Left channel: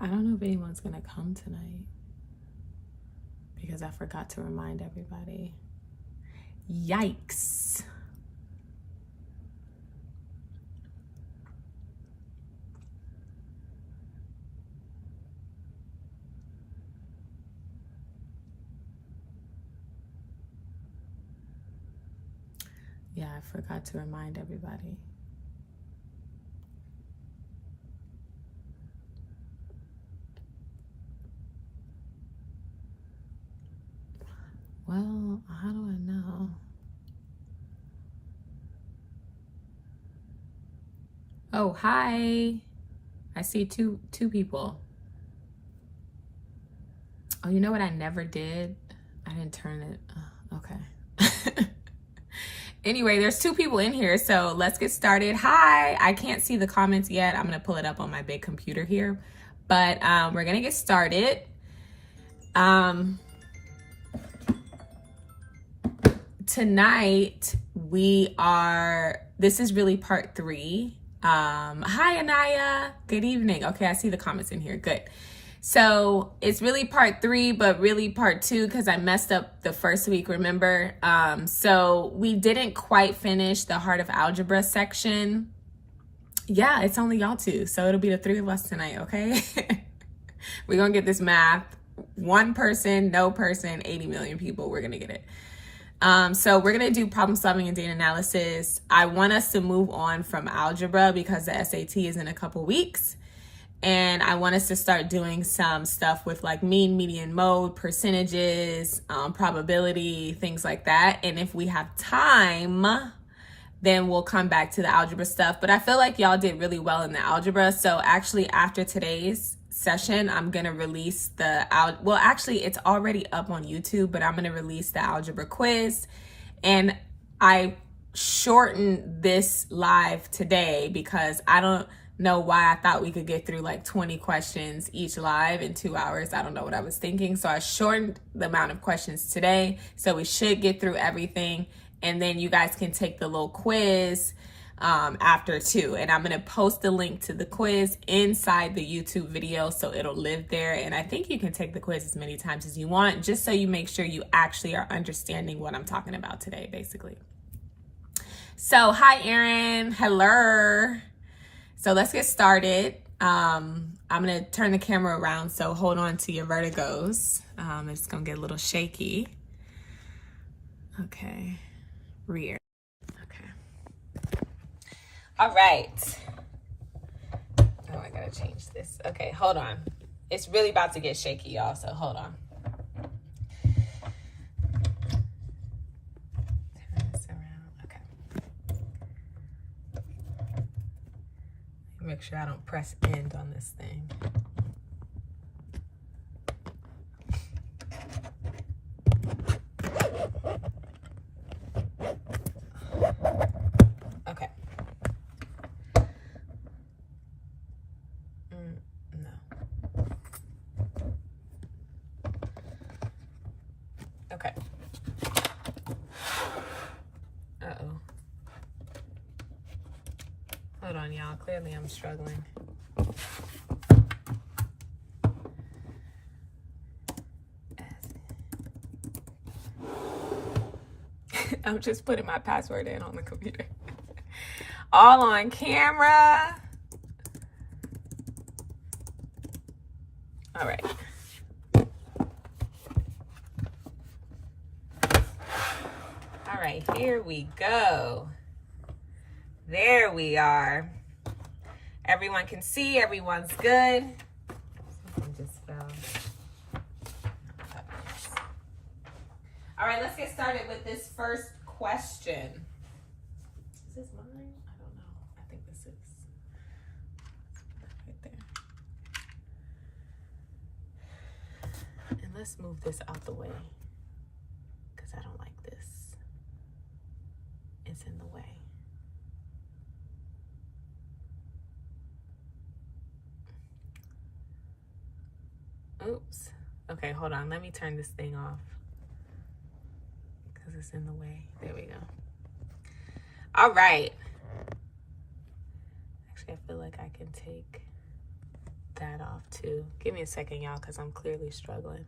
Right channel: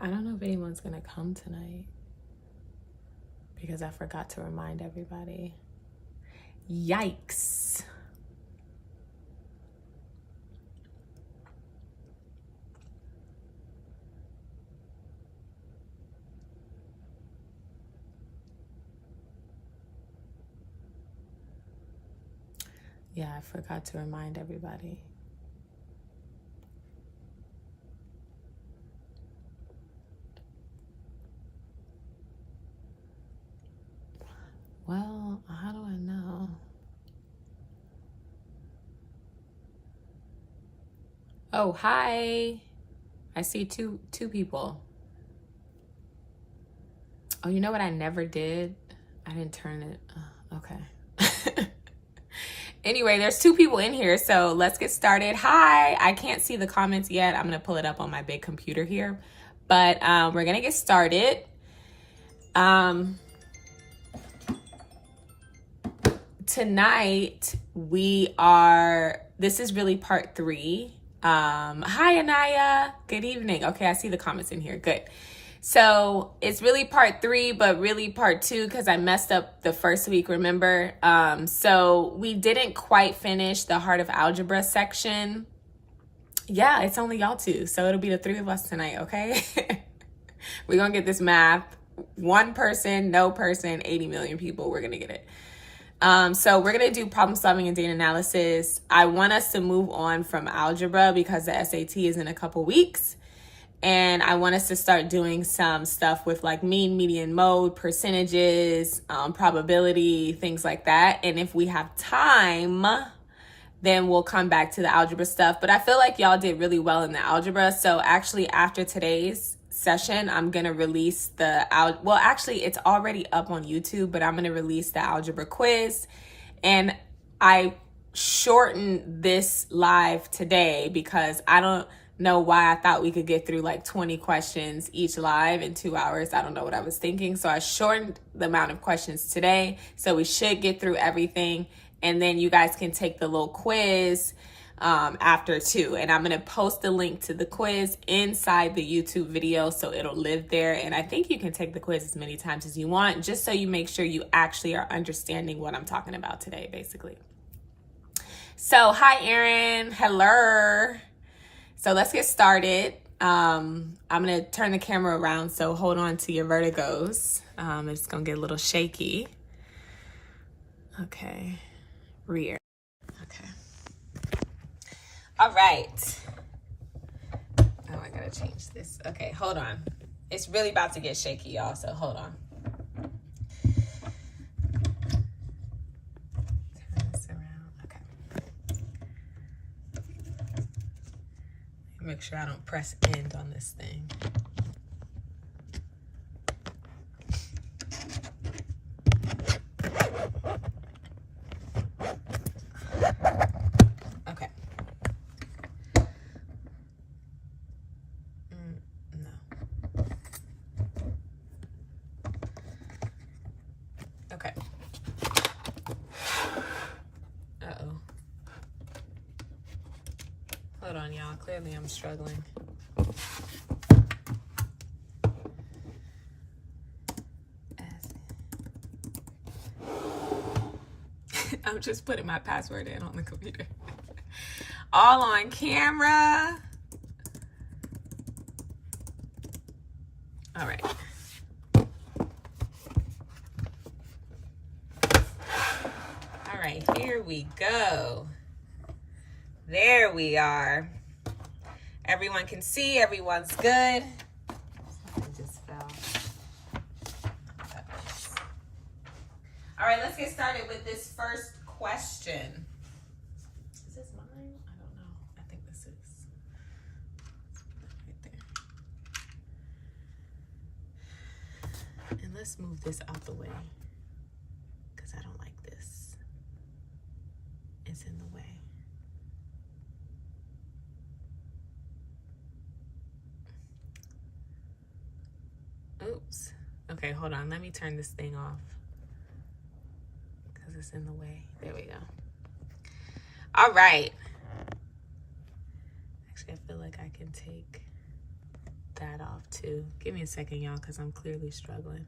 I don't know if anyone's gonna come tonight because I forgot to remind everybody. Yikes. Yeah, I forgot to remind everybody. Well, how do I know? Oh, hi. I see two people. Oh, you know what I never did? I didn't turn it. Okay. Anyway, there's 2 people in here, so let's get started. Hi. I can't see the comments yet. I'm going to pull it up on my big computer here. But we're going to get started. Tonight, this is really part 3. Hi, Anaya. Good evening. Okay, I see the comments in here. Good. So it's really part 3, but really part 2 because I messed up the first week, remember? So we didn't quite finish the Heart of Algebra section. Yeah, it's only y'all 2, so it'll be the 3 of us tonight, okay? We're going to get this math. 1 person, no person, 80 million people, we're going to get it. So we're going to do problem solving and data analysis. I want us to move on from algebra because the SAT is in a couple weeks. And I want us to start doing some stuff with like mean, median, mode, percentages, probability, things like that. And if we have time, then we'll come back to the algebra stuff. But I feel like y'all did really well in the algebra. So actually after today's session, I'm going to release actually it's already up on YouTube, but I'm going to release the algebra quiz. And I shortened this live today because I don't know why I thought we could get through like 20 questions each live in 2 hours. I don't know what I was thinking. So I shortened the amount of questions today. So we should get through everything. And then you guys can take the little quiz after too. And I'm going to post the link to the quiz inside the YouTube video so it'll live there. And I think you can take the quiz as many times as you want, just so you make sure you actually are understanding what I'm talking about today, basically. So hi, Erin. Hello. So let's get started. I'm going to turn the camera around, so hold on to your vertigos. It's going to get a little shaky. Okay. Rear. Okay. All right. Oh, I got to change this. Okay, hold on. It's really about to get shaky, y'all, so hold on. Turn this around. Okay. Make sure I don't press end on this thing. Okay. No. Okay. Uh-oh. Hold on, y'all. Clearly I'm struggling. I'm just putting my password in on the computer. All on camera. All right. All right, here we go. There we are. Everyone can see, everyone's good. Something just fell. All right, let's get started with this first question. Is this mine? I don't know. I think this is. Right there. And let's move this out the way because I don't like this. It's in the way. Oops. Okay, hold on. Let me turn this thing off because it's in the way. There we go. All right. Actually, I feel like I can take that off too. too. Give me a second, y'all, because I'm clearly struggling.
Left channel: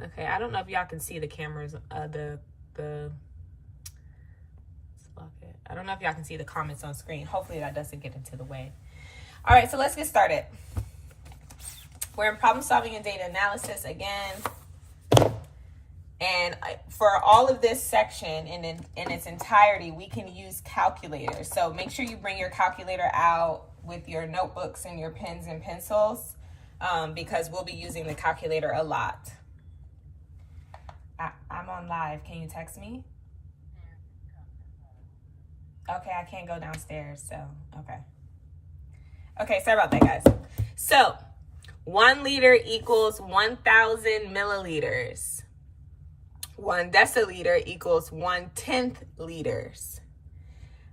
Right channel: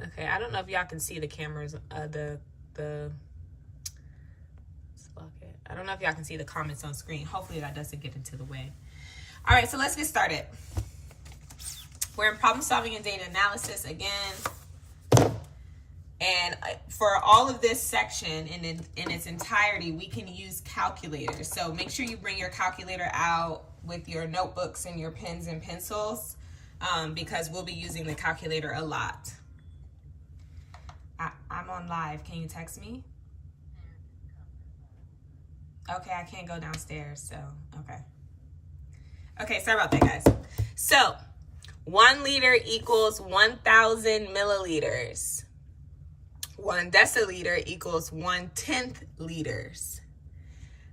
Okay, I don't know if y'all can see the cameras, I don't know if y'all can see the comments on screen. Hopefully that doesn't get into the way. All right, so let's get started. We're in problem solving and data analysis again. And for all of this section in its entirety, we can use calculators. So make sure you bring your calculator out with your notebooks and your pens and pencils, because we'll be using the calculator a lot. I'm on live. Can you text me? Okay, I can't go downstairs, so okay. Okay, sorry about that, guys. So 1 liter equals 1,000 milliliters. 1 deciliter equals 1/10 liters.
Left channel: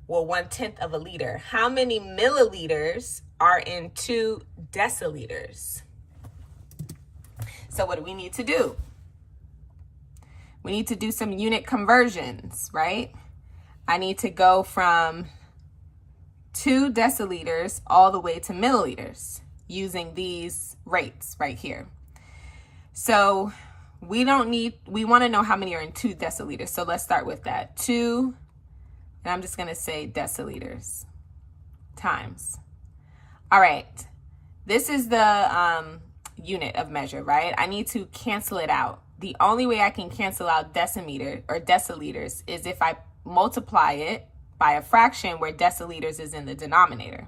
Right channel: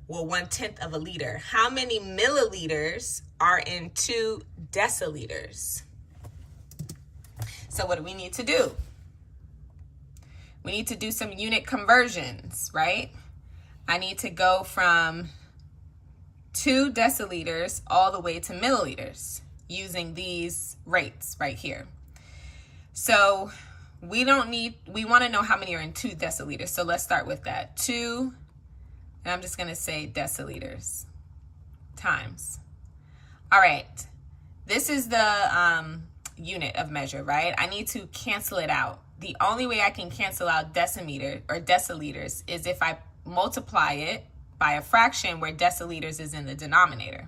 Well, 1/10 of a liter. How many milliliters are in 2 deciliters? So what do we need to do? We need to do some unit conversions, right? I need to go from 2 deciliters all the way to milliliters using these rates right here. So we want to know how many are in 2 deciliters. So let's start with that. 2, and I'm just going to say deciliters times. All right. This is the unit of measure, right? I need to cancel it out. The only way I can cancel out decimeter or deciliters is if I multiply it by a fraction where deciliters is in the denominator.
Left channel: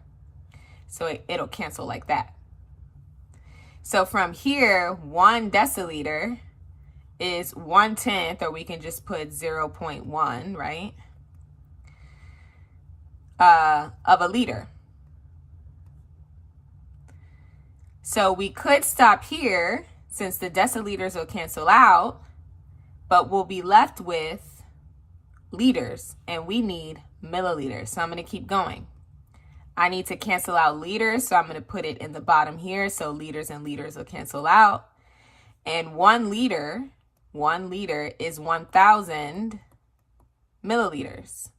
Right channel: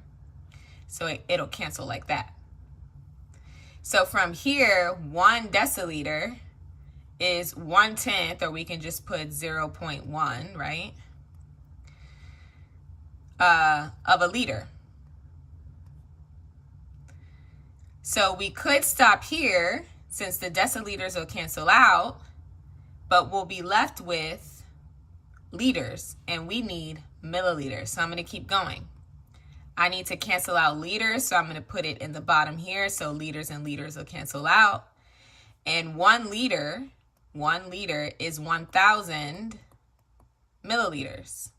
So it'll cancel like that. So from here, 1 deciliter is 1/10, or we can just put 0.1, right? Of a liter. So we could stop here since the deciliters will cancel out, but we'll be left with liters, and we need milliliters. So I'm going to keep going. I need to cancel out liters, so I'm going to put it in the bottom here. So liters and liters will cancel out. And 1 liter is 1,000 milliliters.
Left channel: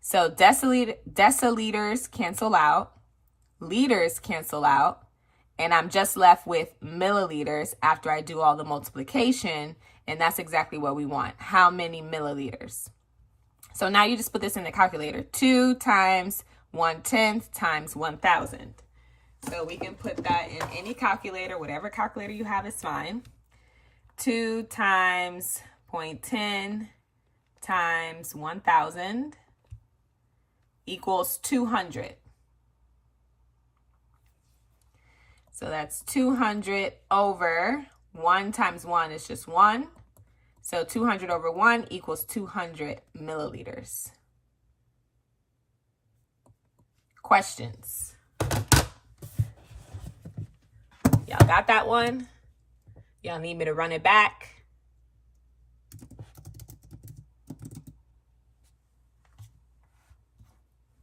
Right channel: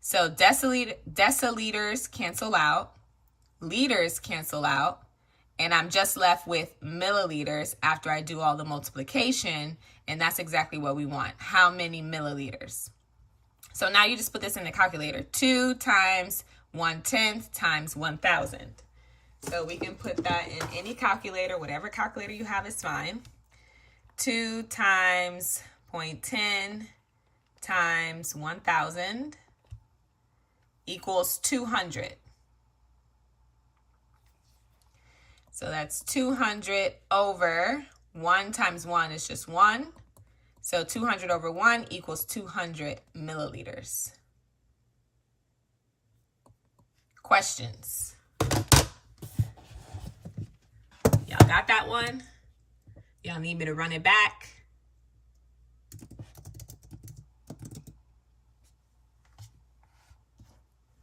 So deciliters cancel out, liters cancel out, and I'm just left with milliliters after I do all the multiplication, and that's exactly what we want. How many milliliters? So now you just put this in the calculator. 2 times 1/10 times 1,000. So we can put that in any calculator, whatever calculator you have is fine. 2 times 0.10 times 1,000 equals 200. So that's 200 over 1 times 1 is just 1. So 200 over 1 equals 200 milliliters. Questions? Y'all got that one? Y'all need me to run it back?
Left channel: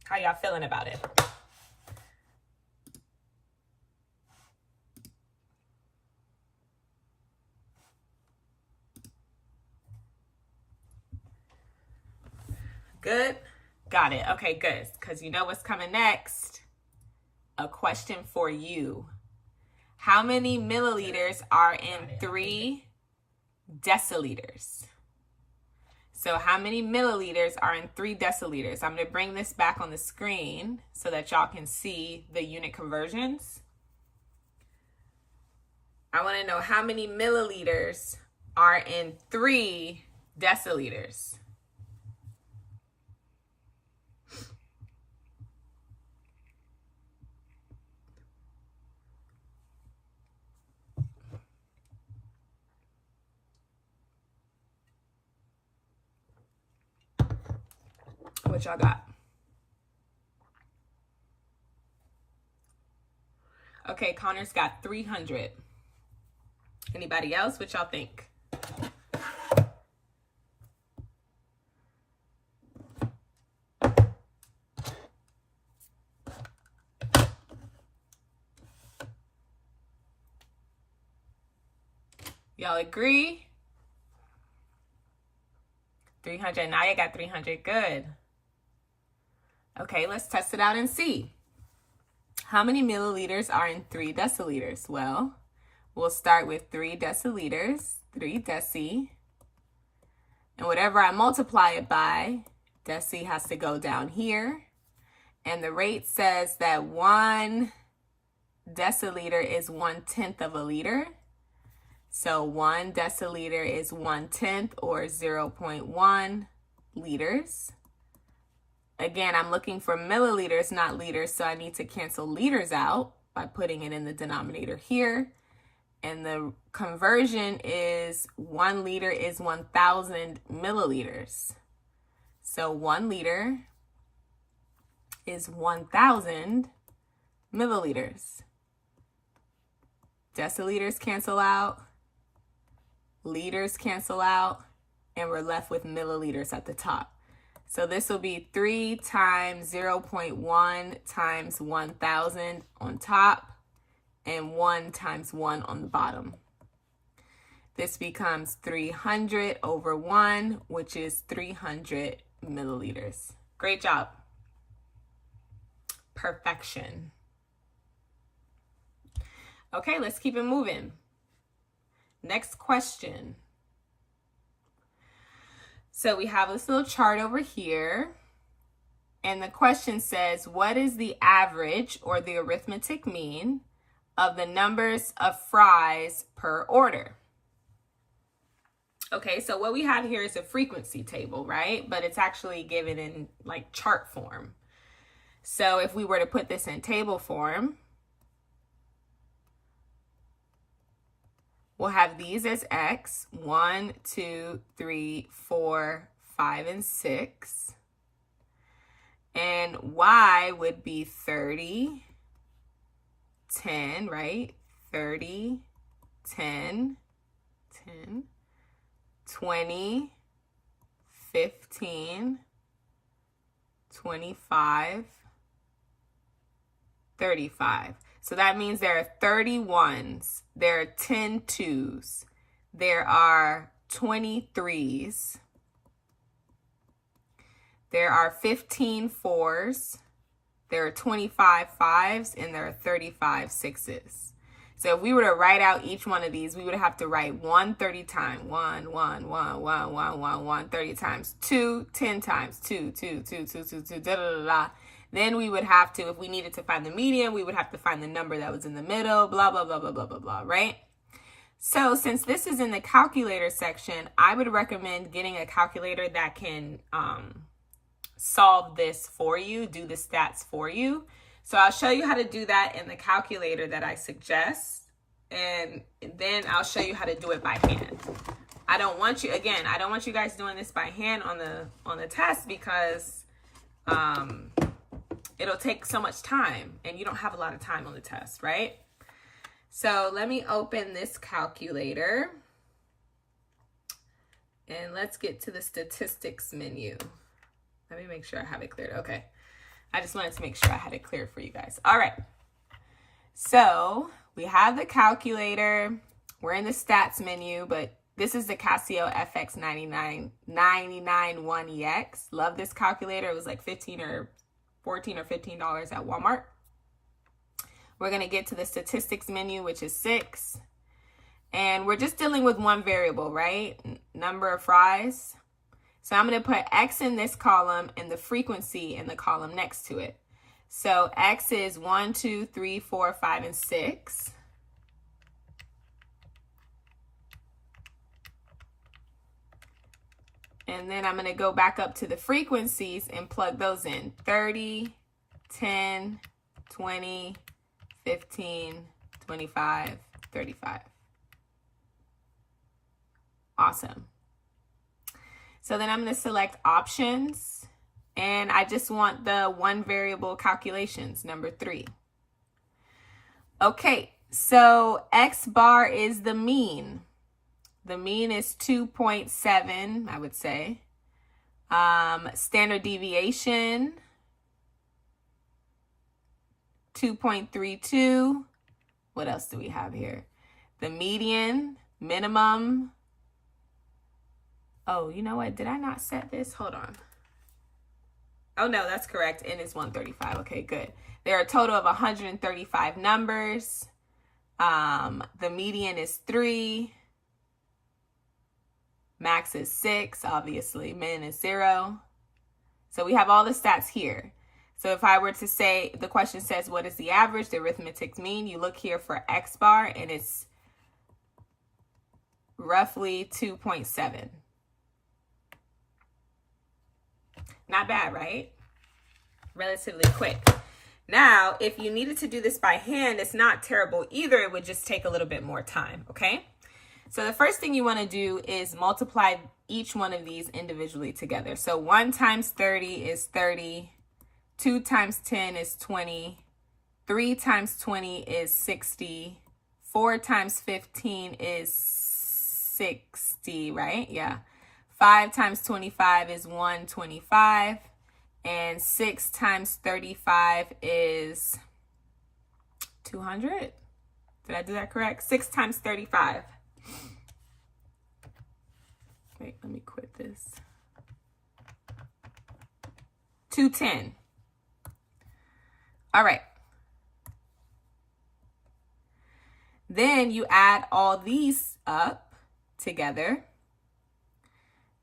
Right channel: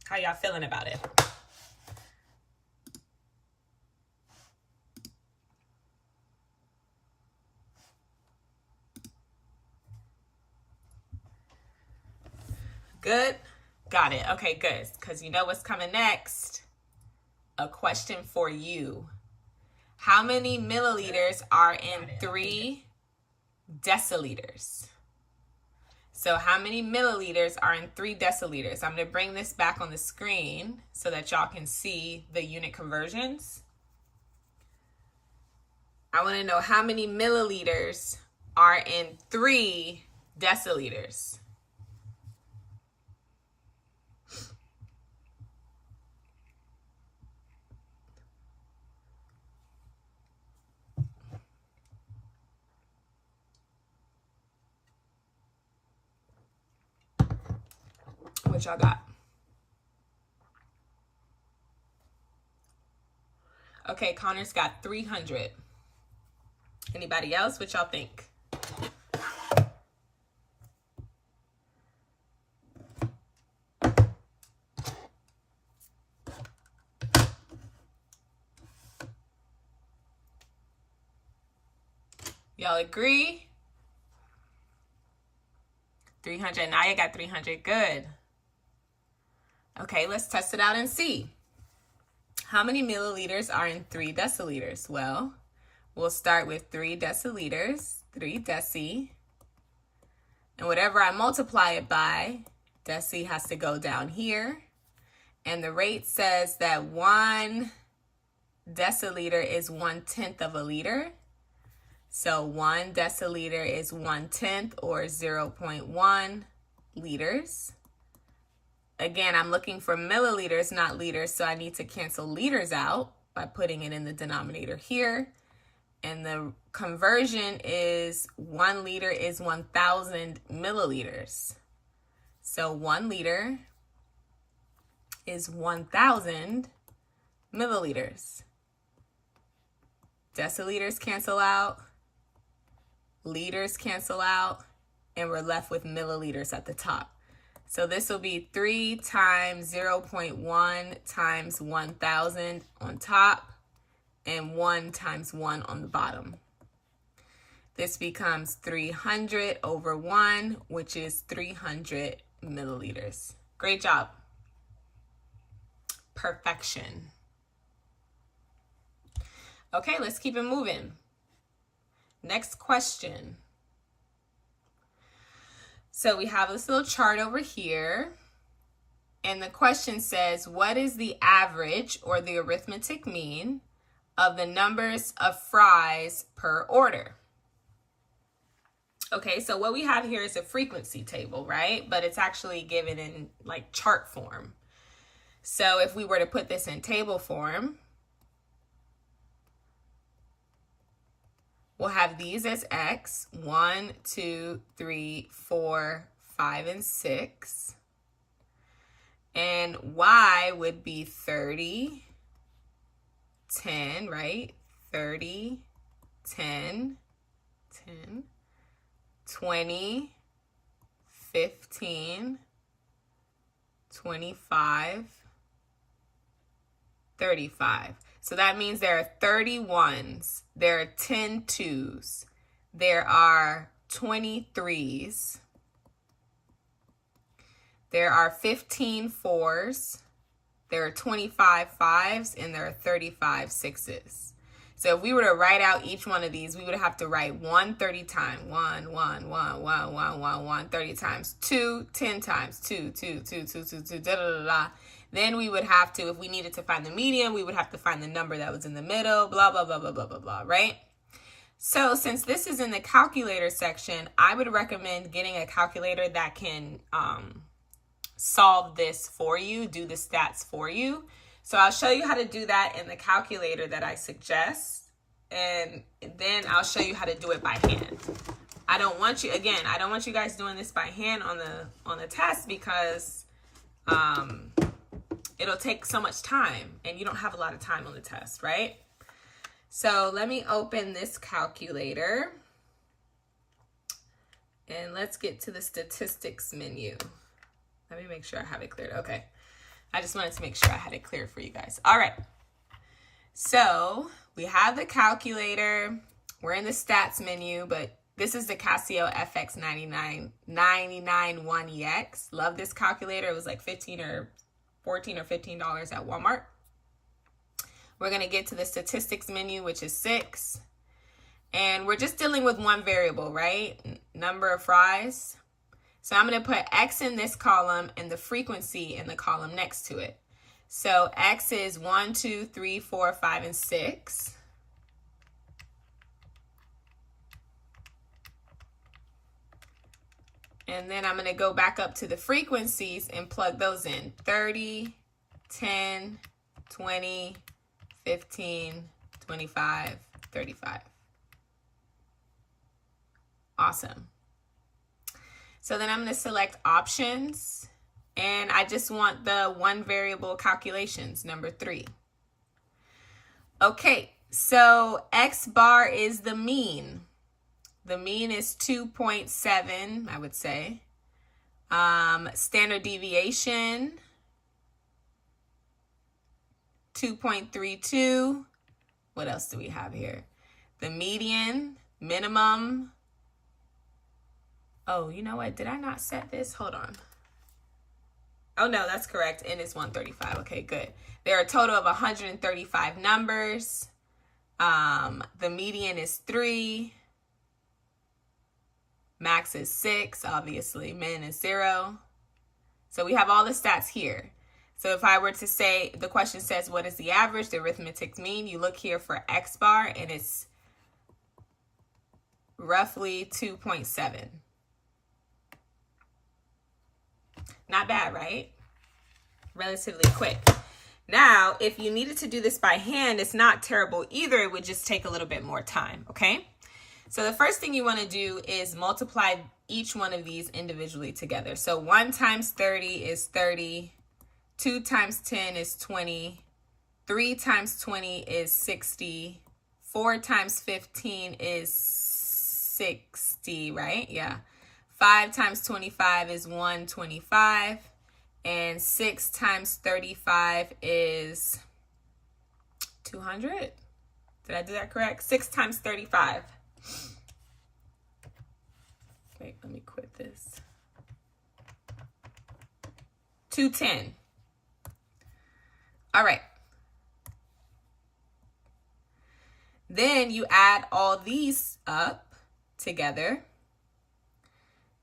How y'all feeling about it? Good? Got it. Okay, good. Because you know what's coming next? A question for you. How many milliliters are in 3 deciliters? So how many milliliters are in 3 deciliters? I'm going to bring this back on the screen so that y'all can see the unit conversions. I want to know how many milliliters are in 3 deciliters. What y'all got? Okay, Connor's got 300. Anybody else? What y'all think? Y'all agree? 300. Naya got 300. Good. Okay, let's test it out and see. How many milliliters are in 3 deciliters? Well, we'll start with 3 deciliters, 3 deci. And whatever I multiply it by, deci has to go down here. And the rate says that 1 deciliter is 1/10 of a liter. So 1 deciliter is 1/10 or 0.1 liters. Again, I'm looking for milliliters, not liters, so I need to cancel liters out by putting it in the denominator here. And the conversion is 1 liter is 1,000 milliliters. So 1 liter is 1,000 milliliters. Deciliters cancel out, liters cancel out, and we're left with milliliters at the top. So this will be 3 times 0.1 times 1,000 on top and 1 times 1 on the bottom. This becomes 300 over 1, which is 300 milliliters. Great job. Perfection. Okay, let's keep it moving. Next question. So we have this little chart over here, and the question says, what is the average or the arithmetic mean of the numbers of fries per order? Okay, so what we have here is a frequency table, right? But it's actually given in like chart form. So if we were to put this in table form, we'll have these as X, 1, 2, 3, 4, 5, and 6. And Y would be 30, 10, right? 30, 10, 10, 20, 15, 25, 35. So that means there are 30 ones, there are 10 twos, there are 23s, there are 15 fours, there are 25 fives, and there are 35 sixes. So if we were to write out each one of these, we would have to write 1 30 times, 1, 1, 1, 1, 1, 1, 1, 30 times, 2, 10 times, 2, 2, 2, 2, 2, 2, da, da, da, da. Then we would have to, if we needed to find the median, we would have to find the number that was in the middle, blah, blah, blah, blah, blah, blah, blah, right? So since this is in the calculator section, I would recommend getting a calculator that can solve this for you, do the stats for you. So I'll show you how to do that in the calculator that I suggest, and then I'll show you how to do it by hand. I don't want you guys doing this by hand on the test because it'll take so much time and you don't have a lot of time on the test, right? So let me open this calculator and let's get to the statistics menu. Let me make sure I have it cleared. Okay. I just wanted to make sure I had it clear for you guys. All right. So we have the calculator. We're in the stats menu, but this is the Casio FX 991EX. Love this calculator. It was like $14 or $15 at Walmart. We're going to get to the statistics menu, which is 6. And we're just dealing with one variable, right? Number of fries. So I'm going to put X in this column and the frequency in the column next to it. So X is 1, 2, 3, 4, 5, and 6. And then I'm going to go back up to the frequencies and plug those in. 30, 10, 20, 15, 25, 35. Awesome. So then I'm going to select options, and I just want the one variable calculations, number 3. Okay, so X bar is the mean. The mean is 2.7, I would say. Standard deviation, 2.32. What else do we have here? The median, minimum. Oh, you know what? Did I not set this? Hold on. Oh, no, that's correct. N is 135. Okay, good. There are a total of 135 numbers. The median is 3. Max is 6, obviously. Min is 0. So we have all the stats here. So if I were to say, the question says, what is the average, the arithmetic mean? You look here for X bar, and it's roughly 2.7. Not bad, right? Relatively quick. Now, if you needed to do this by hand, it's not terrible either. It would just take a little bit more time, okay? So the first thing you want to do is multiply each one of these individually together. So 1 times 30 is 30. 2 times 10 is 20. 3 times 20 is 60. 4 times 15 is 60, right? Yeah. 5 times 25 is 125. And 6 times 35 is 200. Did I do that correct? 6 times 35. Wait, let me quit this. 210. All right. Then you add all these up together.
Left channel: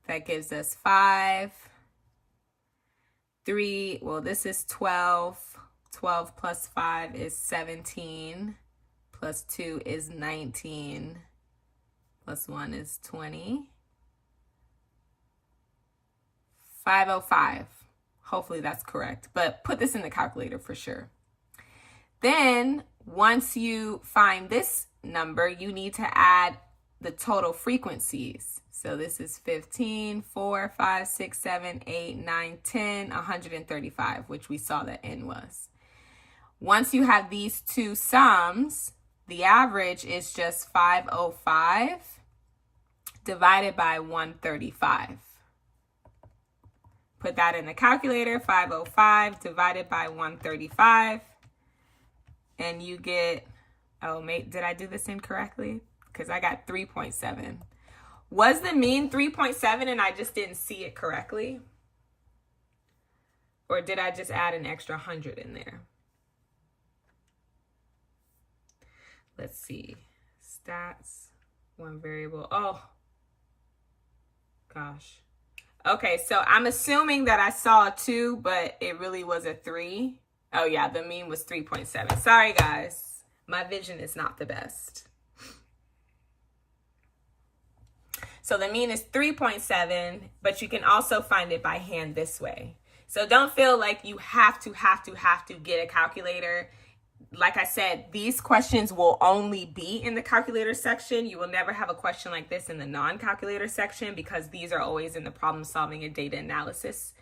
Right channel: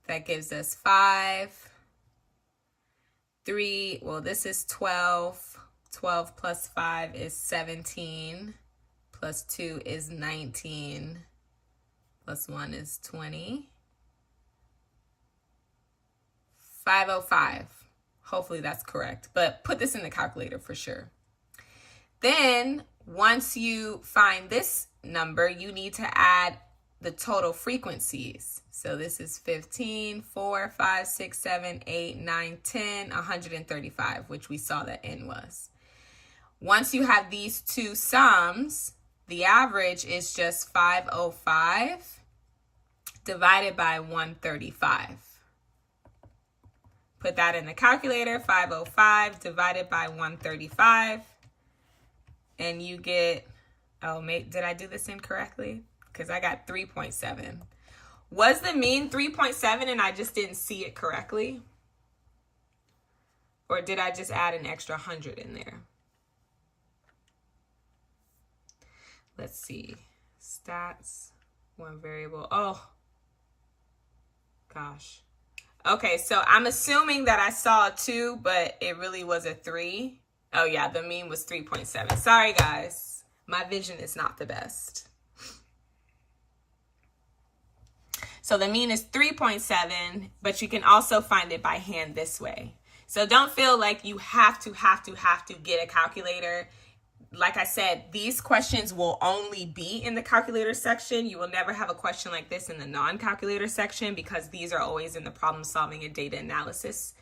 That gives us 5, 3, well, this is 12. 12 plus 5 is 17. Plus 2 is 19. Plus 1 is 20. 505. Hopefully that's correct, but put this in the calculator for sure. Then once you find this number, you need to add the total frequencies. So this is 15, 4, 5, 6, 7, 8, 9, 10, 135, which we saw that N was. Once you have these two sums, the average is just 505 divided by 135. Put that in the calculator, 505 divided by 135. And you get, oh, did I do this incorrectly? Because I got 3.7. Was the mean 3.7 and I just didn't see it correctly? Or did I just add an extra 100 in there? Let's see. Stats, one variable. Oh, gosh. Okay, so I'm assuming that I saw a 2, but it really was a 3. Oh, yeah, the mean was 3.7. Sorry, guys. My vision is not the best. So the mean is 3.7, but you can also find it by hand this way. So don't feel like you have to get a calculator. Like I said, these questions will only be in the calculator section. You will never have a question like this in the non-calculator section because these are always in the problem solving and data analysis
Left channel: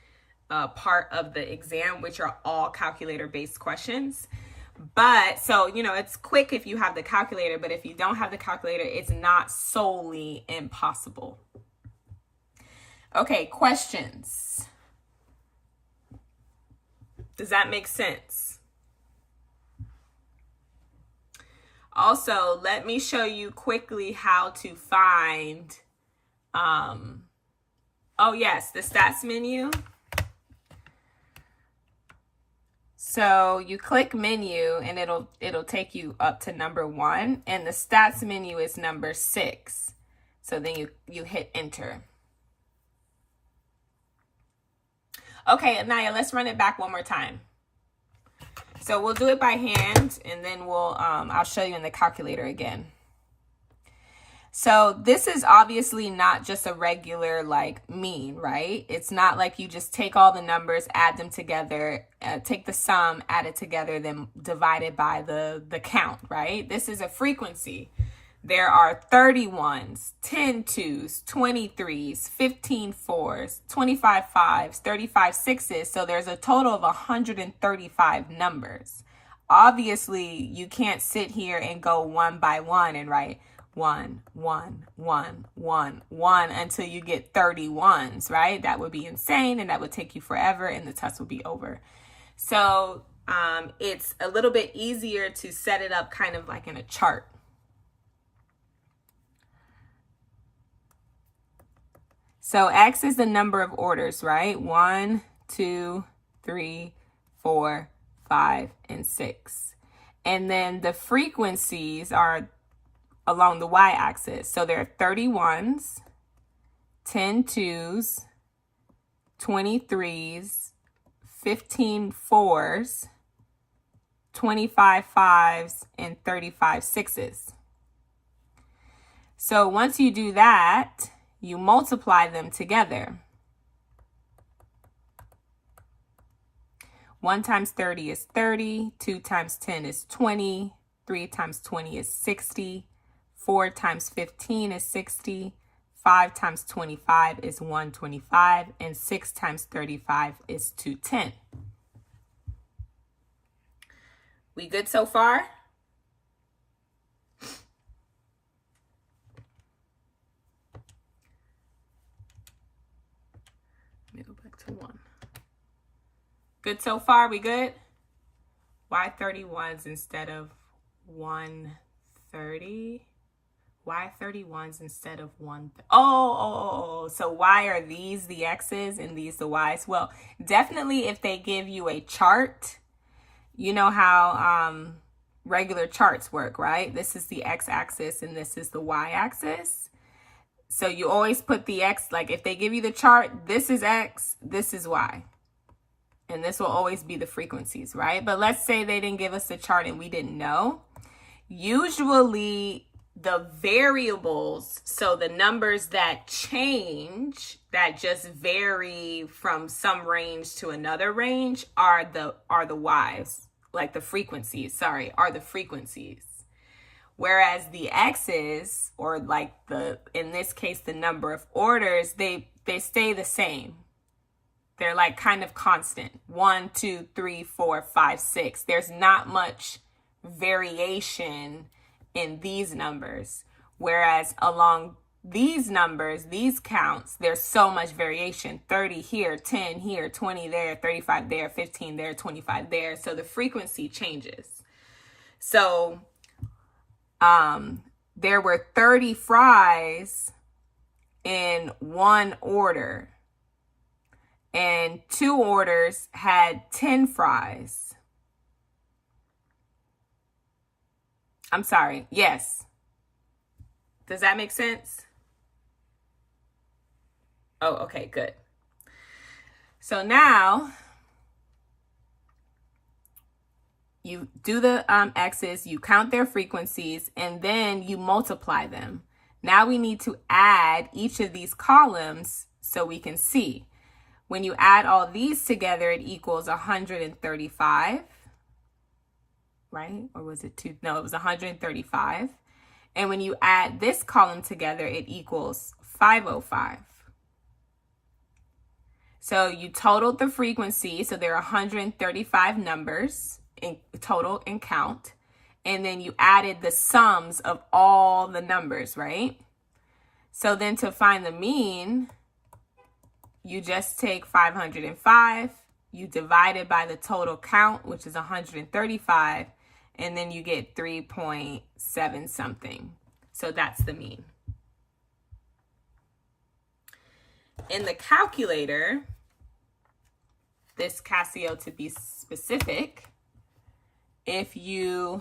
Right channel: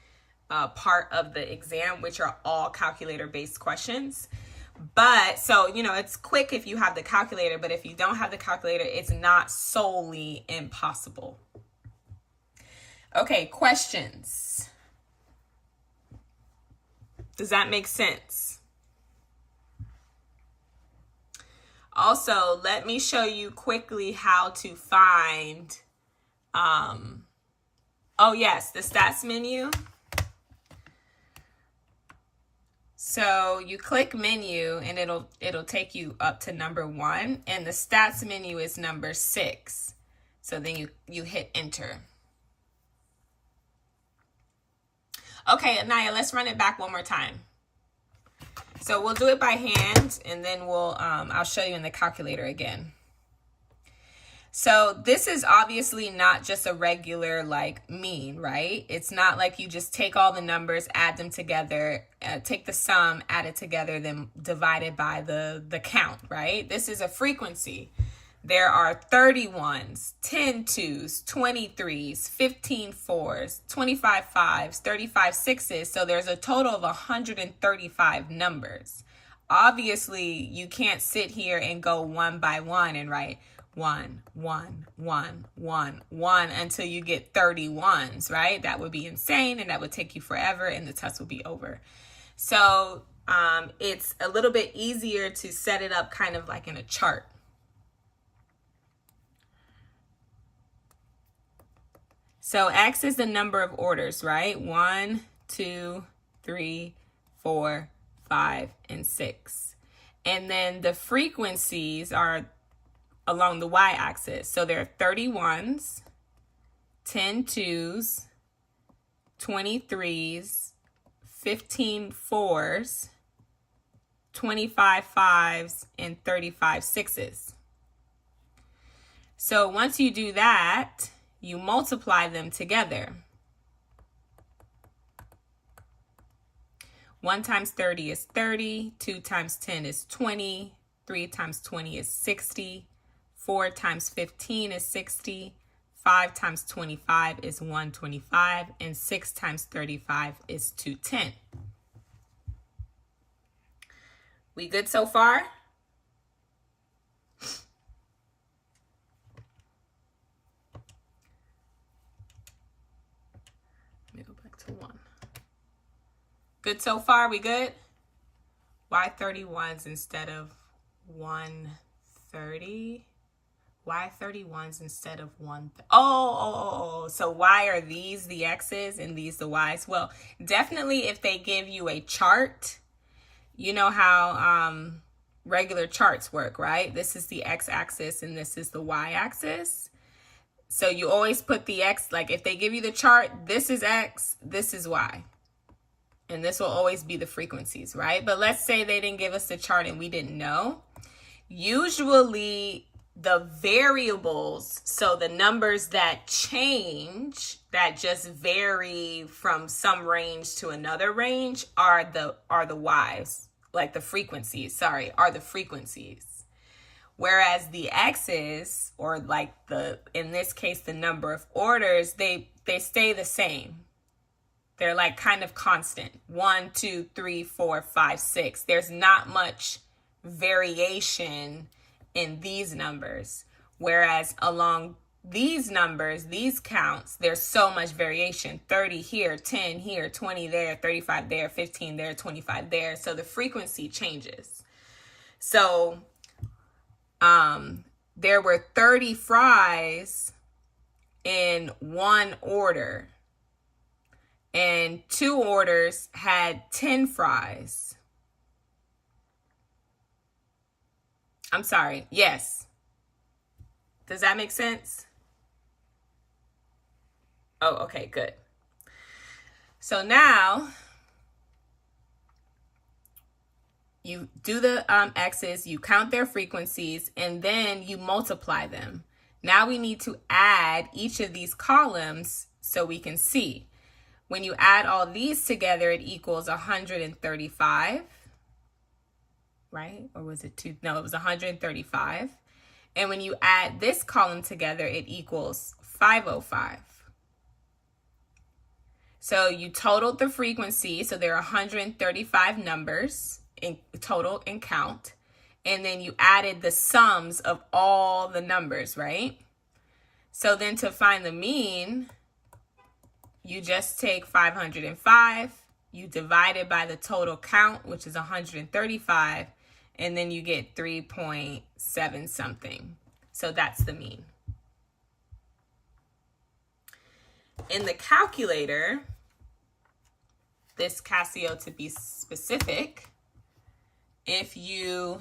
part of the exam, which are all calculator-based questions. But so, you know, it's quick if you have the calculator, but if you don't have the calculator, it's not solely impossible. Okay, questions. Does that make sense? Also, let me show you quickly how to find, oh yes, the stats menu. So you click menu and it'll take you up to number 1, and the stats menu is number 6. So then you hit enter. Okay, Anaya, let's run it back one more time. So we'll do it by hand, and then I'll show you in the calculator again. So this is obviously not just a regular like mean, right? It's not like you just take all the numbers, add them together, take the sum, add it together, then divide it by the count, right? This is a frequency. There are 30 ones, 10 twos, 20 threes, 15 fours, 25 fives, 35 sixes. So there's a total of 135 numbers. Obviously, you can't sit here and go one by one and write 1, 1, 1, 1, 1 until you get 30 ones, right? That would be insane, and that would take you forever, and the test would be over. So it's a little bit easier to set it up kind of like in a chart. So X is the number of orders, right? 1, 2, 3, 4, 5, and 6. And then the frequencies are along the y-axis. So there are 31s, 10 2s, 23s, 15 4s, 25 5s, and 35 6s. So once you do that, you multiply them together. 1 times 30 is 30, 2 times 10 is 20, 3 times 20 is 60, 4 times 15 is 60, 5 times 25 is 125, and 6 times 35 is 210. We good so far? Let me go back to 1. Good so far? We good? Why 31s instead of 130? Why 31s instead of 1? So why are these the x's and these the y's? Well, definitely if they give you a chart, you know how regular charts work, right? This is the x-axis and this is the y-axis. So you always put the x, like if they give you the chart, this is x, this is y. And this will always be the frequencies, right? But let's say they didn't give us the chart and we didn't know. Usually the variables, so the numbers that change, that just vary from some range to another range, are the y's, like the frequencies, are the frequencies. Whereas the x's, or like in this case, the number of orders, they stay the same. They're like kind of constant. 1, 2, 3, 4, 5, 6. There's not much variation in these numbers. Whereas along these numbers, these counts, there's so much variation. 30 here, 10 here, 20 there, 35 there, 15 there, 25 there. So the frequency changes. So there were 30 fries in one order. And 2 orders had 10 fries. I'm sorry. Yes. Does that make sense? Oh, okay, good. So now you do the x's, you count their frequencies, and then you multiply them. Now we need to add each of these columns so we can see. When you add all these together, it equals 135, right? Or was it 2? No, it was 135. And when you add this column together, it equals 505. So you totaled the frequency. So there are 135 numbers in total in count. And then you added the sums of all the numbers, right? So then to find the mean, you just take 505, you divide it by the total count, which is 135, and then you get 3.7 something. So that's the mean. In the calculator, this Casio to be specific, if you,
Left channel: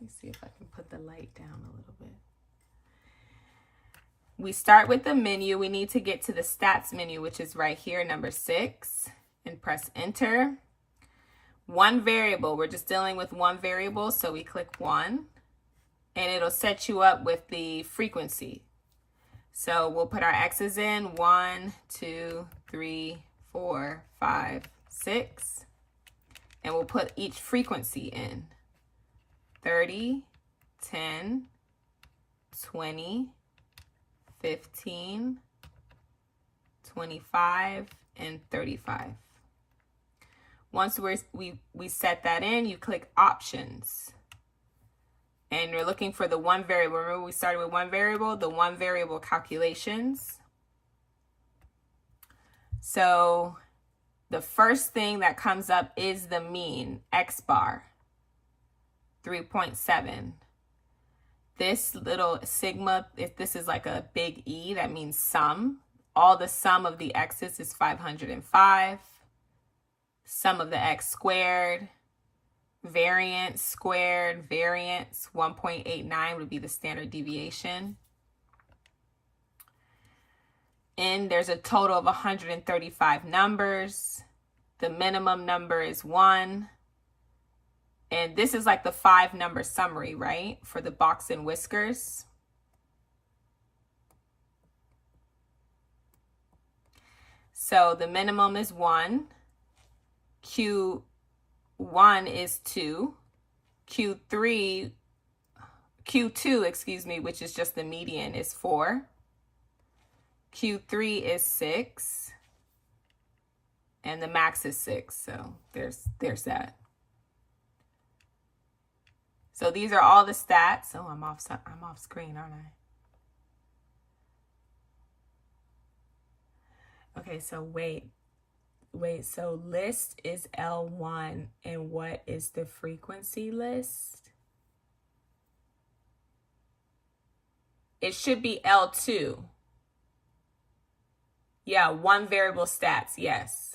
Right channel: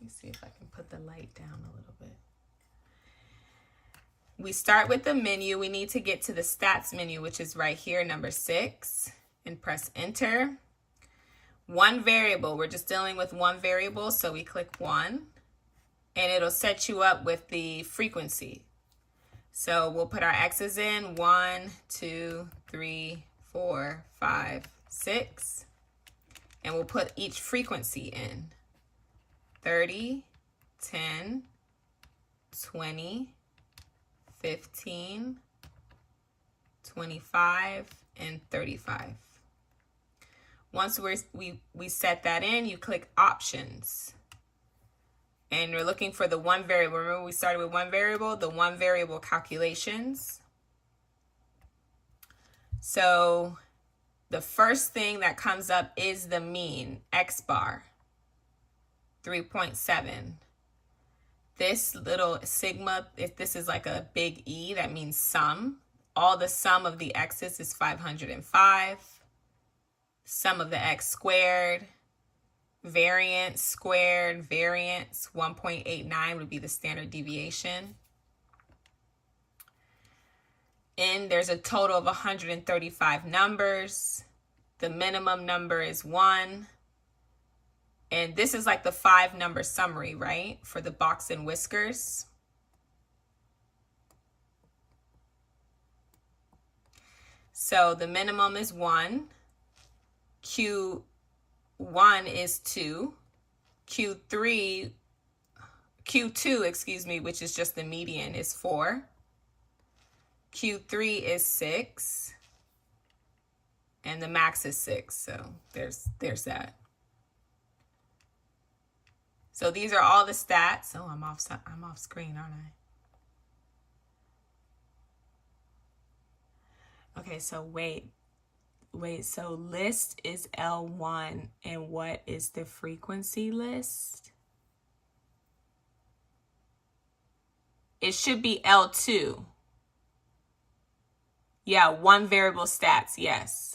let me see if I can put the light down a little bit. We start with the menu. We need to get to the stats menu, which is right here, number 6, and press enter. One variable, we're just dealing with one variable, so we click 1, and it'll set you up with the frequency. So we'll put our x's in, 1, 2, 3, 4, 5, 6, and we'll put each frequency in. 30, 10, 20, 15, 25, and 35. Once we set that in, you click options. And we're looking for the one variable. Remember we started with one variable, the one variable calculations. So the first thing that comes up is the mean, x bar, 3.7. This little sigma, if this is like a big E, that means sum. All the sum of the x's is 505. sum of the x squared, variance squared, variance 1.89 would be the standard deviation. And there's a total of 135 numbers. The minimum number is 1. And this is like the 5-number summary, right? For the box and whiskers. So the minimum is 1. Q1 is 2. Q2, excuse me, which is just the median, is 4. Q3 is 6. And the max is 6. So there's that. So these are all the stats. Oh, I'm off screen, aren't I? Okay, so wait, so list is L1, and what is the frequency list? It should be L2. Yeah, 1 variable stats, yes.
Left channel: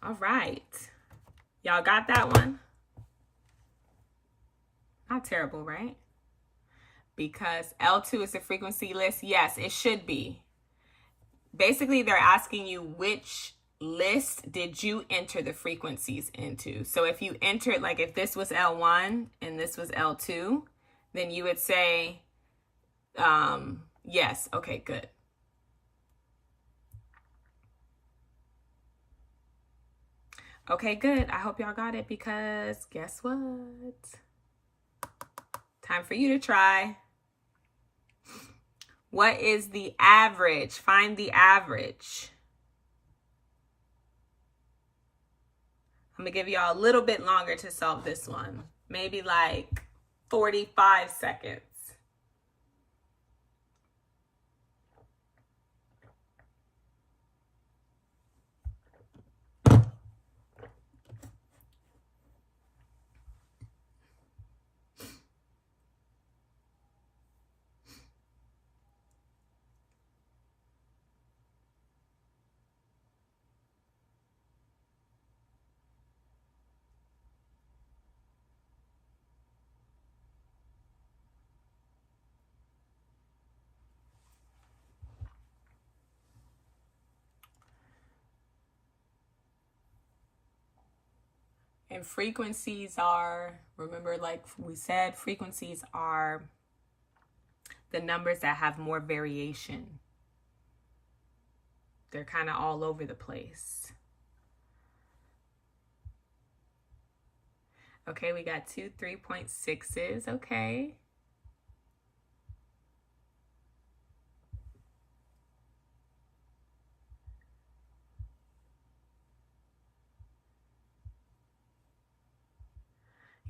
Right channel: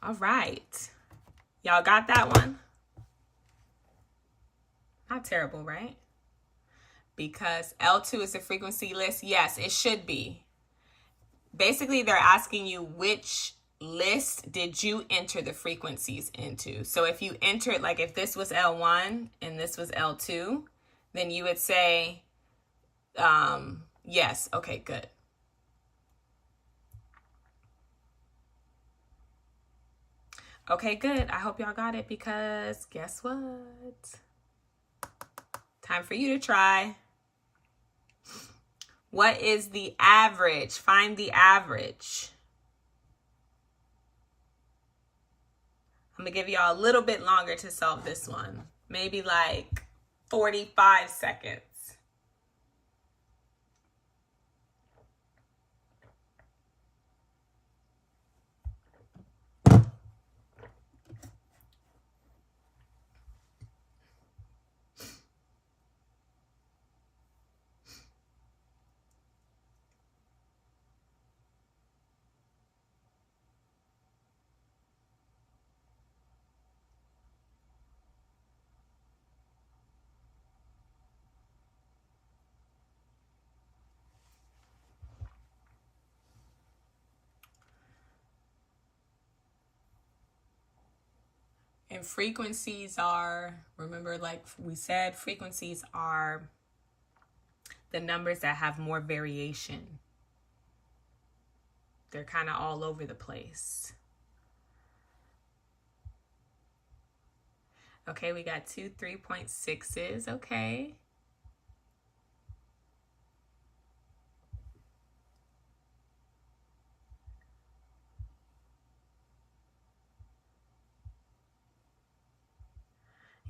All right. Y'all got that one? Not terrible, right? Because L2 is the frequency list. Yes, it should be. Basically, they're asking you which list did you enter the frequencies into. So if you entered, like if this was L1 and this was L2, then you would say, yes. Okay, good. Okay, good. I hope y'all got it, because guess what? Time for you to try. What is the average? Find the average. I'm going to give y'all a little bit longer to solve this one. Maybe like 45 seconds. And frequencies are, remember, like we said, frequencies are the numbers that have more variation. They're kind of all over the place. Okay, we got 2 3.6s. Okay.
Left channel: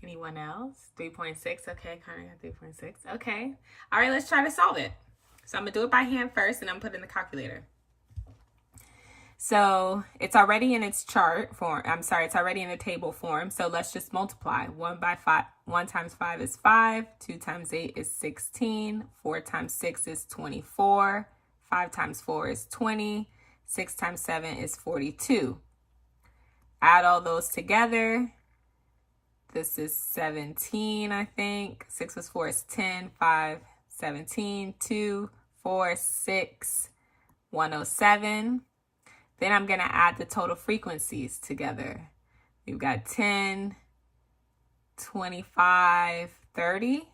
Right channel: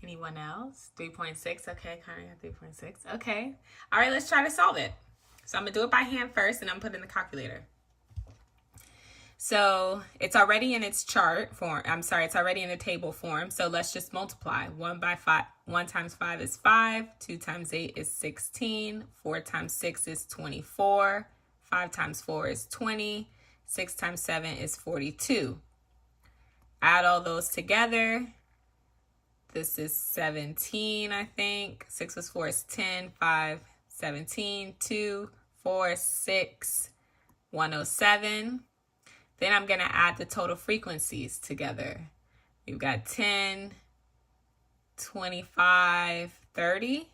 Anyone else? 3.6. Okay, Connor got 3.6. Okay. All right, let's try to solve it. So I'm going to do it by hand first, and I'm putting the calculator. So it's already in its chart form. I'm sorry, it's already in a table form. So let's just multiply. 1 times 5 is 5. 2 times 8 is 16. 4 times 6 is 24. 5 times 4 is 20. 6 times 7 is 42. Add all those together. This is 17, I think. 6 plus 4 is 10. 5, 17. 2, 4, 6, 107. Then I'm going to add the total frequencies together. We've got 10, 25, 30.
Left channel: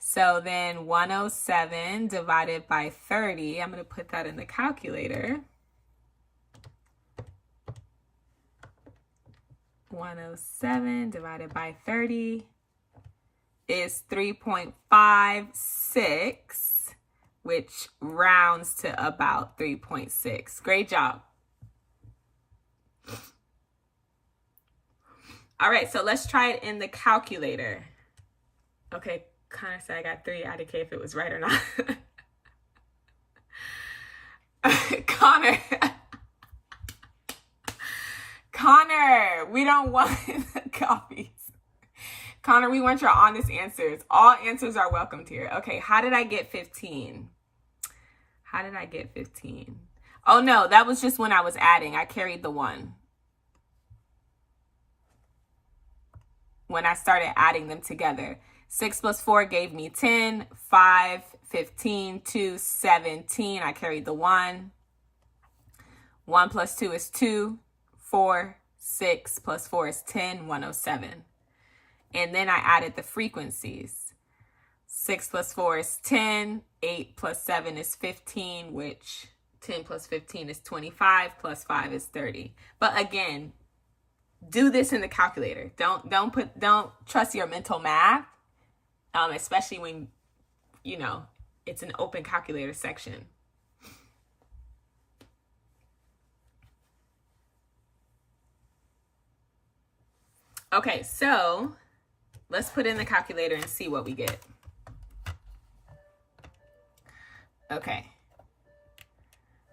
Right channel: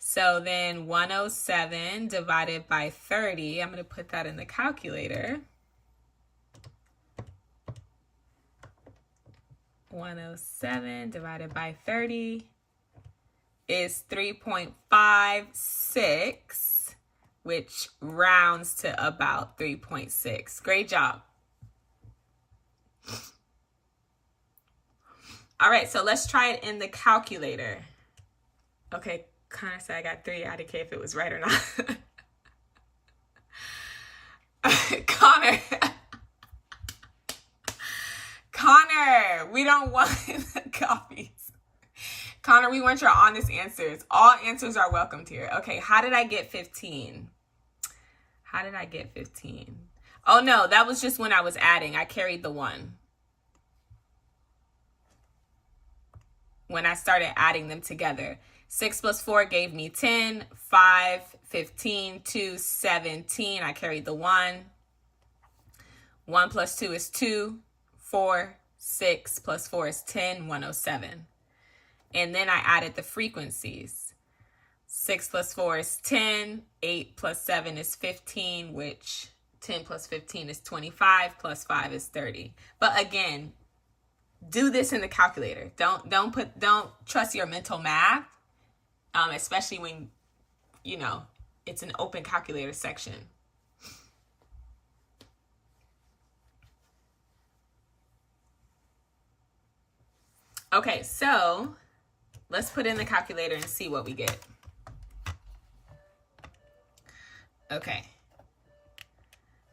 So then 107 divided by 30, I'm going to put that in the calculator. 107 divided by 30 is 3.56, which rounds to about 3.6. Great job. All right, so let's try it in the calculator. Okay, Connor said I got 3. I didn't care if it was right or not. Connor. Connor, we don't want copies. Connor, we want your honest answers. All answers are welcomed here. Okay, how did I get 15? How did I get 15? Oh, no, that was just when I was adding. I carried the 1. When I started adding them together. 6 plus 4 gave me 10, 5, 15, 2, 17. I carried the 1. 1 plus 2 is 2, 4, 6 plus 4 is 10, 107. And then I added the frequencies. 6 plus 4 is 10, 8 plus 7 is 15, which 10 plus 15 is 25, plus 5 is 30. But again, do this in the calculator. Don't trust your mental math, especially when, you know, it's an open calculator section. Okay, so let's put in the calculator and see what we get. Okay.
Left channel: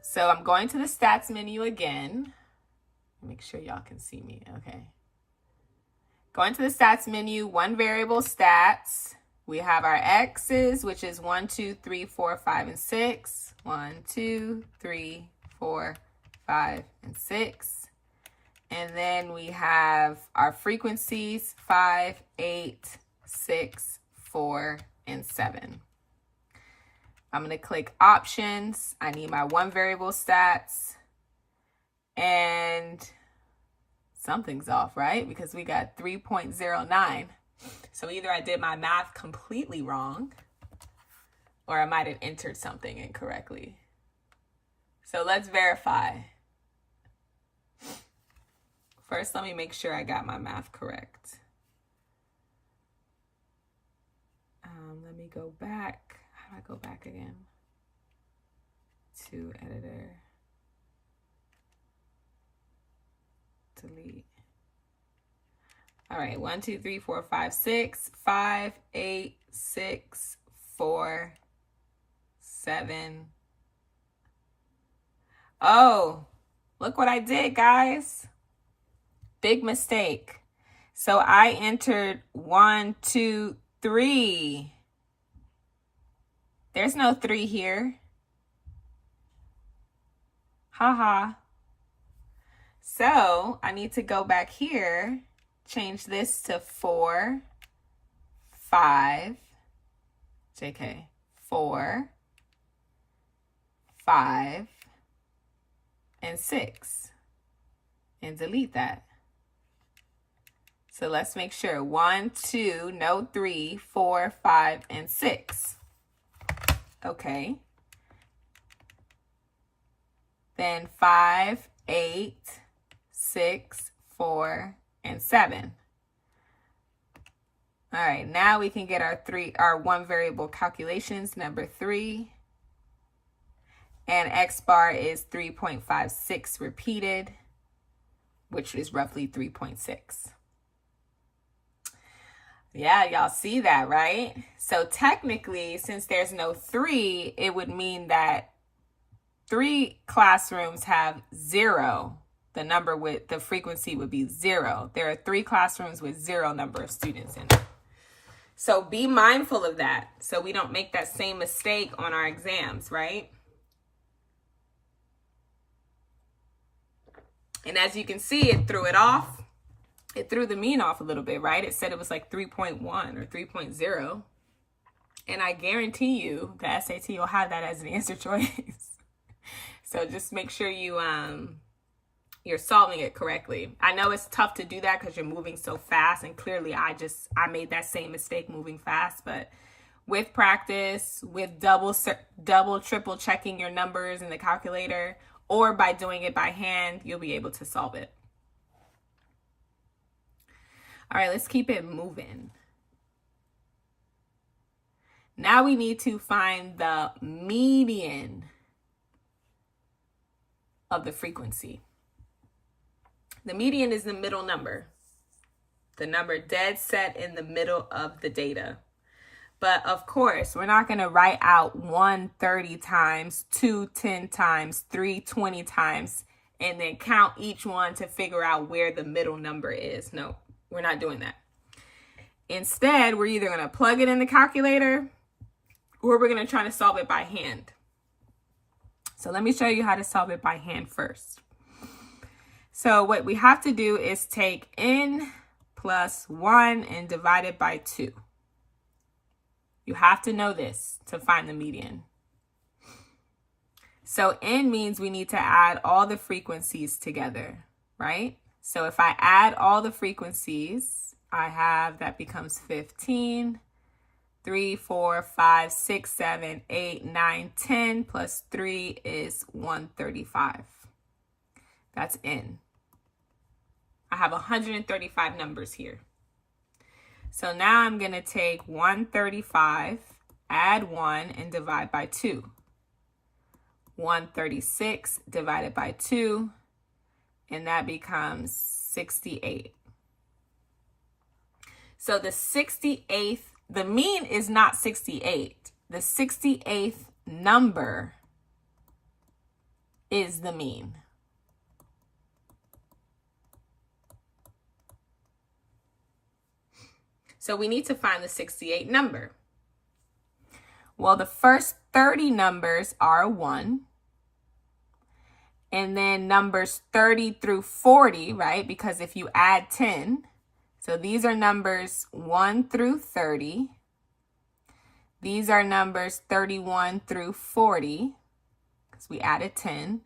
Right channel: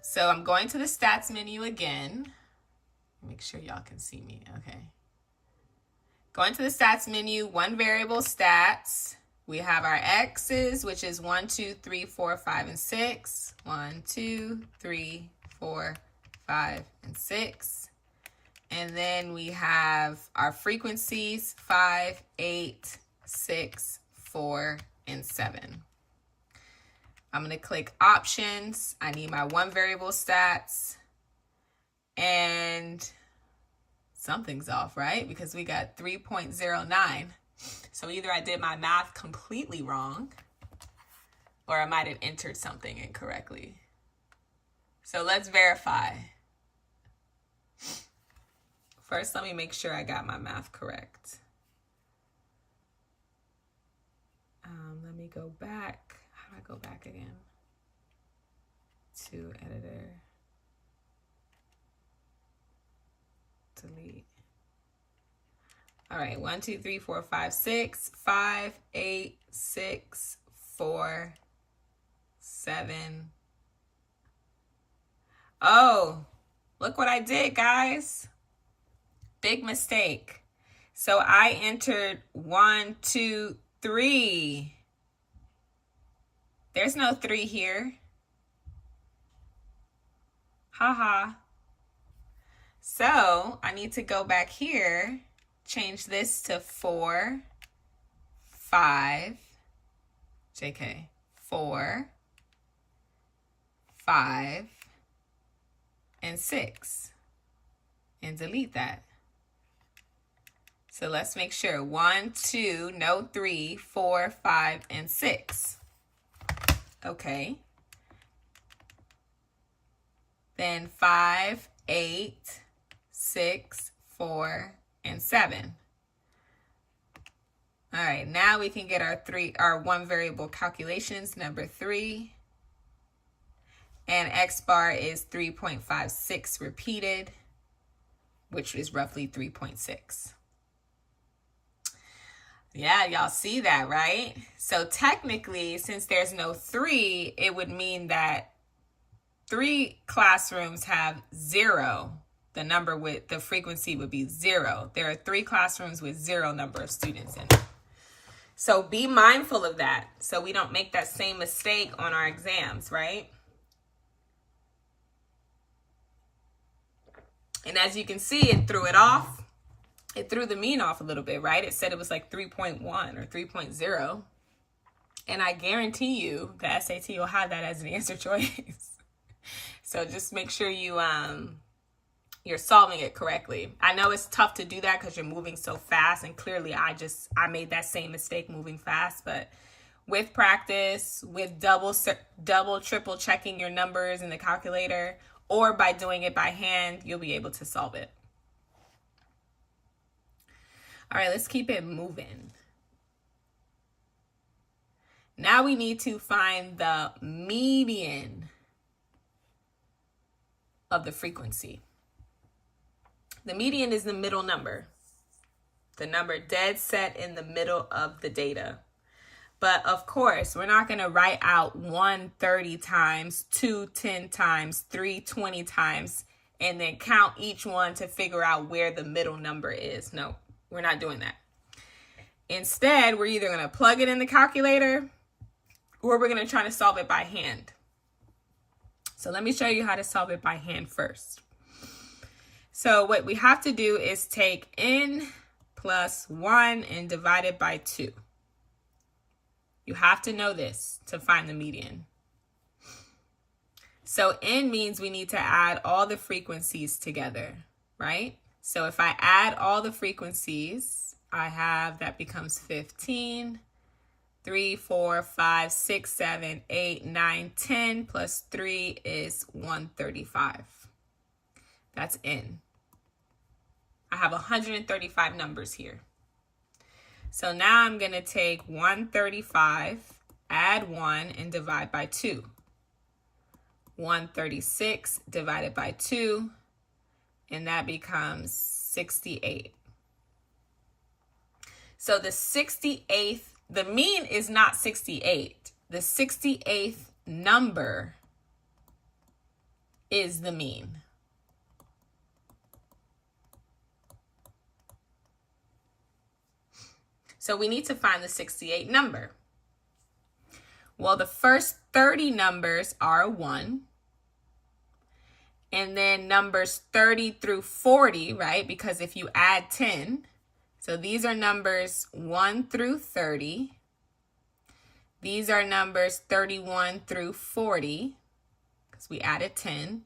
So I'm going to the stats menu again. Make sure y'all can see me. Okay. Going to the stats menu, one variable stats. We have our x's, which is 1, 2, 3, 4, 5, and 6. 1, 2, 3, 4, 5, and 6. And then we have our frequencies, 5, 8, 6, 4, and 7. I'm going to click options. I need my one variable stats. And something's off, right? Because we got 3.09. So either I did my math completely wrong, or I might have entered something incorrectly. So let's verify. First, let me make sure I got my math correct. Let me go back. How do I go back again? To editor. Delete. All right, 1, 2, 3, 4, 5, 6, 5, 8, 6, 4, 7. Oh, look what I did, guys. Big mistake. So I entered 1, 2, 3. There's no 3 here. Haha. So I need to go back here, change this to 4, 5, JK, 4, 5, and 6, and delete that. So let's make sure 1, 2, no 3, 4, 5, and 6. Okay. Then 5, 8, 6, 4, and 7. All right, now we can get our one variable calculations, number 3. And X bar is 3.56 repeated, which is roughly 3.6. Yeah, y'all see that, right? So technically, since there's no 3, it would mean that 3 classrooms have 0. The number with the frequency would be 0. There are 3 classrooms with 0 number of students in it. So be mindful of that so we don't make that same mistake on our exams, right? And as you can see, it threw it off. It threw the mean off a little bit, right? It said it was like 3.1 or 3.0. And I guarantee you the SAT will have that as an answer choice. So just make sure you're solving it correctly. I know it's tough to do that because you're moving so fast, and clearly I made that same mistake moving fast, but with practice, with double, triple checking your numbers in the calculator, or by doing it by hand, you'll be able to solve it. All right, let's keep it moving. Now we need to find the median of the frequency. The median is the middle number, the number dead set in the middle of the data. But of course, we're not going to write out 1 30 times, 2 10 times, 3 20 times. and then count each one to figure out where the middle number is. No, we're not doing that. Instead, we're either going to plug it in the calculator or we're going to try to solve it by hand. So let me show you how to solve it by hand first. So what we have to do is take n plus 1 and divide it by 2. You have to know this to find the median. So n means we need to add all the frequencies together, right? So if I add all the frequencies, I have that becomes 15, 3, 4, 5, 6, 7, 8, 9, 10 plus 3 is 135. That's n. I have 135 numbers here. So now I'm going to take 135, add 1, and divide by 2. 136 divided by 2, and that becomes 68. So the 68th, the mean is not 68. The 68th number is the mean. So we need to find the 68 number. Well, the first 30 numbers are 1. And then numbers 30 through 40, right? Because if you add 10, so these are numbers 1 through 30. These are numbers 31 through 40, because we added 10.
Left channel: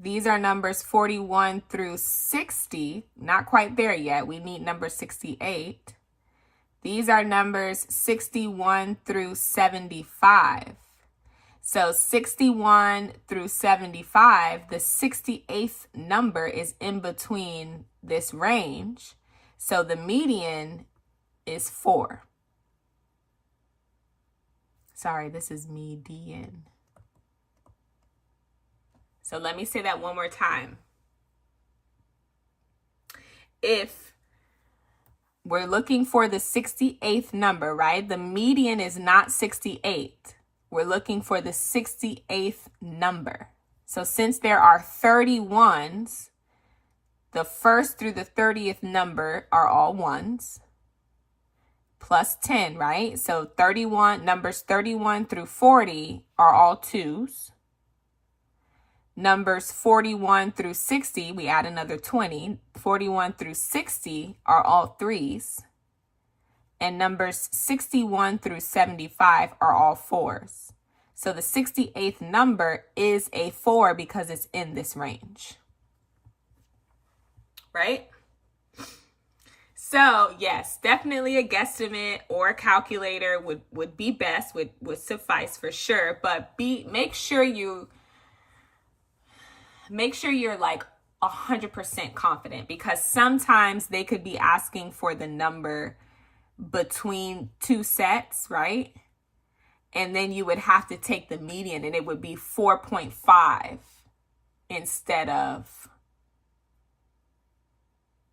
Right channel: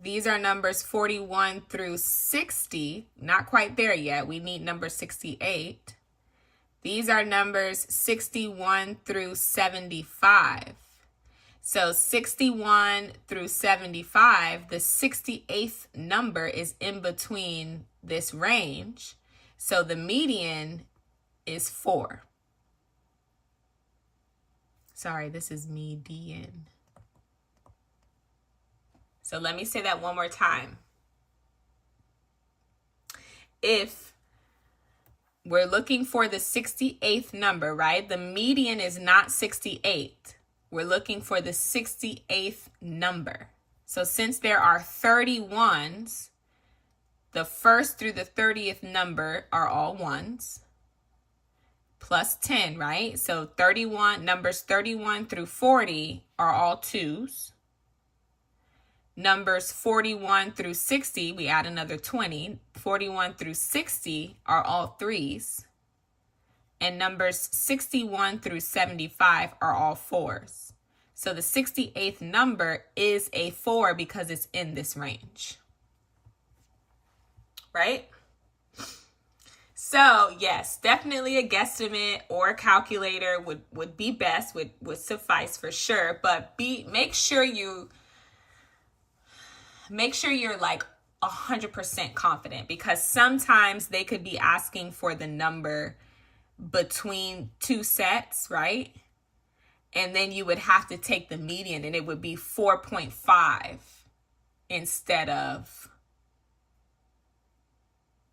These are numbers 41 through 60. Not quite there yet. We need number 68. These are numbers 61 through 75. So 61 through 75, the 68th number is in between this range. So the median is 4. Sorry, this is median. So let me say that one more time. If we're looking for the 68th number, right? The median is not 68. We're looking for the 68th number. So since there are 31s, the first through the 30th number are all 1s. Plus 10, right? So 31, numbers 31 through 40 are all 2s. Numbers 41 through 60, we add another 20. 41 through 60 are all 3s. And numbers 61 through 75 are all 4s. So the 68th number is a 4 because it's in this range. Right? So yes, definitely a guesstimate or a calculator would be best, would suffice for sure. But make sure you're like 100% confident, because sometimes they could be asking for the number between two sets, right? And then you would have to take the median and it would be 4.5 instead of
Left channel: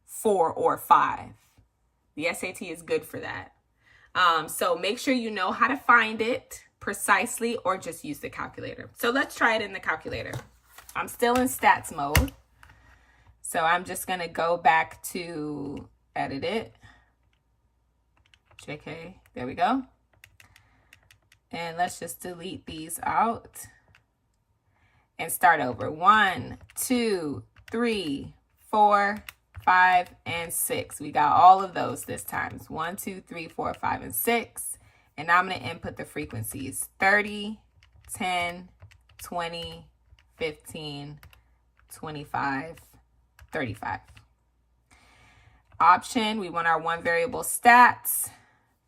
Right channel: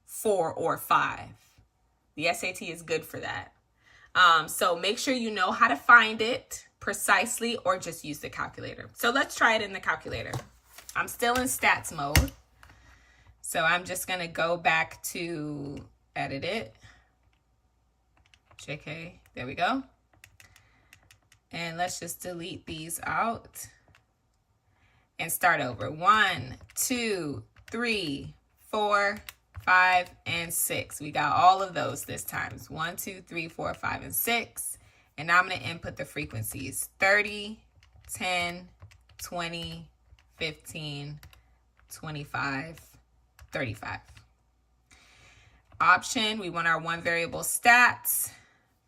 4 or 5. The SAT is good for that. So make sure you know how to find it precisely, or just use the calculator. So let's try it in the calculator. I'm still in stats mode. So I'm just going to go back to edit it. JK, there we go. And let's just delete these out and start over. 1, 2, 3, 4, 5, and 6. We got all of those this time. 1, 2, 3, 4, 5, and 6. And now I'm going to input the frequencies. 30, 10, 20, 15, 25, 35. Option, we want our one variable stats.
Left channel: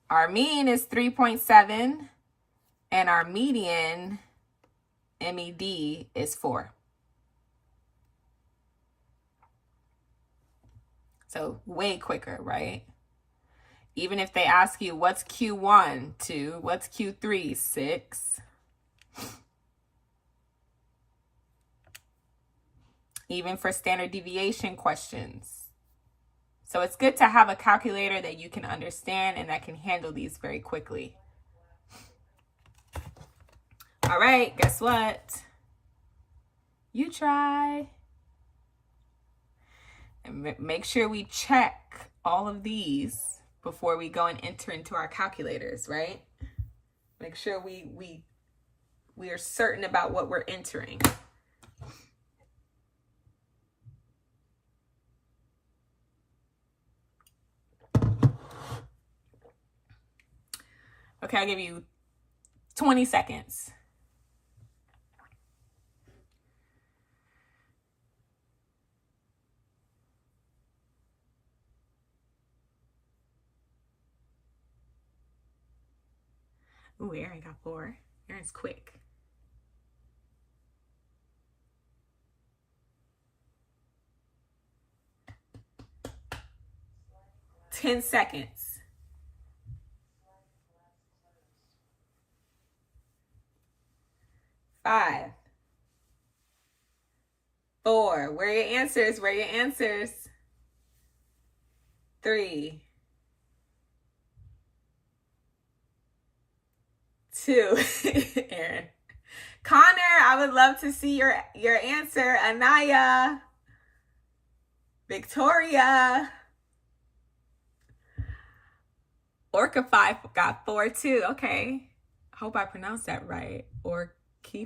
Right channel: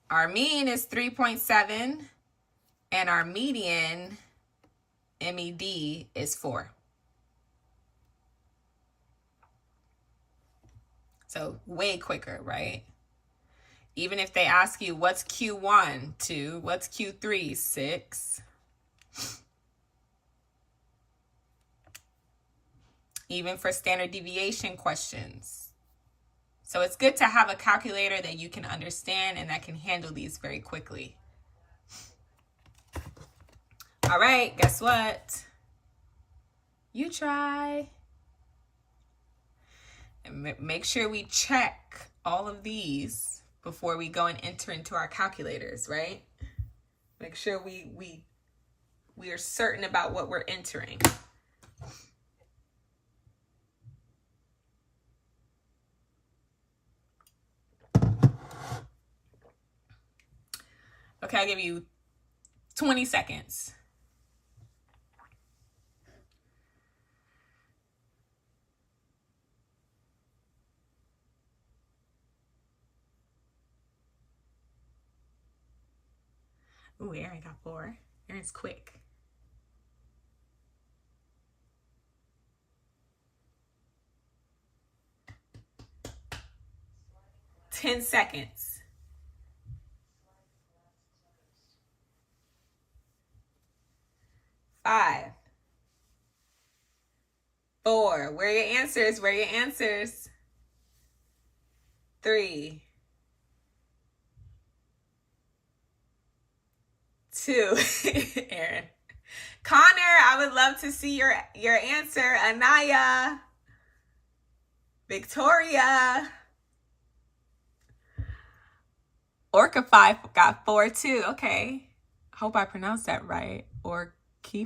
Our mean is 3.7 and our median, MED, is 4. So way quicker, right? Even if they ask you what's Q1, 2, what's Q3, 6. Even for standard deviation questions. So it's good to have a calculator that you can understand and that can handle these very quickly. All right, guess what? You try. make sure we check all of these before we go and enter into our calculators, right? Make sure we are certain about what we're entering. Okay, I'll give you 20 seconds. Ooh, Aaron got 4. Aaron's quick. 10 seconds. 5, 4. Where are your answers? Where are your answers? 3, 2. Aaron. Connor, I would love to see your answer. Anaya. Victoria. Orca 5 got 4 too. Okay. Hope I pronounced that right. Orca 5?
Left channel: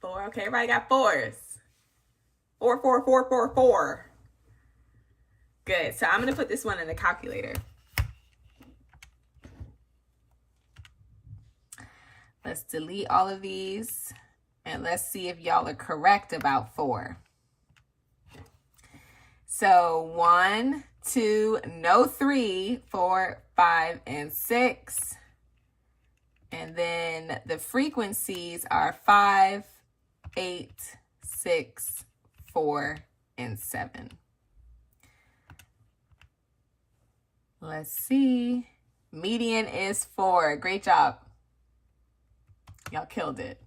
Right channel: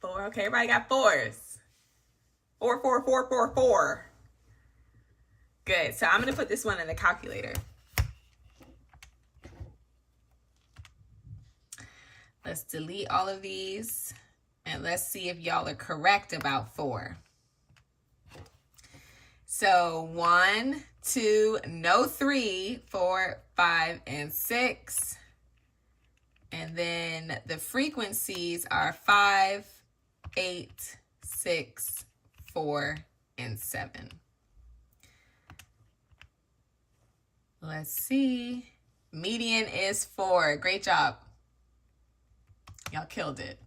4. Okay, everybody got 4s. 4, 4, 4, 4, 4. Good. So I'm going to put this one in the calculator. Let's delete all of these. And let's see if y'all are correct about 4. So 1, 2, no 3, 4, 5, and 6. And then the frequencies are 5, 8, 6, 4, and 7. Let's see. Median is 4. Great job. Y'all killed it.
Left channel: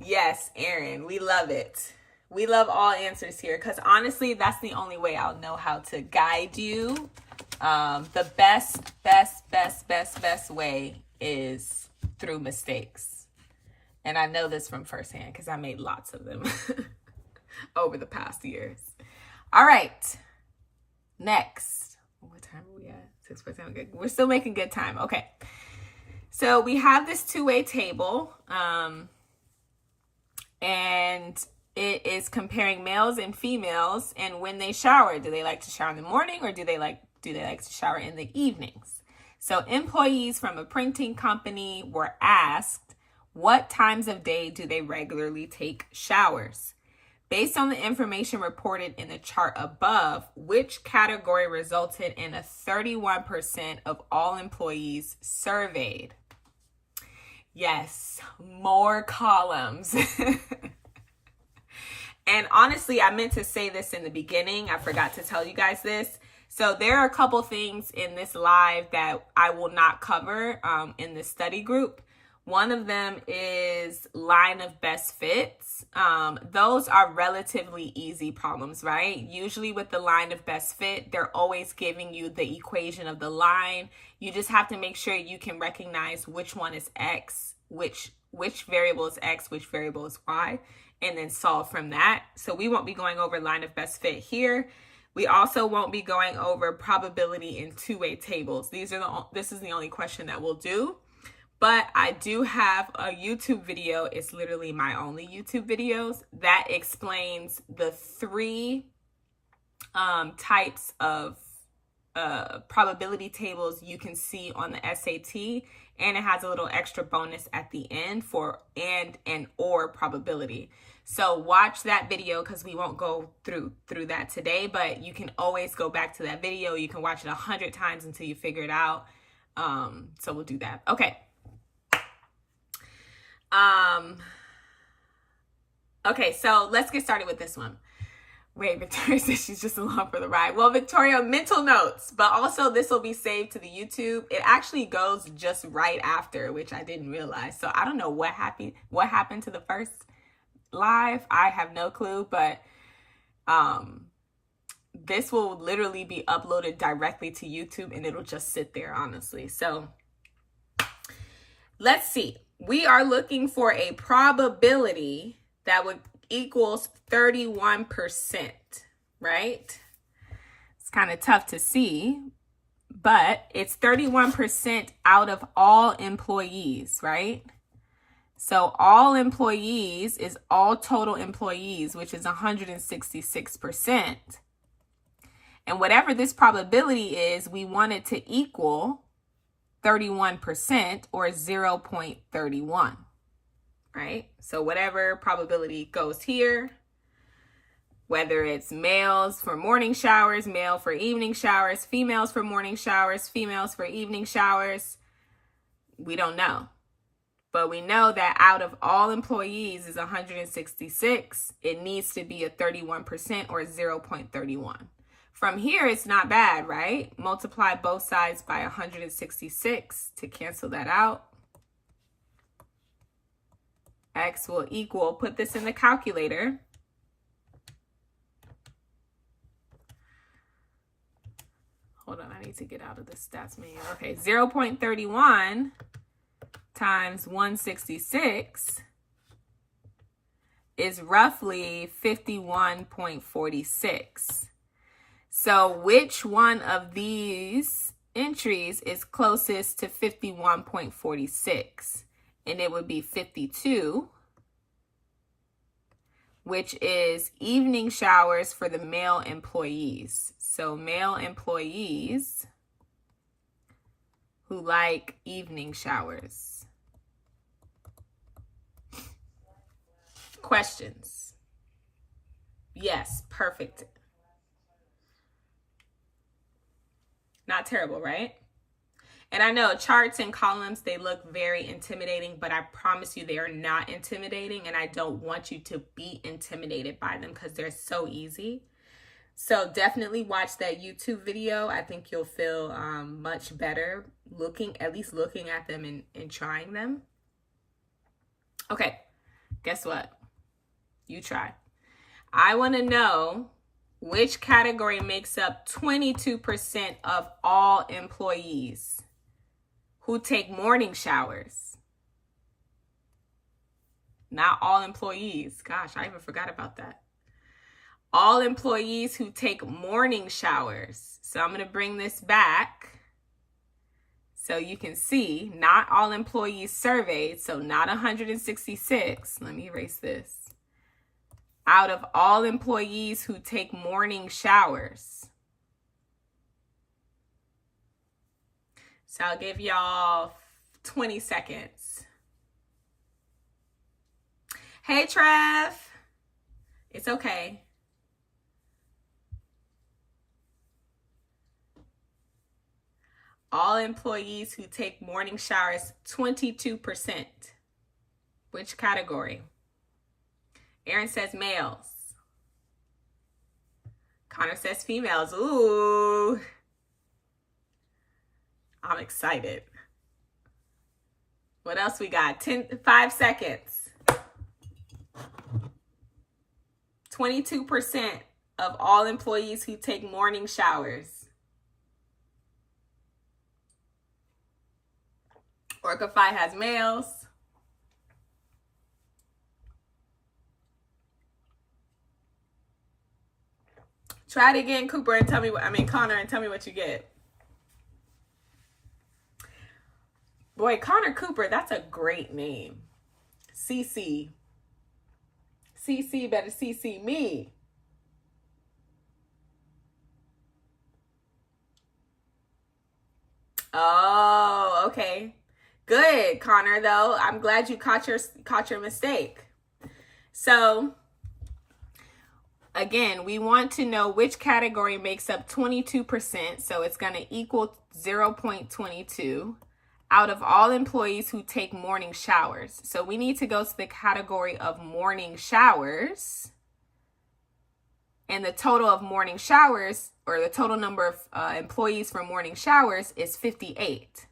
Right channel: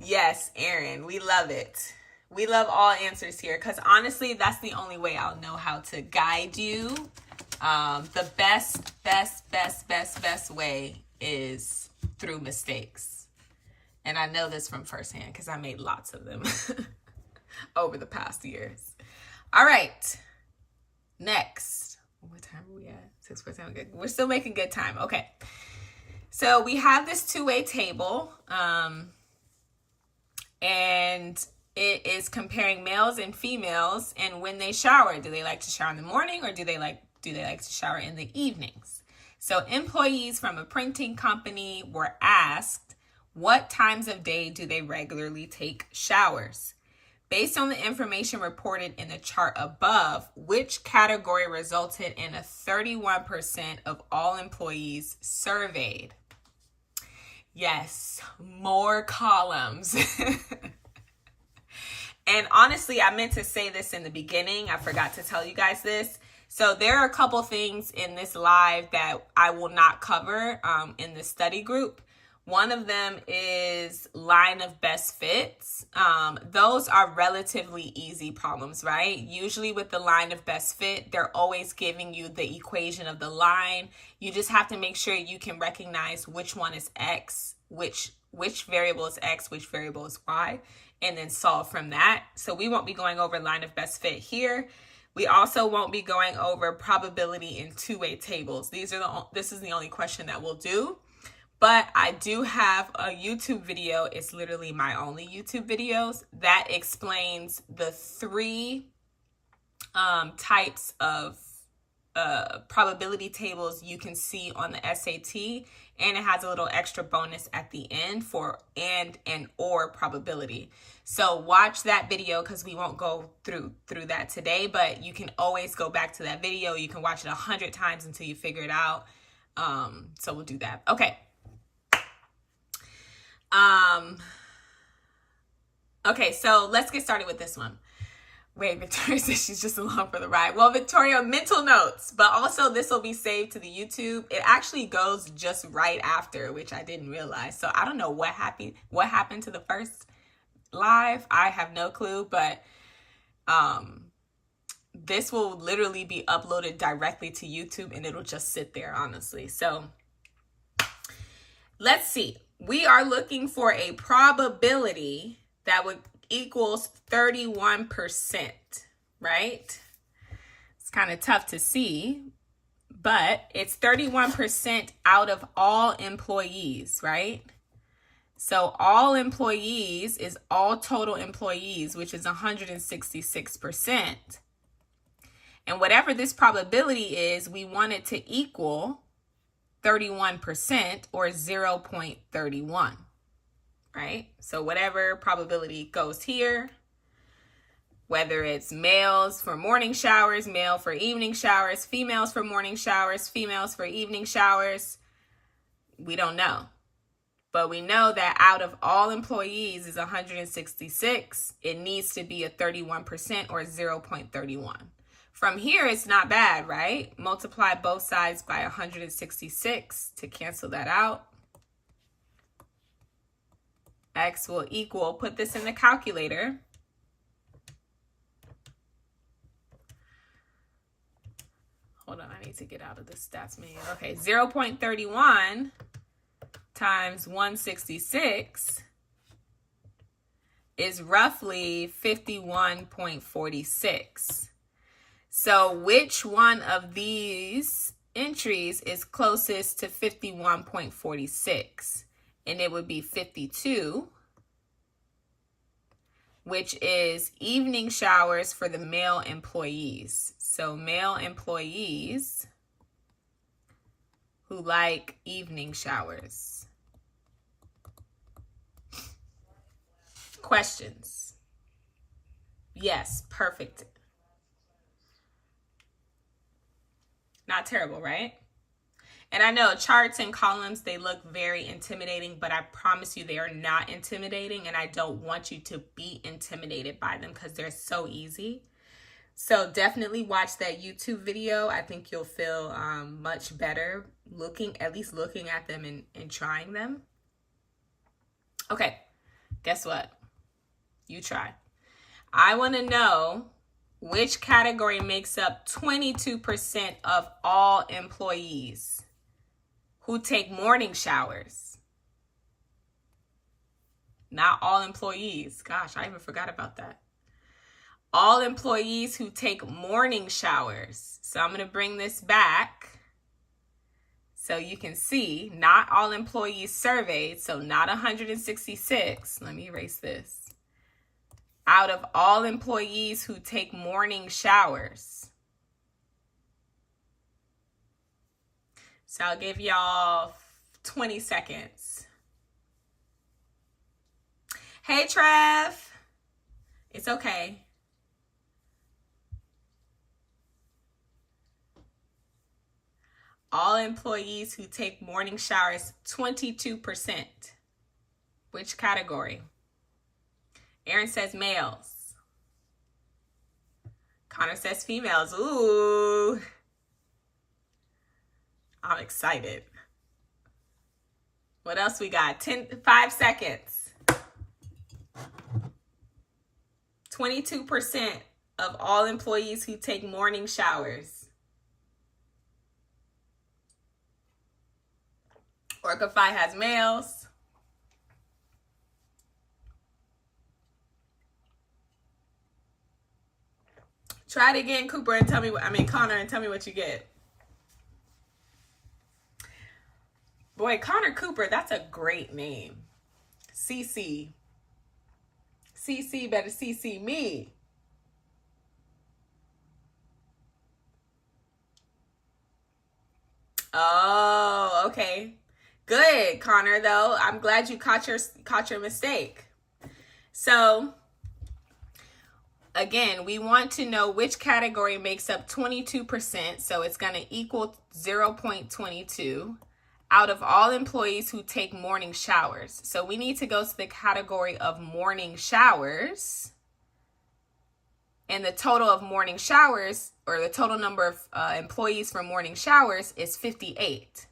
Yes, Aaron, we love it. We love all answers here because honestly, that's the only way I'll know how to guide you. The best way is through mistakes. And I know this from firsthand because I made lots of them over the past years. All right. Next. What time are we at? 6:47. Good. We're still making good time. Okay. So we have this two-way table. And it is comparing males and females and when they shower. Do they like to shower in the morning or do they like to shower in the evenings? So employees from a printing company were asked, what times of day do they regularly take showers? Based on the information reported in the chart above, which category resulted in a 31% of all employees surveyed? Yes, more columns. And honestly, I meant to say this in the beginning. I forgot to tell you guys this. So there are a couple things in this live that I will not cover in the study group. One of them is line of best fits. Those are relatively easy problems, right? Usually with the line of best fit, they're always giving you the equation of the line. You just have to make sure you can recognize which one is X, which variable is X, which variable is Y, and then solve from that. So we won't be going over line of best fit here. We also won't be going over probability in two-way tables. This is the only question that we'll do. But I do have a YouTube video. It's literally my only YouTube videos that explains the 3 types of probability tables you can see on the SAT. And it has a little extra bonus at the end for and or probability. So watch that video because we won't go through that today. But you can always go back to that video. You can watch it 100 times until you figure it out. So we'll do that. Okay. Okay, so let's get started with this one. Wait, Victoria says she's just along for the ride. Well, Victoria, mental notes, but also this will be saved to the YouTube. It actually goes just right after, which I didn't realize. So I don't know what happened to the first live. I have no clue, but this will literally be uploaded directly to YouTube and it'll just sit there, honestly. So let's see. we are looking for a probability that would equals 31%, right? It's kind of tough to see, but it's 31% out of all employees, right? So all employees is all total employees, which is 166%. And whatever this probability is, we want it to equal 31% or 0.31, right? So whatever probability goes here, whether it's males for morning showers, male for evening showers, females for morning showers, females for evening showers, we don't know. But we know that out of all employees is 166. It needs to be a 31% or 0.31. From here, it's not bad, right? Multiply both sides by 166 to cancel that out. X will equal, put this in the calculator. Hold on, I need to get out of the stats menu. Okay, 0.31 times 166 is roughly 51.46. So which one of these entries is closest to 51.46? And it would be 52, which is evening showers for the male employees. So male employees who like evening showers. Questions? Yes, perfect. Not terrible, right? And I know charts and columns, they look very intimidating, but I promise you they are not intimidating, and I don't want you to be intimidated by them because they're so easy. So definitely watch that YouTube video. I think you'll feel much better at least looking at them and trying them. Okay, guess what? You try. I want to know which category makes up 22% of all employees who take morning showers. Not all employees. Gosh, I even forgot about that. All employees who take morning showers. So I'm going to bring this back so you can see not all employees surveyed. So not 166. Let me erase this. Out of all employees who take morning showers. So I'll give y'all 20 seconds. Hey, Trev. It's okay. All employees who take morning showers, 22%. Which category? Aaron says males. Connor says females. Ooh. I'm excited. What else we got? 5 seconds. 22% of all employees who take morning showers. Orcify has males. Try it again, Connor, and tell me what you get. Boy, Connor Cooper, that's a great name. CC. CC better CC me. Oh, okay. Good, Connor, though. I'm glad you caught your mistake. So, again, we want to know which category makes up 22%. So it's going to equal 0.22 out of all employees who take morning showers. So we need to go to the category of morning showers. And the total of morning showers, or the total number of employees for morning showers, is 58.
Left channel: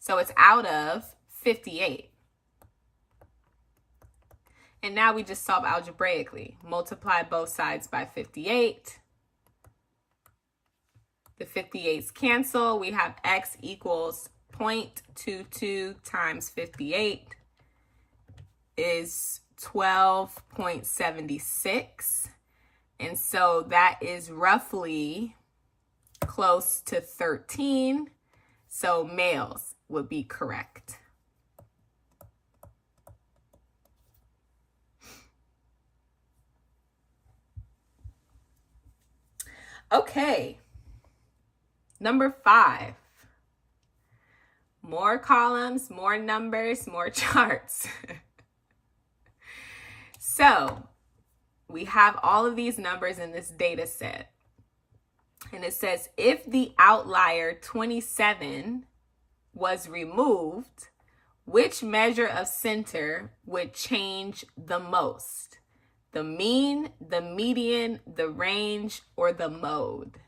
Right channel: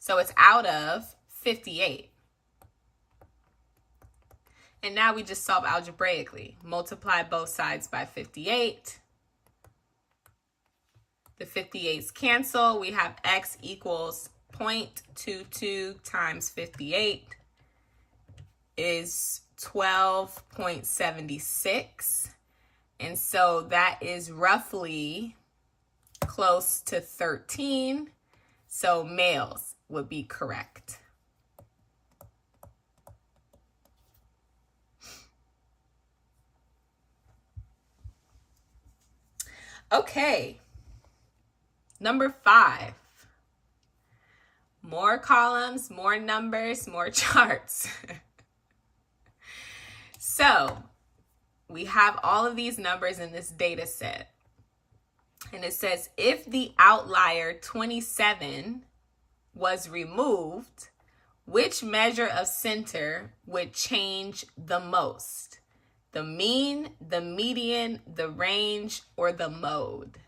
So it's out of 58. And now we just solve algebraically. Multiply both sides by 58. The 58s cancel. We have x equals 0.22 times 58. is 12.76. And so that is roughly close to 13. So males would be correct. Okay. Number 5. More columns, more numbers, more charts. So we have all of these numbers in this data set. And it says, if the outlier 27 was removed, which measure of center would change the most? The mean, the median, the range, or the mode?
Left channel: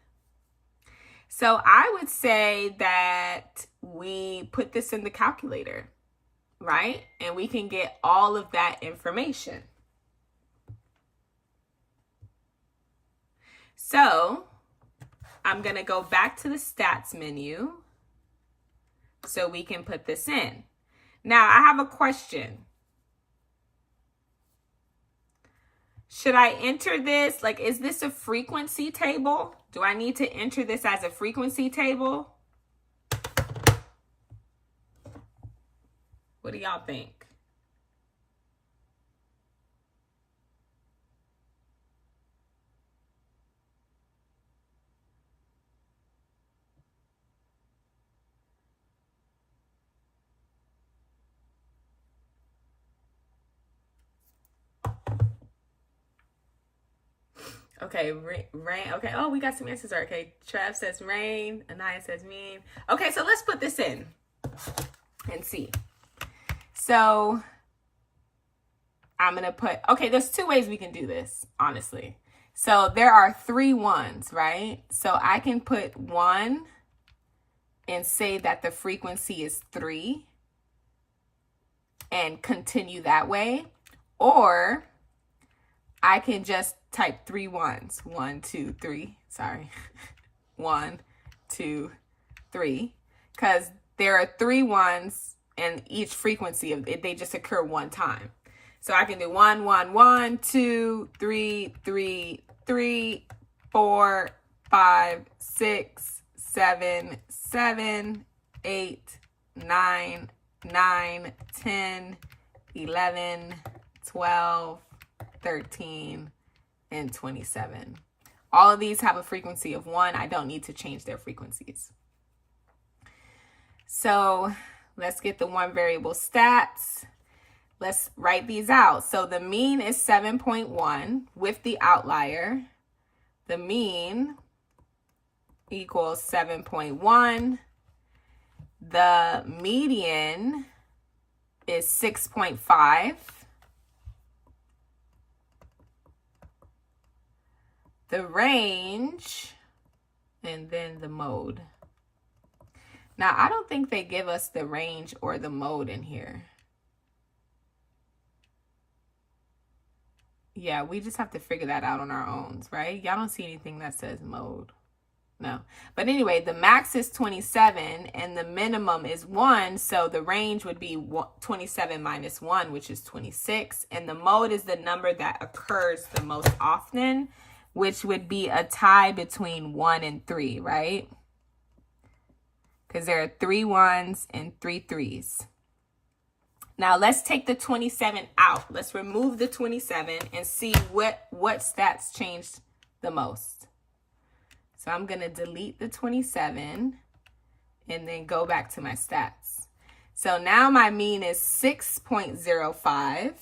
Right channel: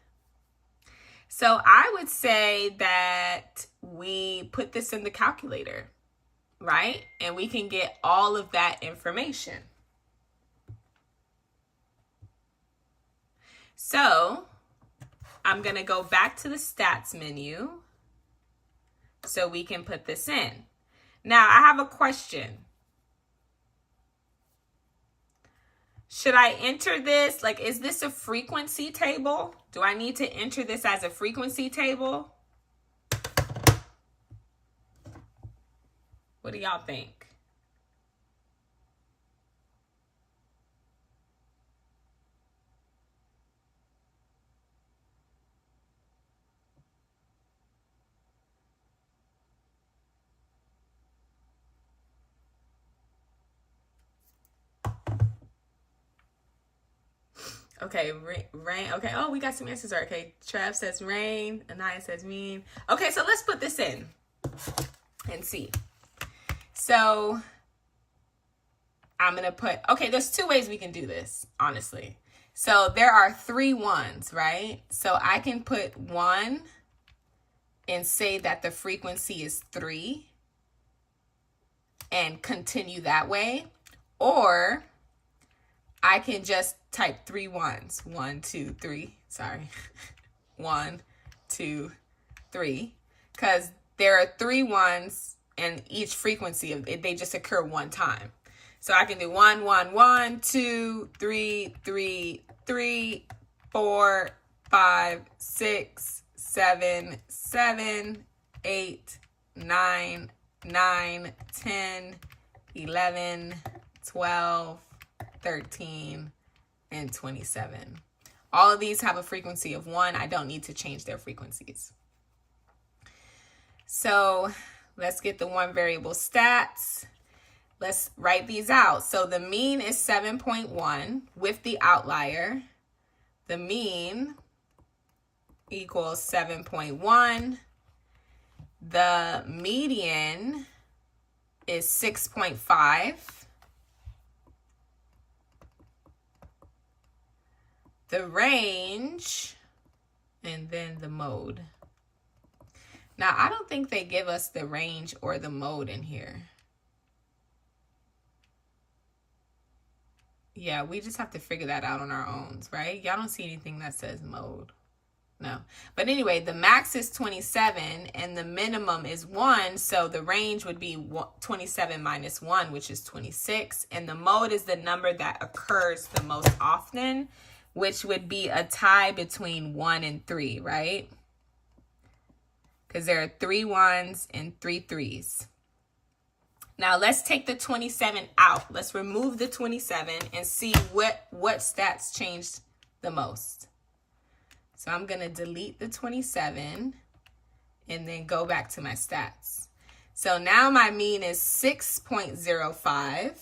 So I would say that we put this in the calculator, right? And we can get all of that information. So I'm going to go back to the stats menu so we can put this in. Now I have a question. Should I enter this? Like, is this a frequency table? Do I need to enter this as a frequency table? What do y'all think? Okay, rain. Okay, oh, we got some answers. Okay, Trav says rain. Anaya says mean. Okay, so let's put this in and see. So I'm going to put, okay, there's 2 ways we can do this, honestly. So there are 3 ones, right? So I can put 1 and say that the frequency is 3 and continue that way. Or I can just type 3 ones. 1, 2, 3. Sorry. 1, 2, 3. Because there are 3 ones and each frequency of it, they just occur one time. So I can do 1, 1, 1, 2, 3, 3, 3, 4, 5, 6, 7, 7, 8, 9, 9, 10, 11, 12, 13, and 27. All of these have a frequency of 1. I don't need to change their frequencies. So let's get the one variable stats. Let's write these out. So the mean is 7.1 with the outlier. The mean equals 7.1. The median is 6.5. The range, and then the mode. Now, I don't think they give us the range or the mode in here. Yeah, we just have to figure that out on our own, right? Y'all don't see anything that says mode. No. But anyway, the max is 27 and the minimum is 1. So the range would be 27 minus 1, which is 26. And the mode is the number that occurs the most often, which would be a tie between 1 and 3, right? Because there are 3 1s and 3 3s. Now let's take the 27 out. Let's remove the 27 and see what stats changed the most. So I'm going to delete the 27 and then go back to my stats. So now my mean is 6.05.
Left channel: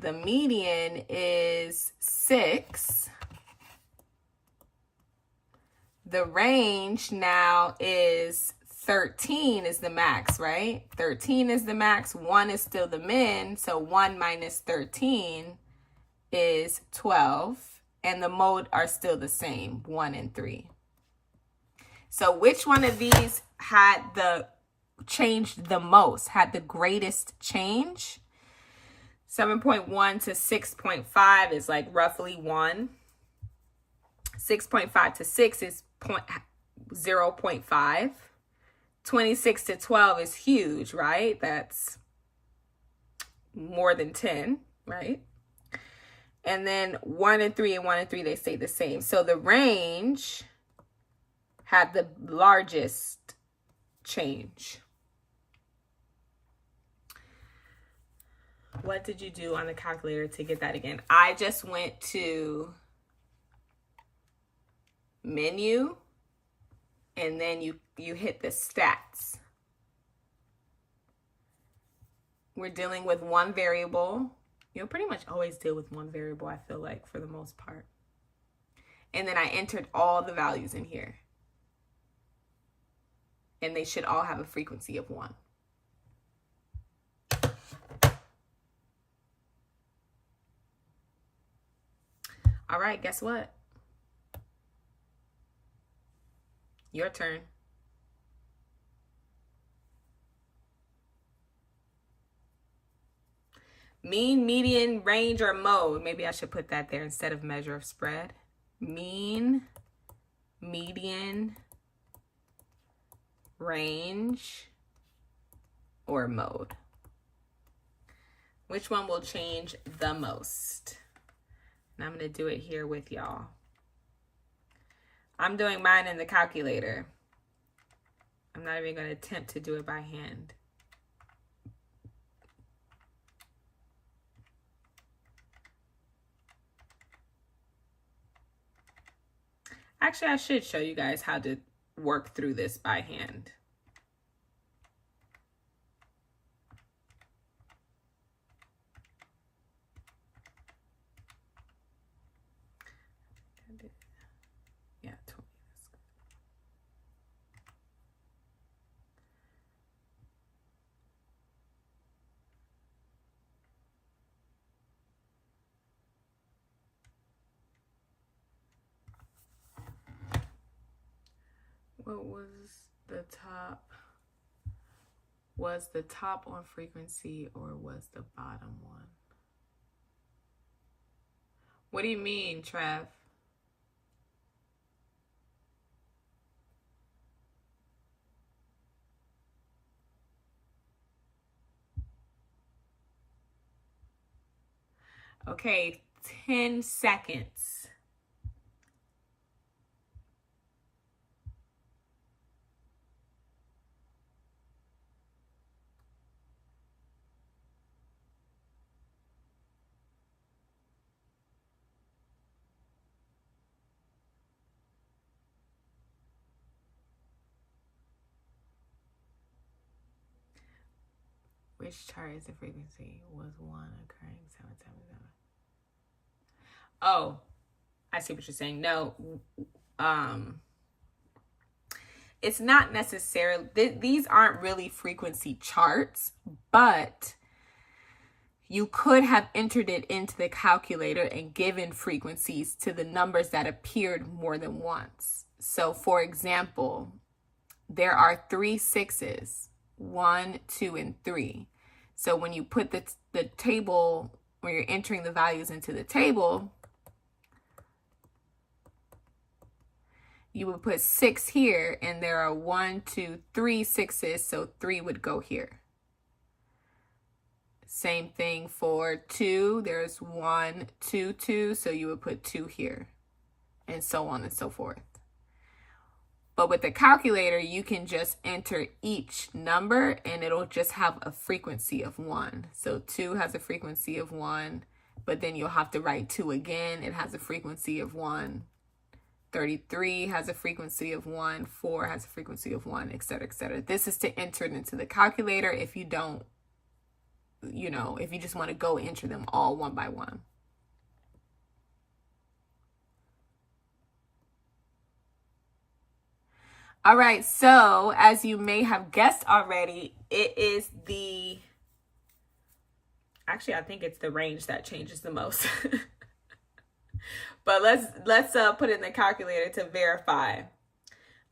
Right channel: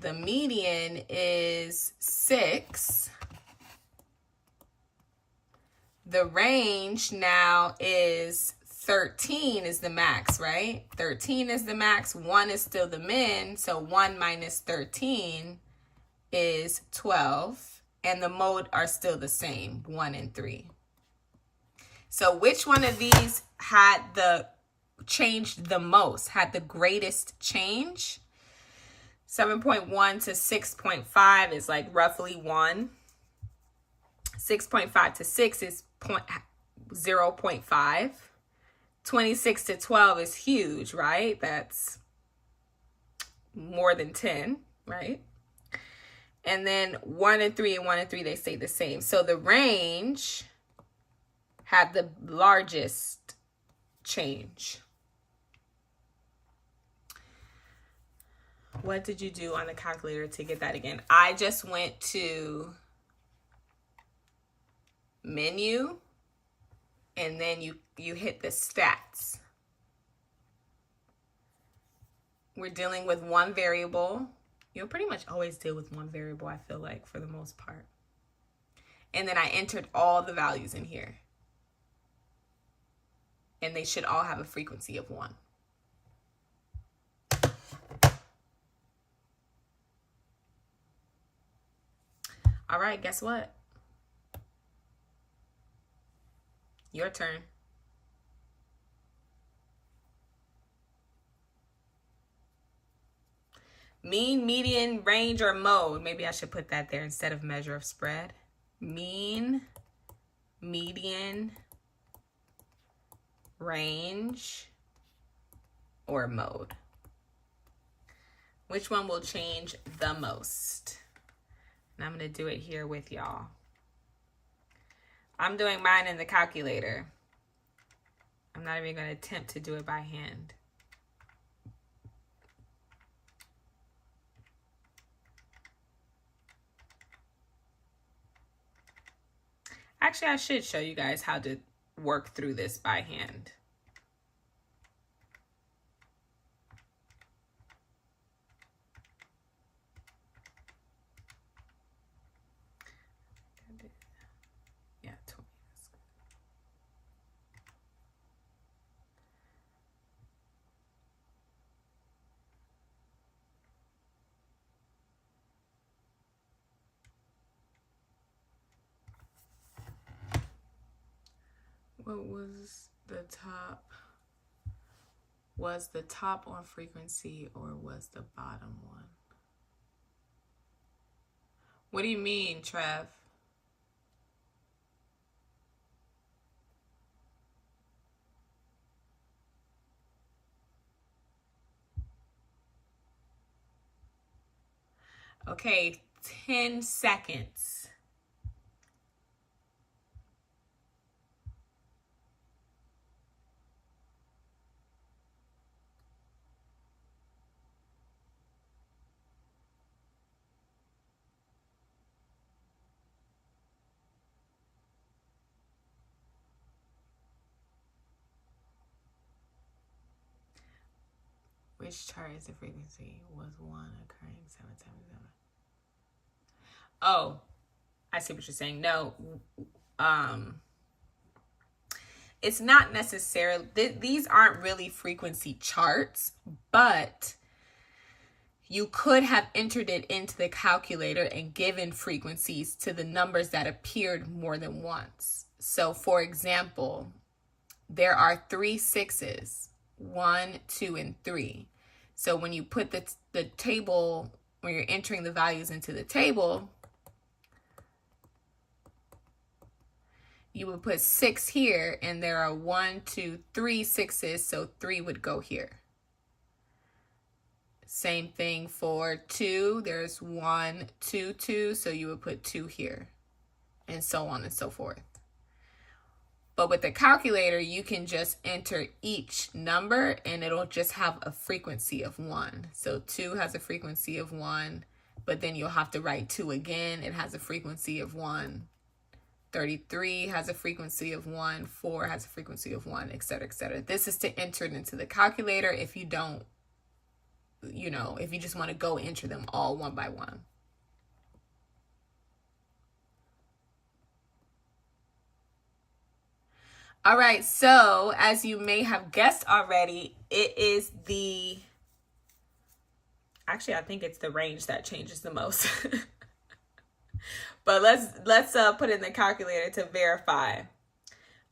The median is 6. The range now is 13 is the max, right? 13 is the max. 1 is still the min. So 1 minus 13 is 12. And the mode are still the same, 1 and 3. So which one of these had the changed the most, had the greatest change? 7.1 to 6.5 is like roughly 1. 6.5 to 6 is 0.5. 26 to 12 is huge, right? That's more than 10, right? And then 1 and 3 and 1 and 3, they stay the same. So the range had the largest change. What did you do on the calculator to get that again? I just went to menu, and then you hit the stats. We're dealing with one variable. You'll pretty much always deal with one variable, I feel like, for the most part. And then I entered all the values in here. And they should all have a frequency of 1. All right, guess what? Your turn. Mean, median, range, or mode. Maybe I should put that there instead of measure of spread. Mean, median, range, or mode. Which one will change the most? And I'm going to do it here with y'all. I'm doing mine in the calculator. I'm not even going to attempt to do it by hand. Actually, I should show you guys how to work through this by hand. Yeah, 20. What was the top? Was the top on frequency or was the bottom one? What do you mean, Trev? Okay, 10 seconds. Which chart is the frequency? Was 1 occurring 777? Oh, I see what you're saying. No, it's not necessarily, these aren't really frequency charts, but you could have entered it into the calculator and given frequencies to the numbers that appeared more than once. So for example, there are 3 6s, 1, 2, and 3. So when you put the table, when you're entering the values into the table, you would put 6 here, and there are 1, 2, 3 6s, so 3 would go here. Same thing for 2, there's 1, 2, 2, so you would put 2 here, and so on and so forth. But with the calculator, you can just enter each number and it'll just have a frequency of 1. So 2 has a frequency of 1, but then you'll have to write 2 again. It has a frequency of 1. 33 has a frequency of 1. 4 has a frequency of 1, etc., etc. This is to enter it into the calculator if you don't, if you just want to go enter them all one by one. All right, so as you may have guessed already, it is actually, I think it's the range that changes the most. But let's put it in the calculator to verify.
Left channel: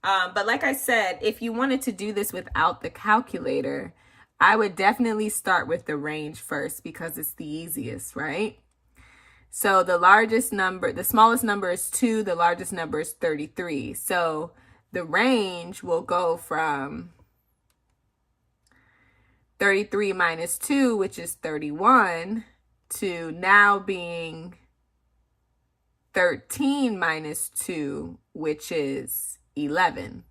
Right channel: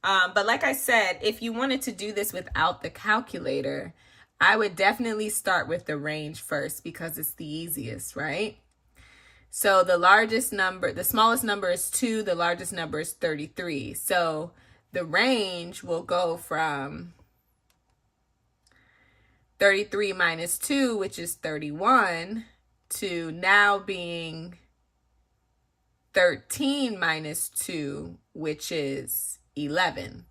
But like I said, if you wanted to do this without the calculator, I would definitely start with the range first because it's the easiest, right? So the smallest number is 2, the largest number is 33. So the range will go from 33 minus 2, which is 31, to now being 13 minus 2, which is 11.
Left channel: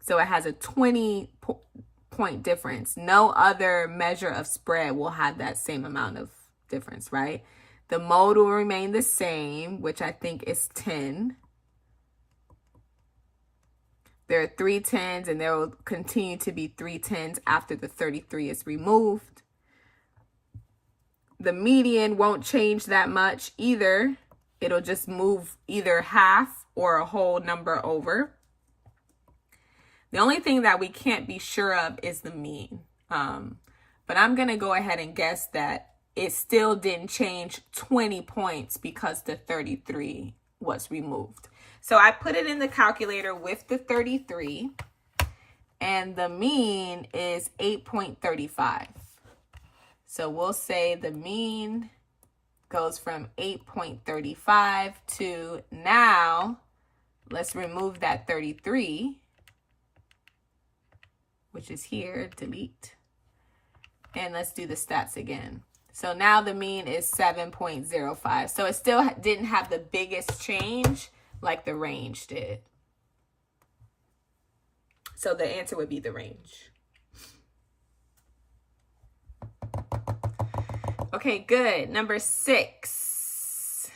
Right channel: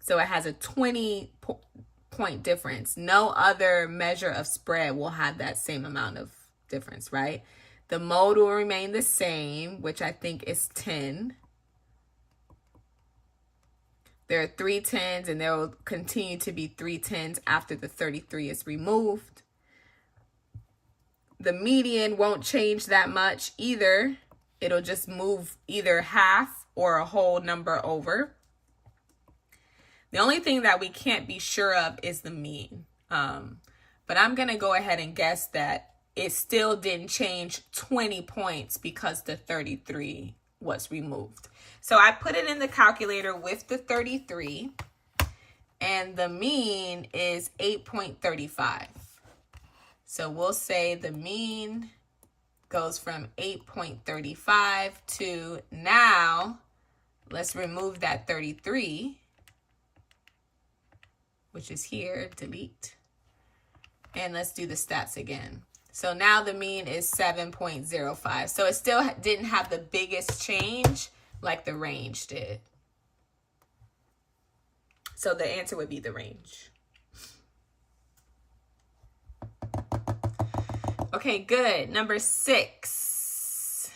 So it has a 20-point difference. No other measure of spread will have that same amount of difference, right? The mode will remain the same, which I think is 10. There are 3 10s, and there will continue to be 3 10s after the 33 is removed. The median won't change that much either. It'll just move either half or a whole number over. The only thing that we can't be sure of is the mean. But I'm going to go ahead and guess that it still didn't change 20 points because the 33 was removed. So I put it in the calculator with the 33, and the mean is 8.35. So we'll say the mean goes from 8.35 to, now let's remove that 33, which is here, delete, and let's do the stats again. So now the mean is 7.05. So it still didn't have the biggest change like the range did. So the answer would be the range. Okay, good. Number 6.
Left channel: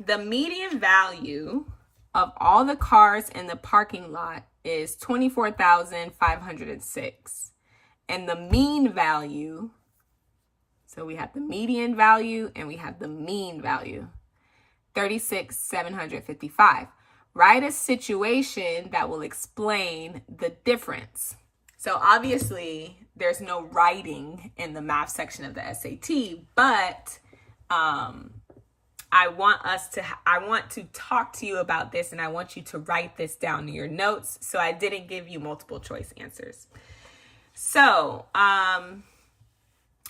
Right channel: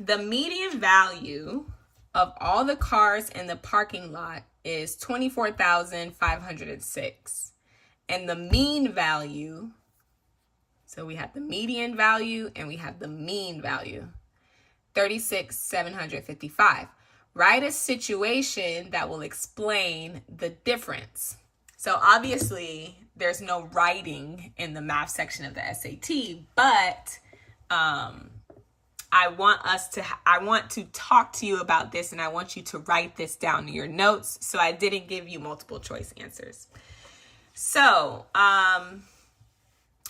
The median value of all the cars in the parking lot is 24,506. And the mean value, so we have the median value and we have the mean value, 36,755. Write a situation that will explain the difference. So obviously there's no writing in the math section of the SAT, but I want to talk to you about this, and I want you to write this down in your notes. So I didn't give you multiple choice answers. So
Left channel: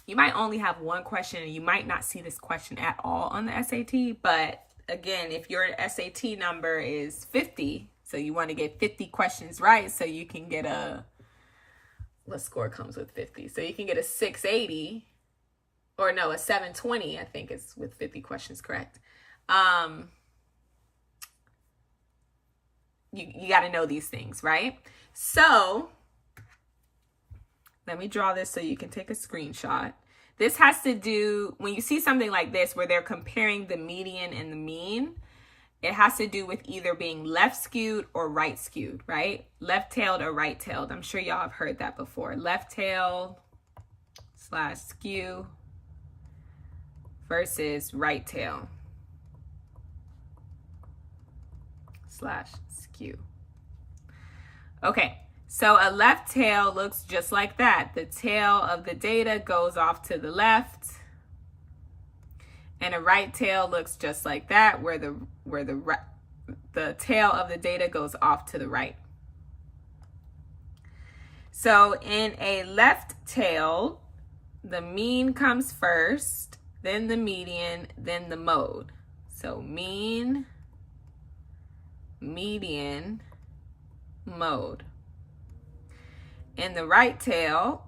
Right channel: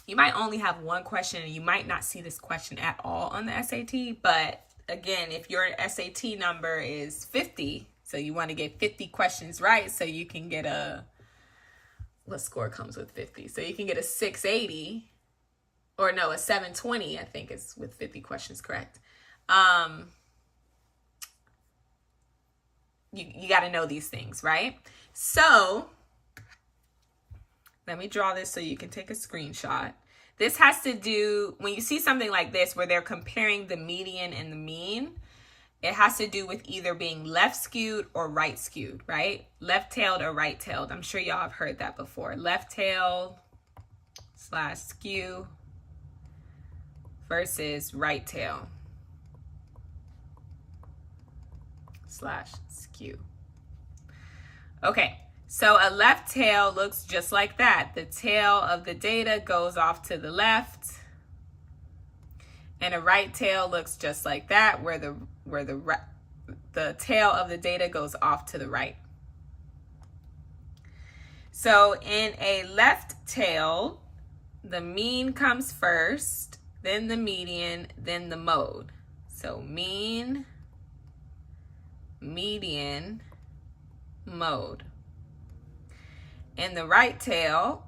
you might only have one question, and you might not see this question at all on the SAT. But again, if your SAT number is 50, so you want to get 50 questions right, so you can get what score comes with 50? So you can get a 680, or no, a 720, I think is with 50 questions, correct? You got to know these things, right? So let me draw this so you can take a screenshot. This has to do, when you see something like this where they're comparing the median and the mean, it has to do with either being left skewed or right skewed, right? Left-tailed or right-tailed. I'm sure y'all have heard that before. Left-tailed / skew versus right-tail / skew. Okay. So a left tail looks just like that. The tail of the data goes off to the left. And a right tail looks just like that, where the tail of the data goes off to the right. So in a left tail, the mean comes first, then the median, then the mode. So mean, median, mode. In the right tail,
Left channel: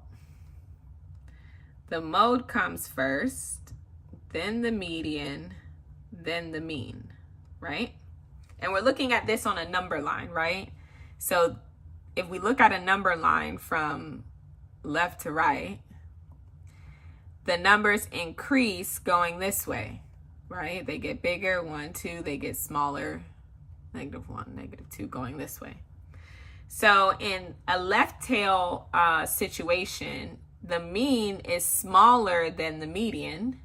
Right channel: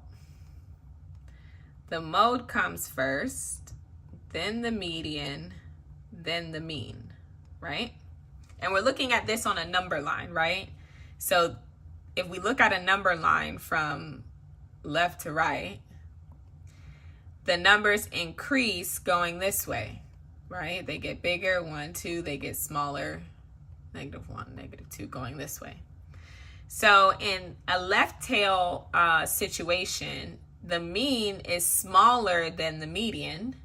the mode comes first, then the median, then the mean, right? And we're looking at this on a number line, right? So if we look at a number line from left to right, the numbers increase going this way, right? They get bigger, 1, 2, they get smaller, -1, -2, going this way. So in a left tail situation, the mean is smaller than the median.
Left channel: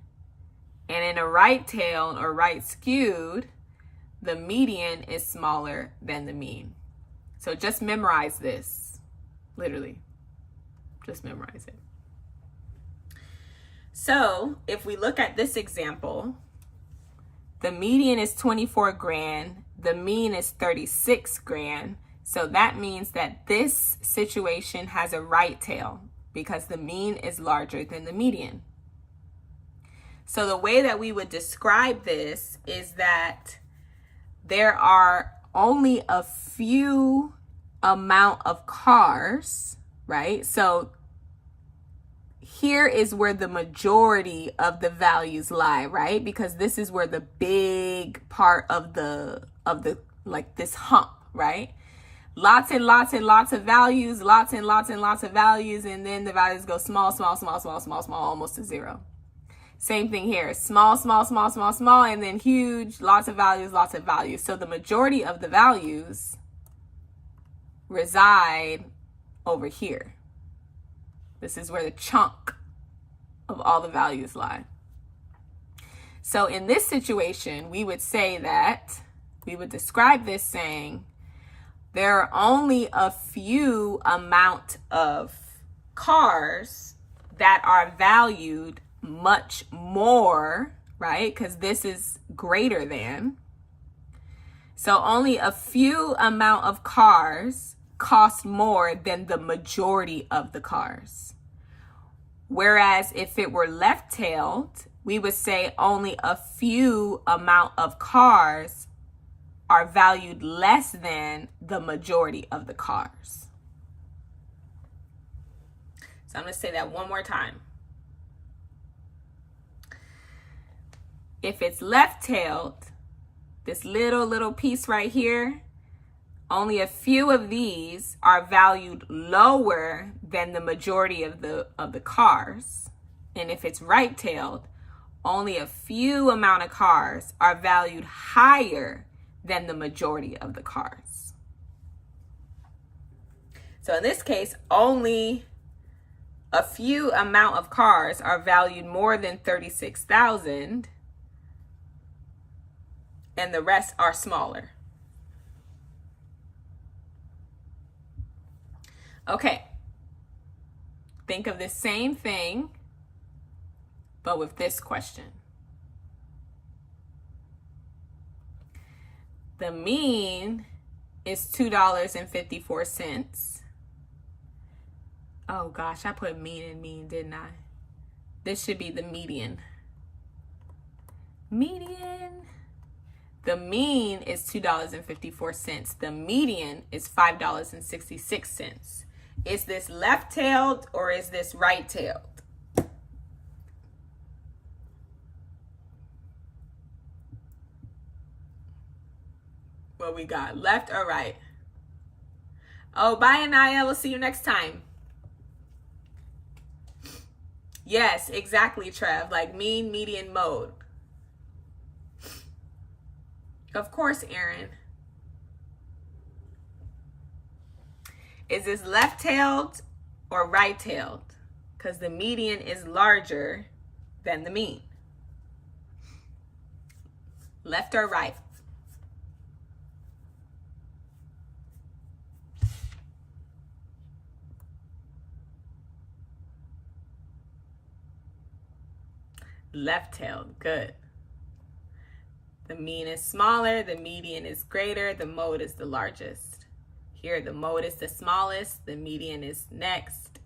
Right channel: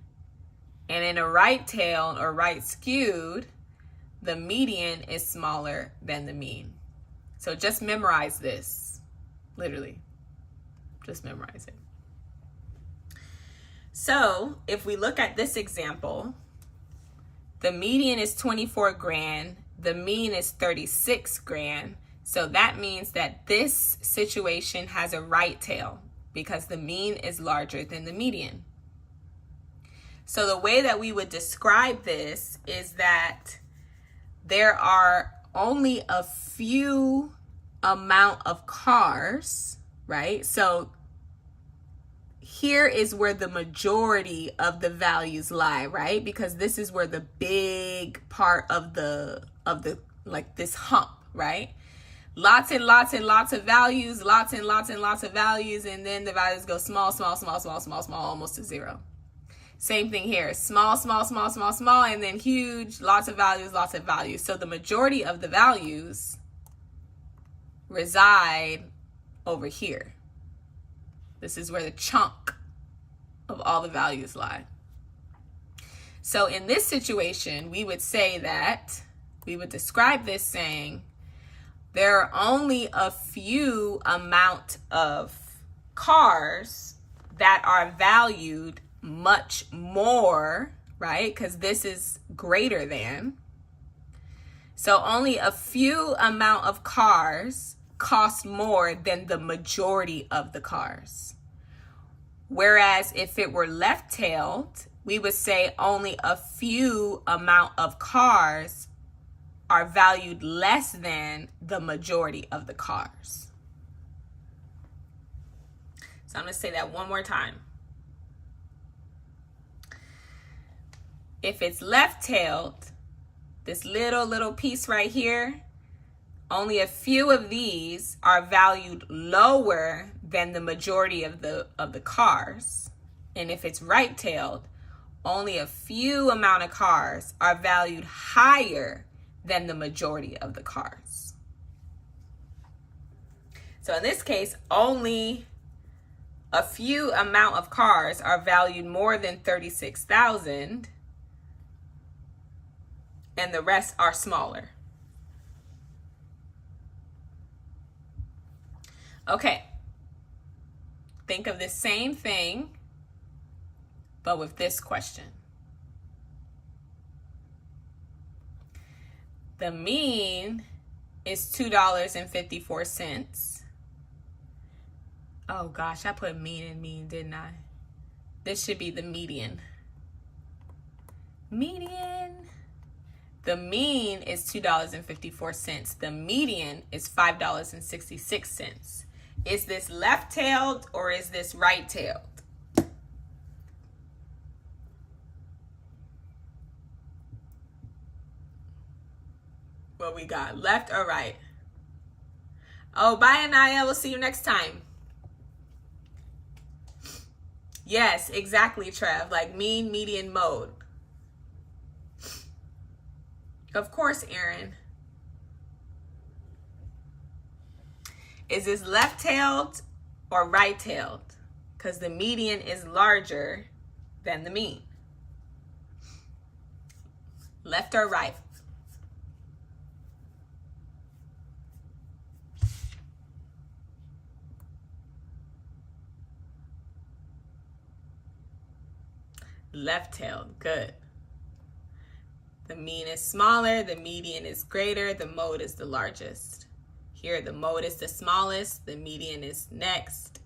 And in a right tail or right skewed, the median is smaller than the mean. So just memorize this, literally. Just memorize it. So if we look at this example, the median is 24 grand, the mean is 36 grand. So that means that this situation has a right tail because the mean is larger than the median. So the way that we would describe this is that there are only a few amount of cars, right? So here is where the majority of the values lie, right? Because this is where the big part of the like this hump, right? Lots and lots and lots of values, lots and lots and lots of values, and then the values go small, small, small, small, small, small, almost to zero. Same thing here, small, small, small, small, small, and then huge, lots of values, lots of values. So the majority of the values reside over here. This is where the chunk of all the values lie. So in this situation, we would say that, we would describe this saying, there are only a few amount of cars that are valued much more, right? Because this is greater than. So only a few amount of cars cost more than the majority of the cars. Whereas if it were left-tailed, we would say only a few amount of cars are valued less than the majority of the cars. So I'm going to say that one more time. If it's left-tailed, this little piece right here, only a few of these are valued lower than the majority of the cars. And if it's right-tailed, only a few amount of cars are valued higher than the majority of the cars. So in this case, only a few amount of cars are valued more than 36,000, and the rest are smaller. Okay, think of the same thing, but with this question. The mean is $2.54. Oh gosh, I put mean and mean, didn't I? This should be the median. Median. The mean is $2.54. The median is $5.66. Is this left-tailed or is this right-tailed? What we got, left or right? Oh, bye, Anaya. We'll see you next time. Yes, exactly, Trev. Like mean, median, mode. Of course, Aaron. Is this left-tailed or right-tailed? Because the median is larger than the mean. Left or right? Left-tailed, good. The mean is smaller, the median is greater, the mode is the largest. Here, the mode is the smallest, the median is next,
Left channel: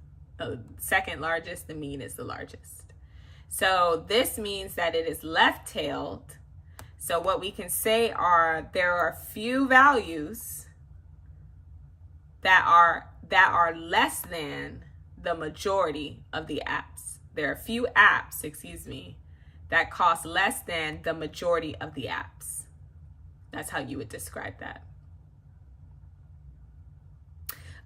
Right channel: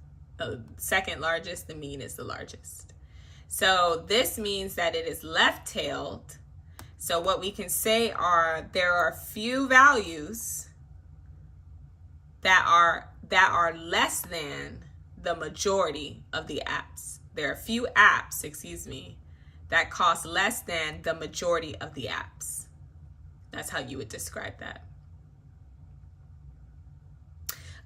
second largest, the mean is the largest. So this means that it is left-tailed. So what we can say are there are few values that are less than the majority of the apps. There are few apps, that cost less than the majority of the apps. That's how you would describe that.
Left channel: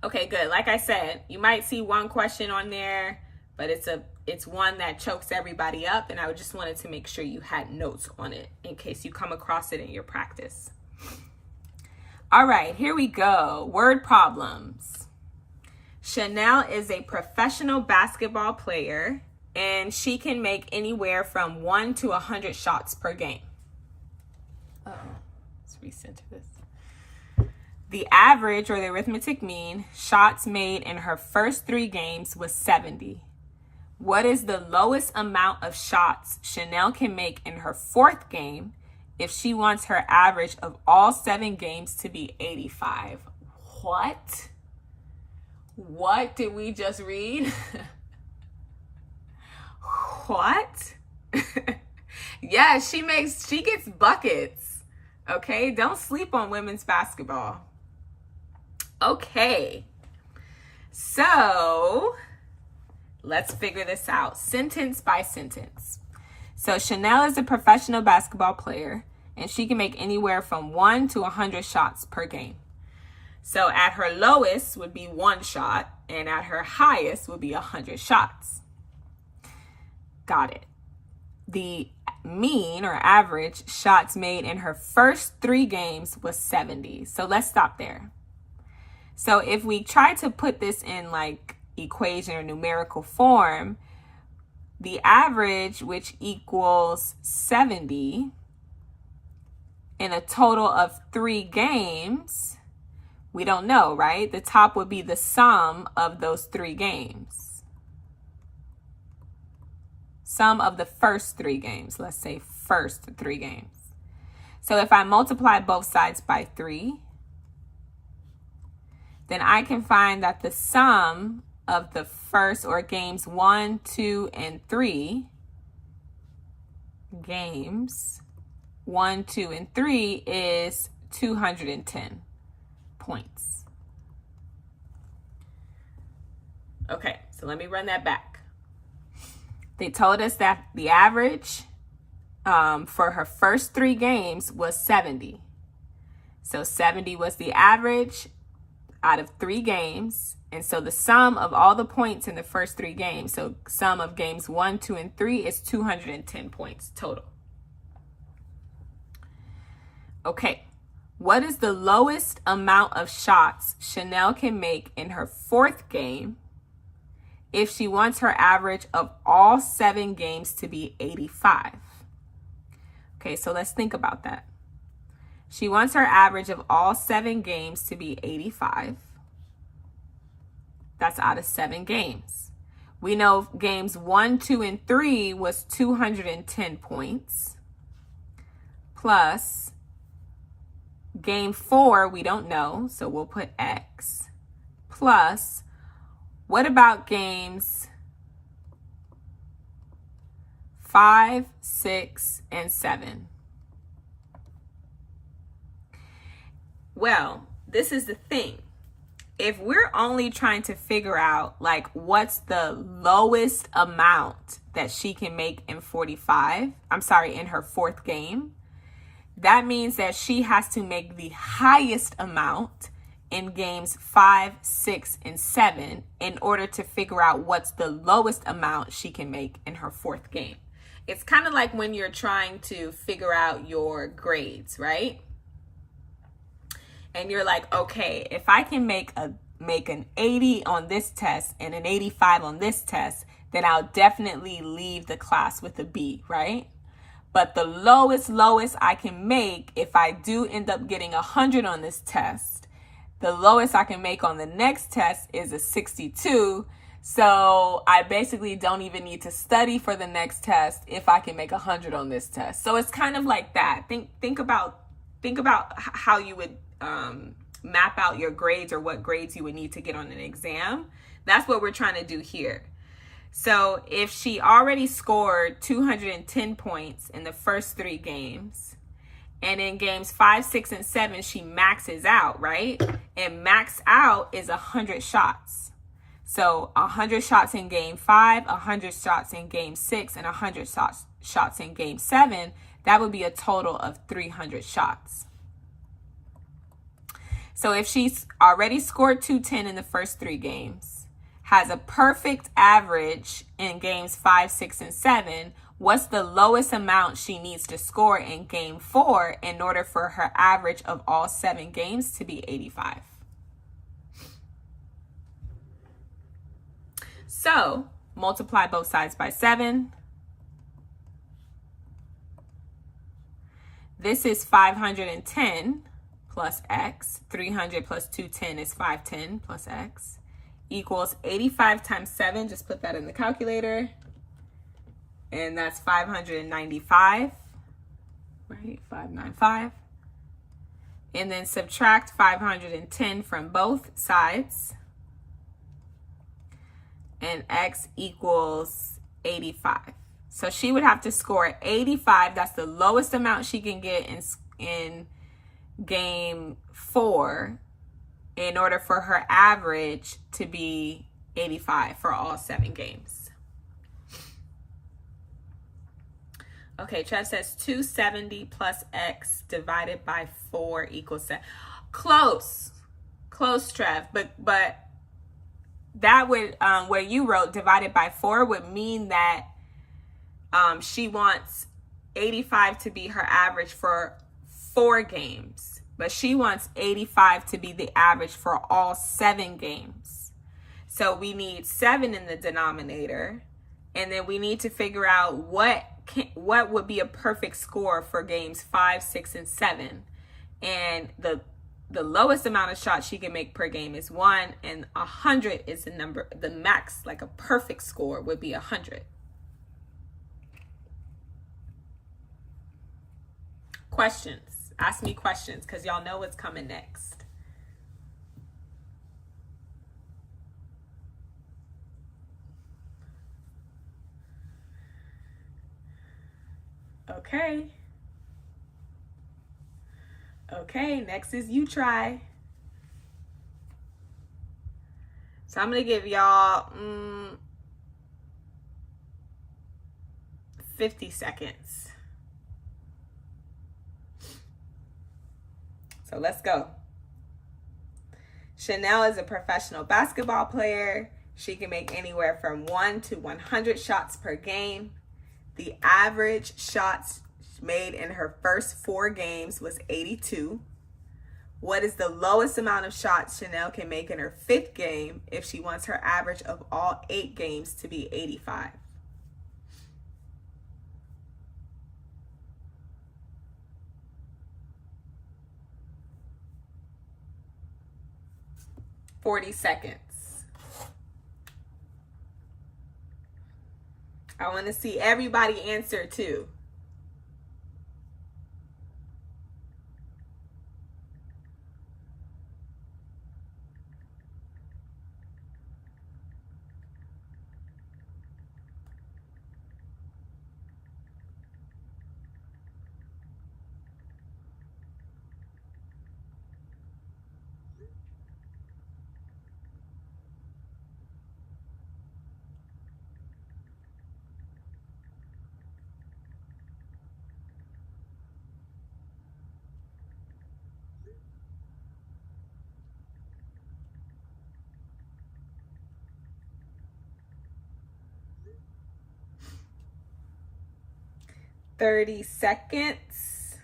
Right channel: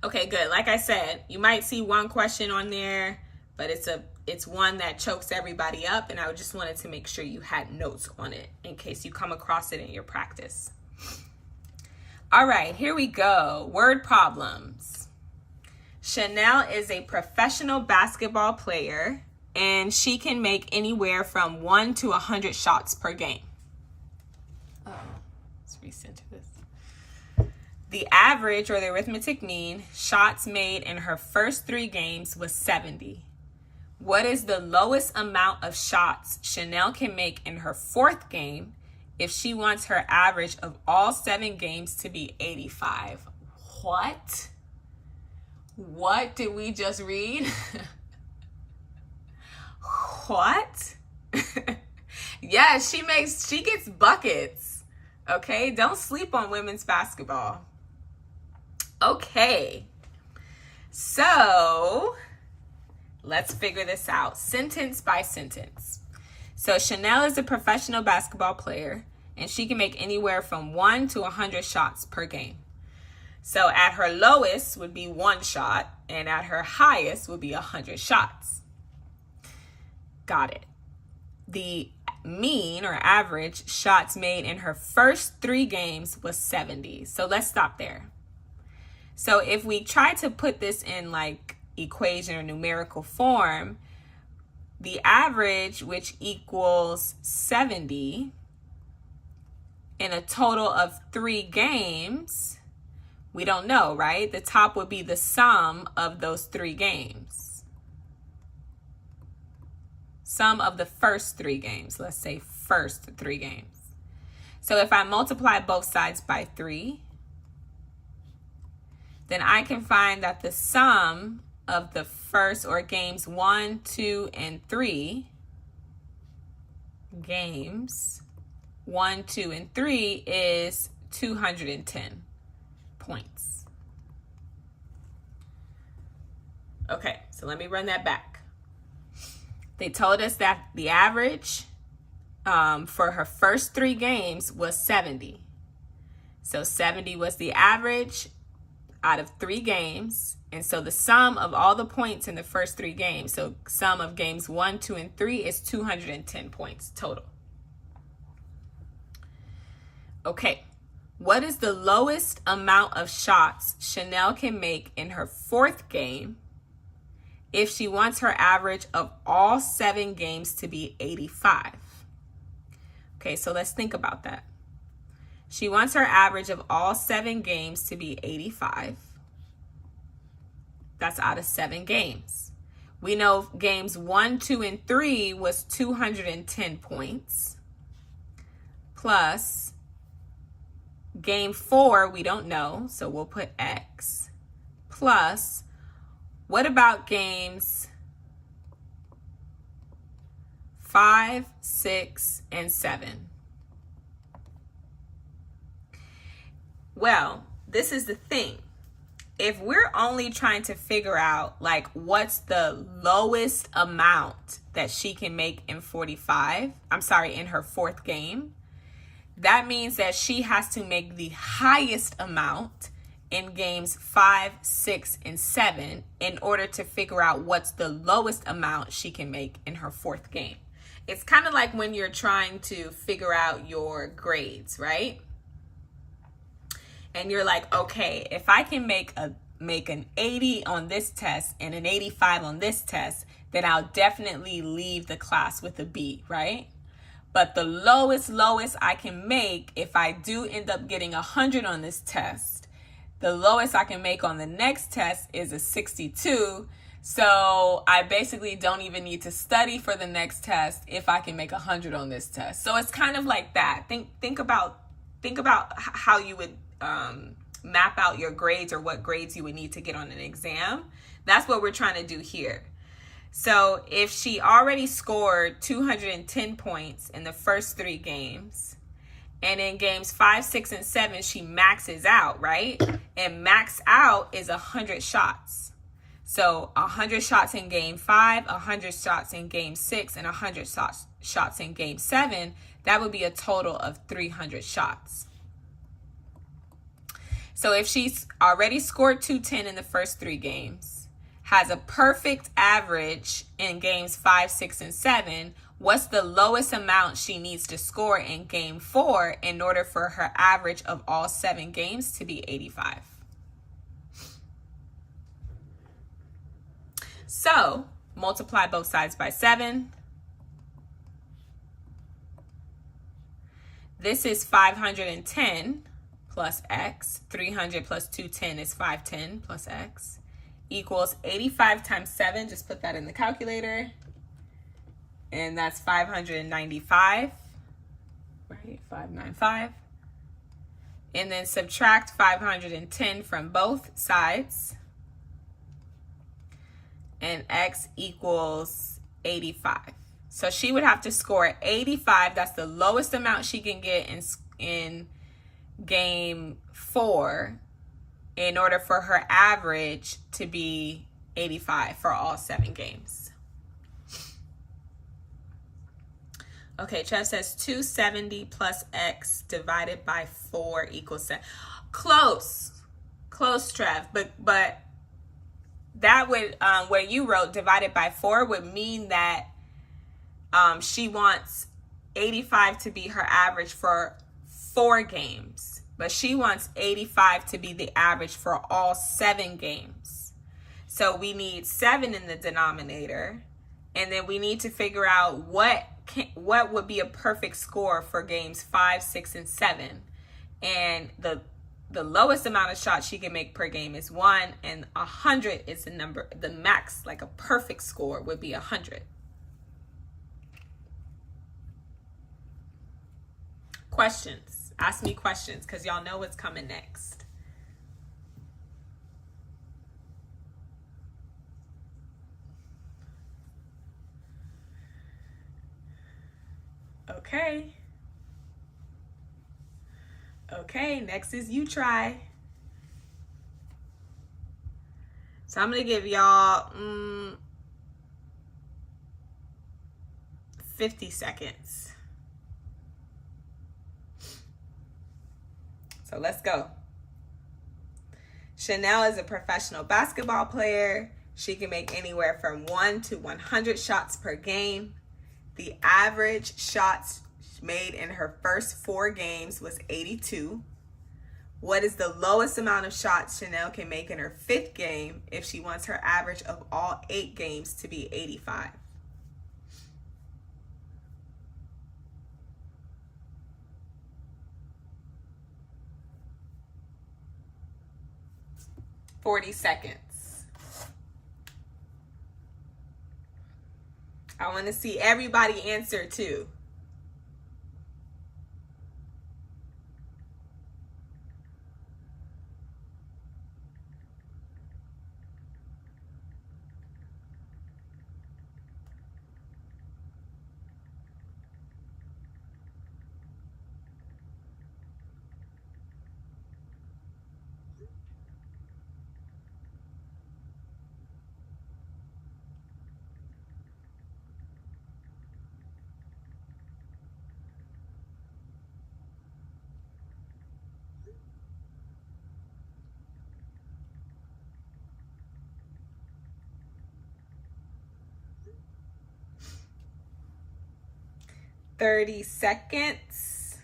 Okay, good. Like I said, you might see one question on there, but it's one that chokes everybody up, and I just wanted to make sure you had notes on it in case you come across it in your practice. All right, here we go. Word problems. Chanel is a professional basketball player, and she can make anywhere from 1 to 100 shots per game. Let's recenter this. The average, or the arithmetic mean, shots made in her first 3 games was 70. What is the lowest amount of shots Chanel can make in her 4th game if she wants her average of all 7 games to be 85? What? What did we just read? What? Yeah, she gets buckets. Okay, don't sleep on women's basketball. Okay, so let's figure this out sentence by sentence. So Chanel is a professional basketball player, and she can make anywhere from 1 to 100 shots per game. So at her lowest would be 1 shot, and at her highest would be 100 shots. Got it. The mean or average shots made in her first 3 games was 70. So let's stop there. So if we try to put this in like equation or numerical form, the average, which equals 70 in a total of 3 games, we don't know, right? The top would be the sum of those 3 games. Sum of the first 3 games. Let's say first 3 games. So if I multiply both sides by 3, then I can find that the sum of the first, or games 1, 2, and 3, games 1, 2, and 3 is 210 points. Okay, so let me run that back. They told us that the average for her first 3 games was 70. So 70 was the average out of 3 games. And so the sum of all the points in the first 3 games, so sum of games 1, 2, and 3 is 210 points total. Okay, what is the lowest amount of shots Chanel can make in her 4th game if she wants her average of all 7 games to be 85? Okay, so let's think about that. She wants her average of all 7 games to be 85. That's out of 7 games. We know games 1, 2, and 3 was 210 points. Plus game 4, we don't know, so we'll put X. Plus, what about games 5, 6, and 7? Well, this is the thing. If we're only trying to figure out like what's the lowest amount that she can make in in her 4th game, that means that she has to make the highest amount in games 5, 6, and 7 in order to figure out what's the lowest amount she can make in her 4th game. It's kind of like when you're trying to figure out your grades, right? And you're like, okay, if I can make an 80 on this test and an 85 on this test, then I'll definitely leave the class with a B, right? But the lowest I can make, if I do end up getting 100 on this test, the lowest I can make on the next test is a 62. So I basically don't even need to study for the next test if I can make 100 on this test. So it's kind of like that. Think about how you would map out your grades, or what grades you would need to get on an exam. That's what we're trying to do here. So if she already scored 210 points in the first 3 games, and in games 5, 6, and 7, she maxes out, right? And max out is 100 shots. So 100 shots in game 5, 100 shots in game 6, and 100 shots in game 7. That would be a total of 300 shots. So if she's already scored 210 in the first 3 games, has a perfect average in games 5, 6, and 7, what's the lowest amount she needs to score in game 4 in order for her average of all 7 games to be 85? So multiply both sides by 7. This is 510 plus X. 300 plus 210 is 510 plus X. Equals 85 times 7. Just put that in the calculator. And that's 595. Right? 595. And then subtract 510 from both sides. And X equals 85. So she would have to score 85. That's the lowest amount she can get in game 4 in order for her average to be 85 for all 7 games. Okay, Trev says 270 plus x divided by 4 equals 7. Close, Trev, but that would, where you wrote divided by 4 would mean that she wants 85 to be her average for 4 games, but she wants 85 to be the average for all 7 games. So we need 7 in the denominator, and then we need to figure out what would be a perfect score for games 5, 6, and 7. And the lowest amount of shots she can make per game is 1, and 100 is the number, the max, like a perfect score would be 100. Questions. Ask me questions, because y'all know what's coming next. Okay, next is you try. So I'm going to give y'all 50 seconds. So let's go. Chanel is a professional basketball player. She can make anywhere from 1 to 100 shots per game. The average shots made in her first 4 games was 82. What is the lowest amount of shots Chanel can make in her 5th game if she wants her average of all 8 games to be 85? $40 seconds. I want to see everybody answer too. $30 seconds.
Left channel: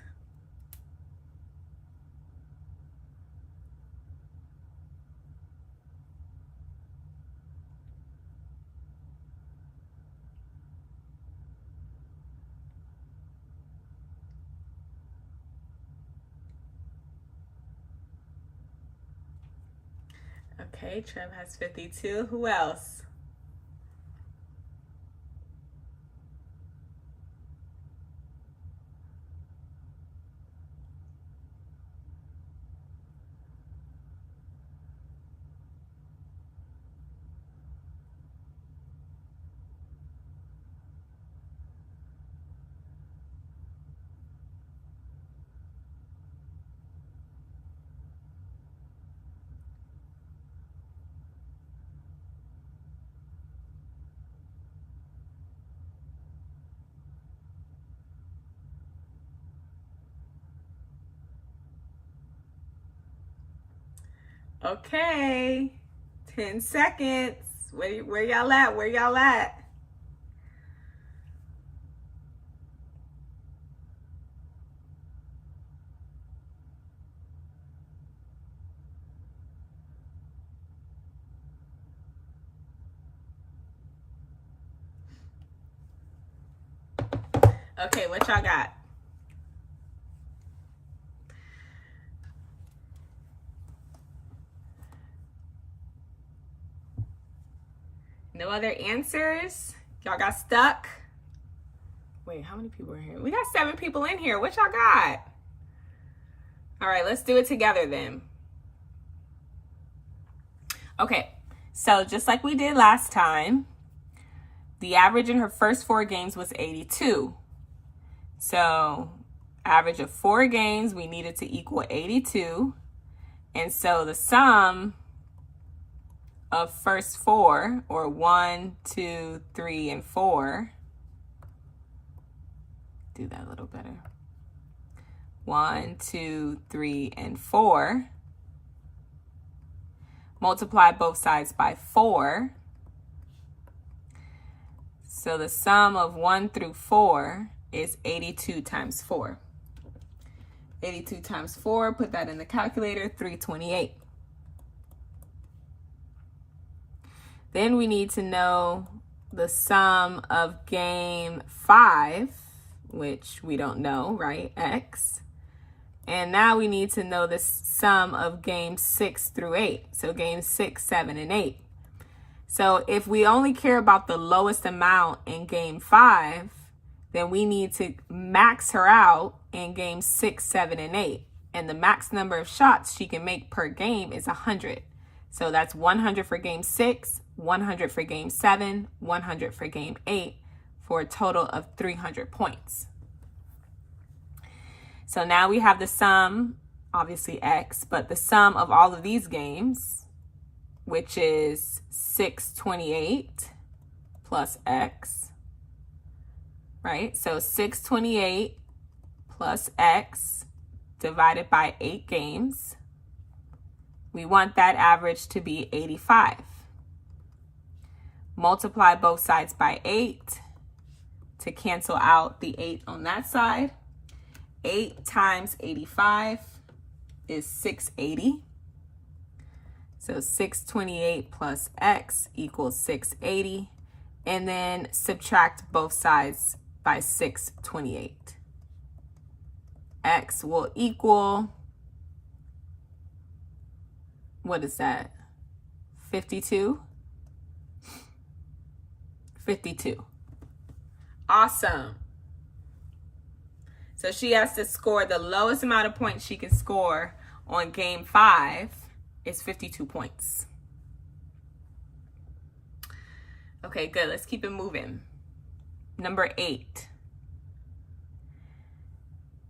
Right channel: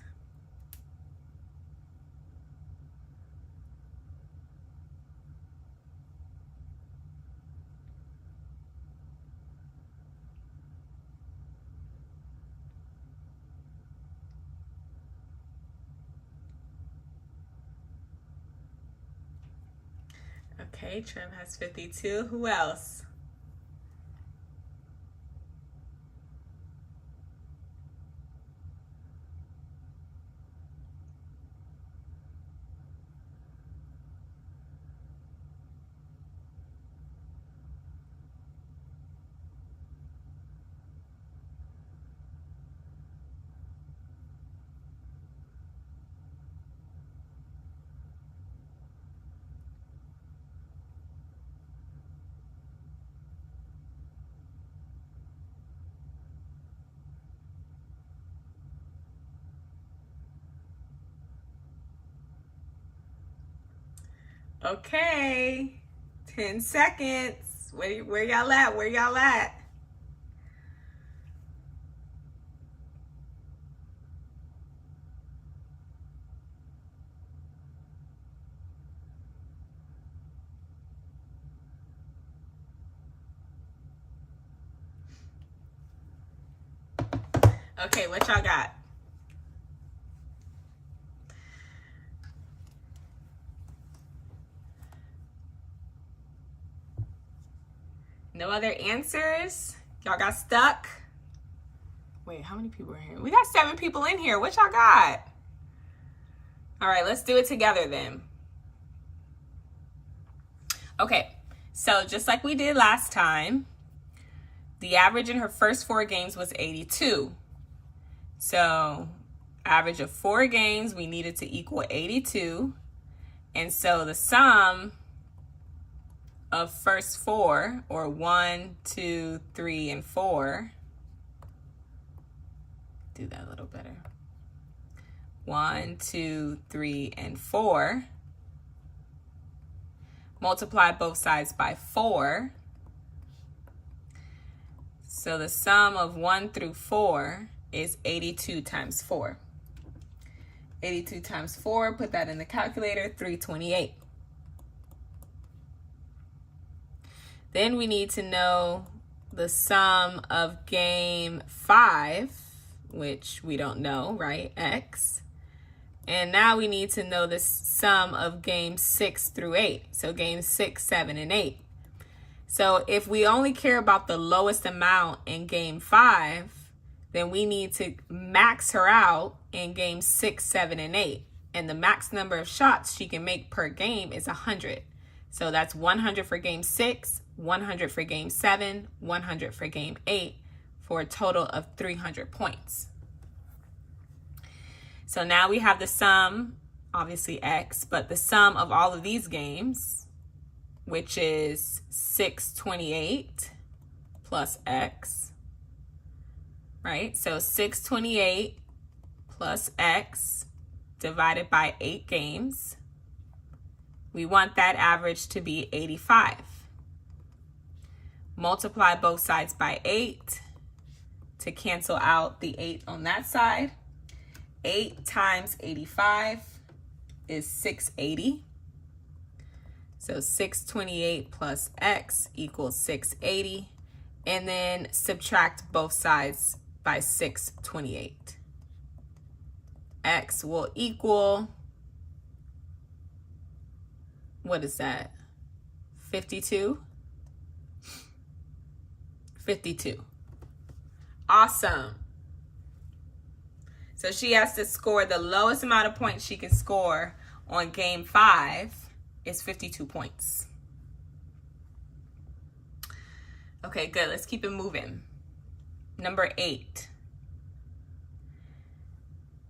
Okay, Trev has 52. Who else? Okay, 10 seconds. Where y'all at? Where y'all at? Okay, what y'all got? No other answers? Y'all got stuck? Wait, how many people are here? We got 7 people in here. What y'all got? All right, let's do it together then. Okay, so just like we did last time, the average in her first 4 games was 82. So average of 4 games, we needed to equal 82. And so the sum of first four, or 1, 2, 3, and 4, do that a little better. 1, 2, 3, and 4. Multiply both sides by 4. So the sum of 1 through 4 is 82 times 4. 82 times 4, put that in the calculator, 328. Then we need to know the sum of game 5, which we don't know, right? X. And now we need to know the sum of games 6 through 8. So games 6, 7, and 8. So if we only care about the lowest amount in game 5, then we need to max her out in games 6, 7, and 8. And the max number of shots she can make per game is 100. So that's 100 for game 6, 100 for game 7, 100 for game 8, for a total of 300 points. So now we have the sum, obviously X, but the sum of all of these games, which is 628 plus X, right? So 628 plus X divided by 8 games. We want that average to be 85. Multiply both sides by 8 to cancel out the 8 on that side. 8 times 85 is 680. So 628 plus X equals 680. And then subtract both sides by 628. X will equal, what is that? 52? 52. Awesome. So she has to score the lowest amount of points she can score on game 5 is 52 points. Okay, good. Let's keep it moving. Number 8.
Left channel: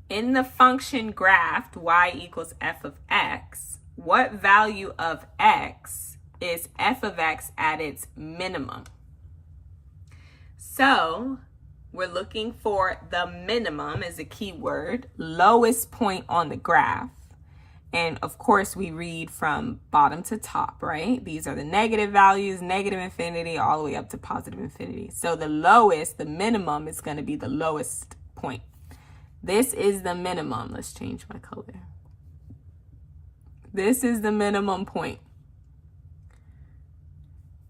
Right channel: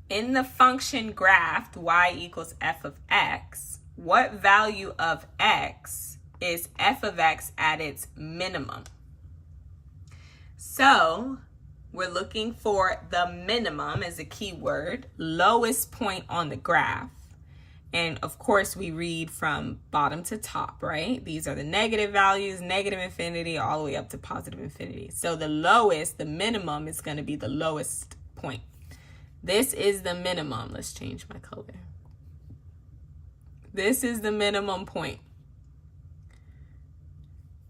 In the function graph y equals f of x, what value of x is f of x at its minimum? So we're looking for the minimum as a keyword, lowest point on the graph. And of course we read from bottom to top, right? These are the negative values, negative infinity, all the way up to positive infinity. So the lowest, the minimum, is going to be the lowest point. This is the minimum. Let's change my color. This is the minimum point.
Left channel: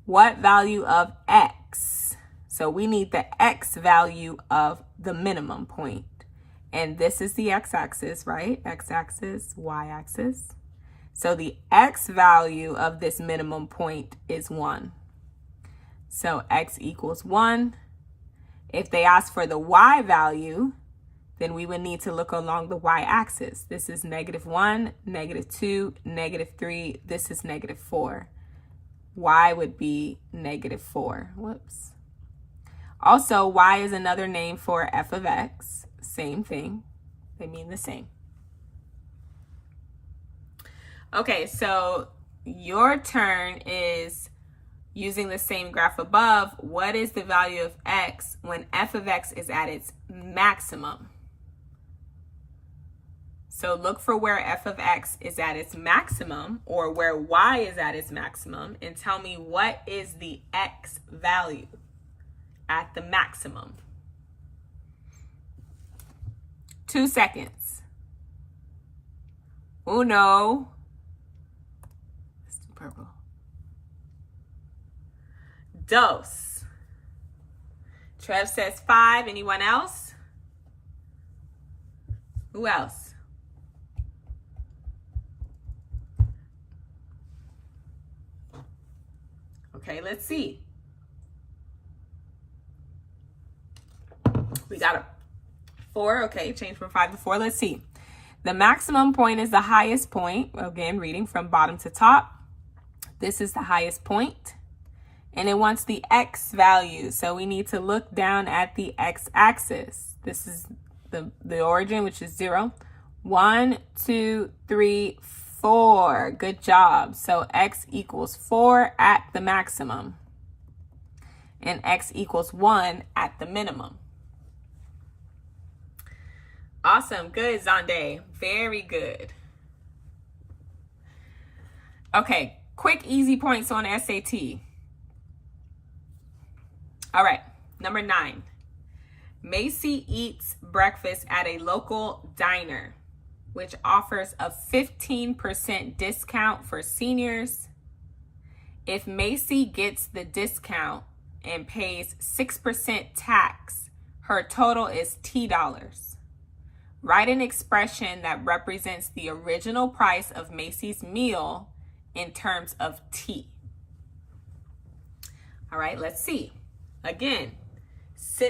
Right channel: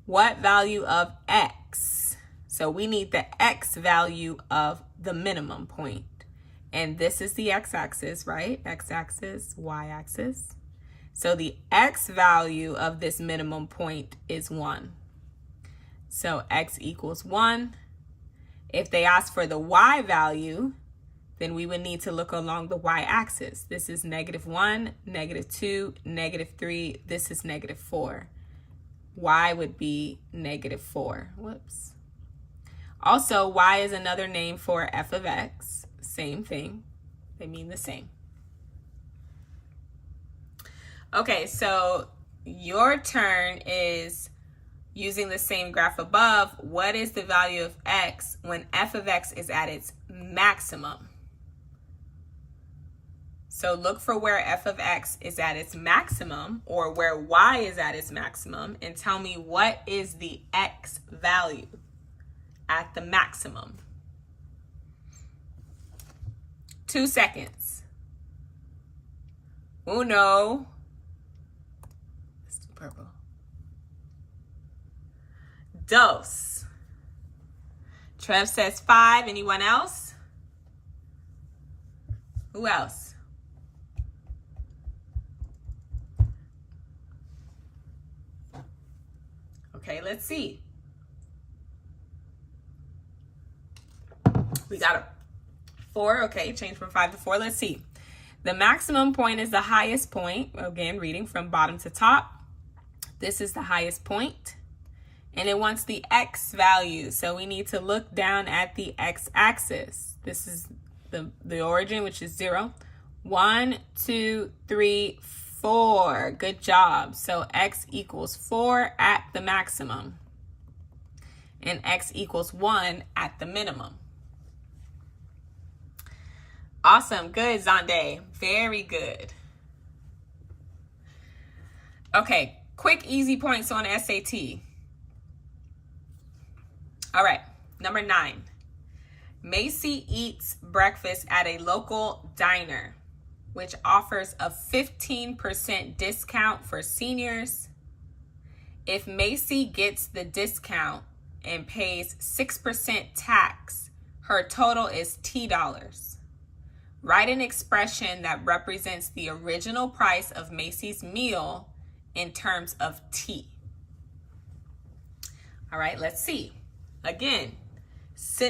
What value of x? So we need the x value of the minimum point. And this is the x-axis, right? X-axis, y-axis. So the x value of this minimum point is 1. So x equals 1. If they ask for the y value, then we would need to look along the y-axis. This is -1, -2, -3. This is -4. Y would be -4. Whoops. Also, y is another name for f of x. Same thing. They mean the same. Okay, so your turn is using the same graph above. What is the value of x when f of x is at its maximum? So look for where f of x is at its maximum, or where y is at its maximum, and tell me what is the x value at the maximum. 2 seconds. Uno. Let's do purple. Dos. Trev says 5. Anyone else? Who else? Okay, let's see. We got a 4. Okay, change from 5 to 4. Let's see. The maximum point is the highest point. Again, reading from bottom to top. This is the highest point. And it wants the x value. So we need to look down at the x-axis. This is the origin, which is 0. 1, 2, 3, 4. Good job. So x equals 4 at the maximum. And x equals 1 at the minimum. Awesome. Good, Zonde. Very good. Okay, quick, easy points on SAT. All right, number 9. Macy eats breakfast at a local diner, which offers a 15% discount for seniors. If Macy gets the discount and pays 6% tax, her total is $T. Write an expression that represents the original price of Macy's meal in terms of T. All right, let's see. Again,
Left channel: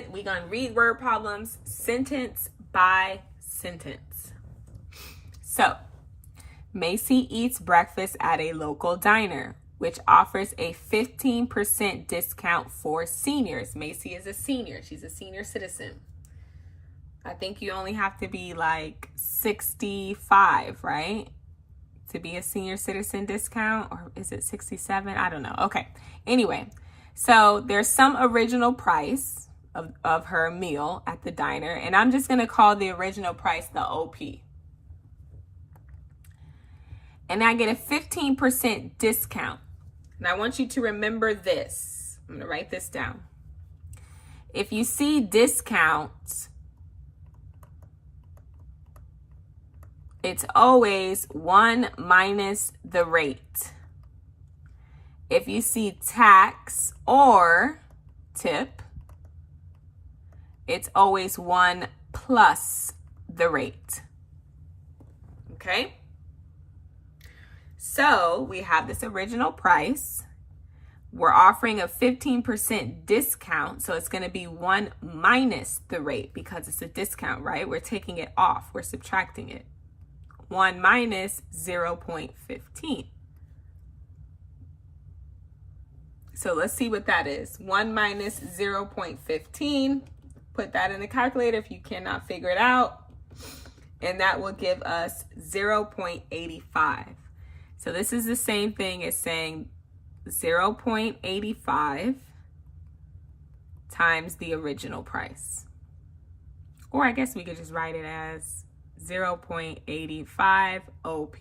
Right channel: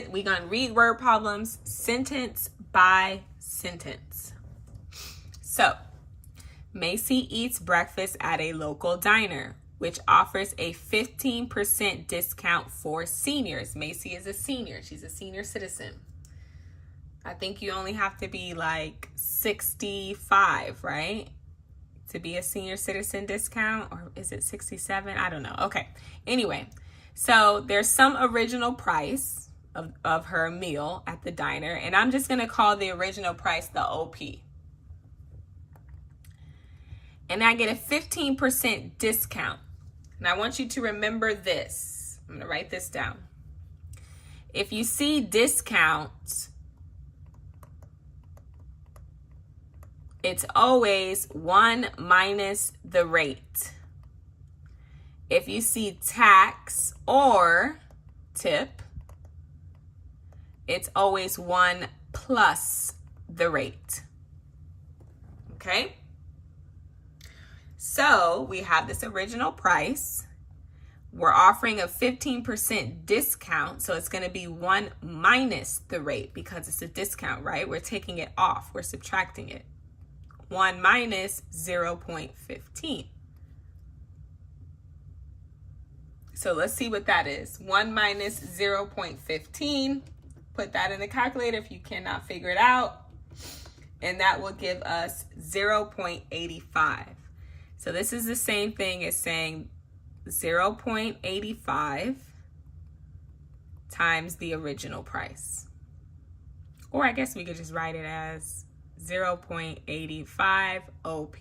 we're going to read word problems sentence by sentence. So, Macy eats breakfast at a local diner, which offers a 15% discount for seniors. Macy is a senior. She's a senior citizen. I think you only have to be like 65, right? To be a senior citizen discount, or is it 67? I don't know. Okay. Anyway, so there's some original price of her meal at the diner, and I'm just going to call the original price the OP. And I get a 15% discount. And I want you to remember this. I'm going to write this down. If you see discounts, it's always 1 minus the rate. If you see tax or tip, it's always 1 plus the rate. Okay? So we have this original price. We're offering a 15% discount, so it's going to be 1 minus the rate because it's a discount, right? We're taking it off. We're subtracting it. 1 minus 0.15. So let's see what that is. 1 minus 0.15. Put that in the calculator if you cannot figure it out. And that will give us 0.85. So this is the same thing as saying 0.85 times the original price. Or I guess we could just write it as 0.85 OP.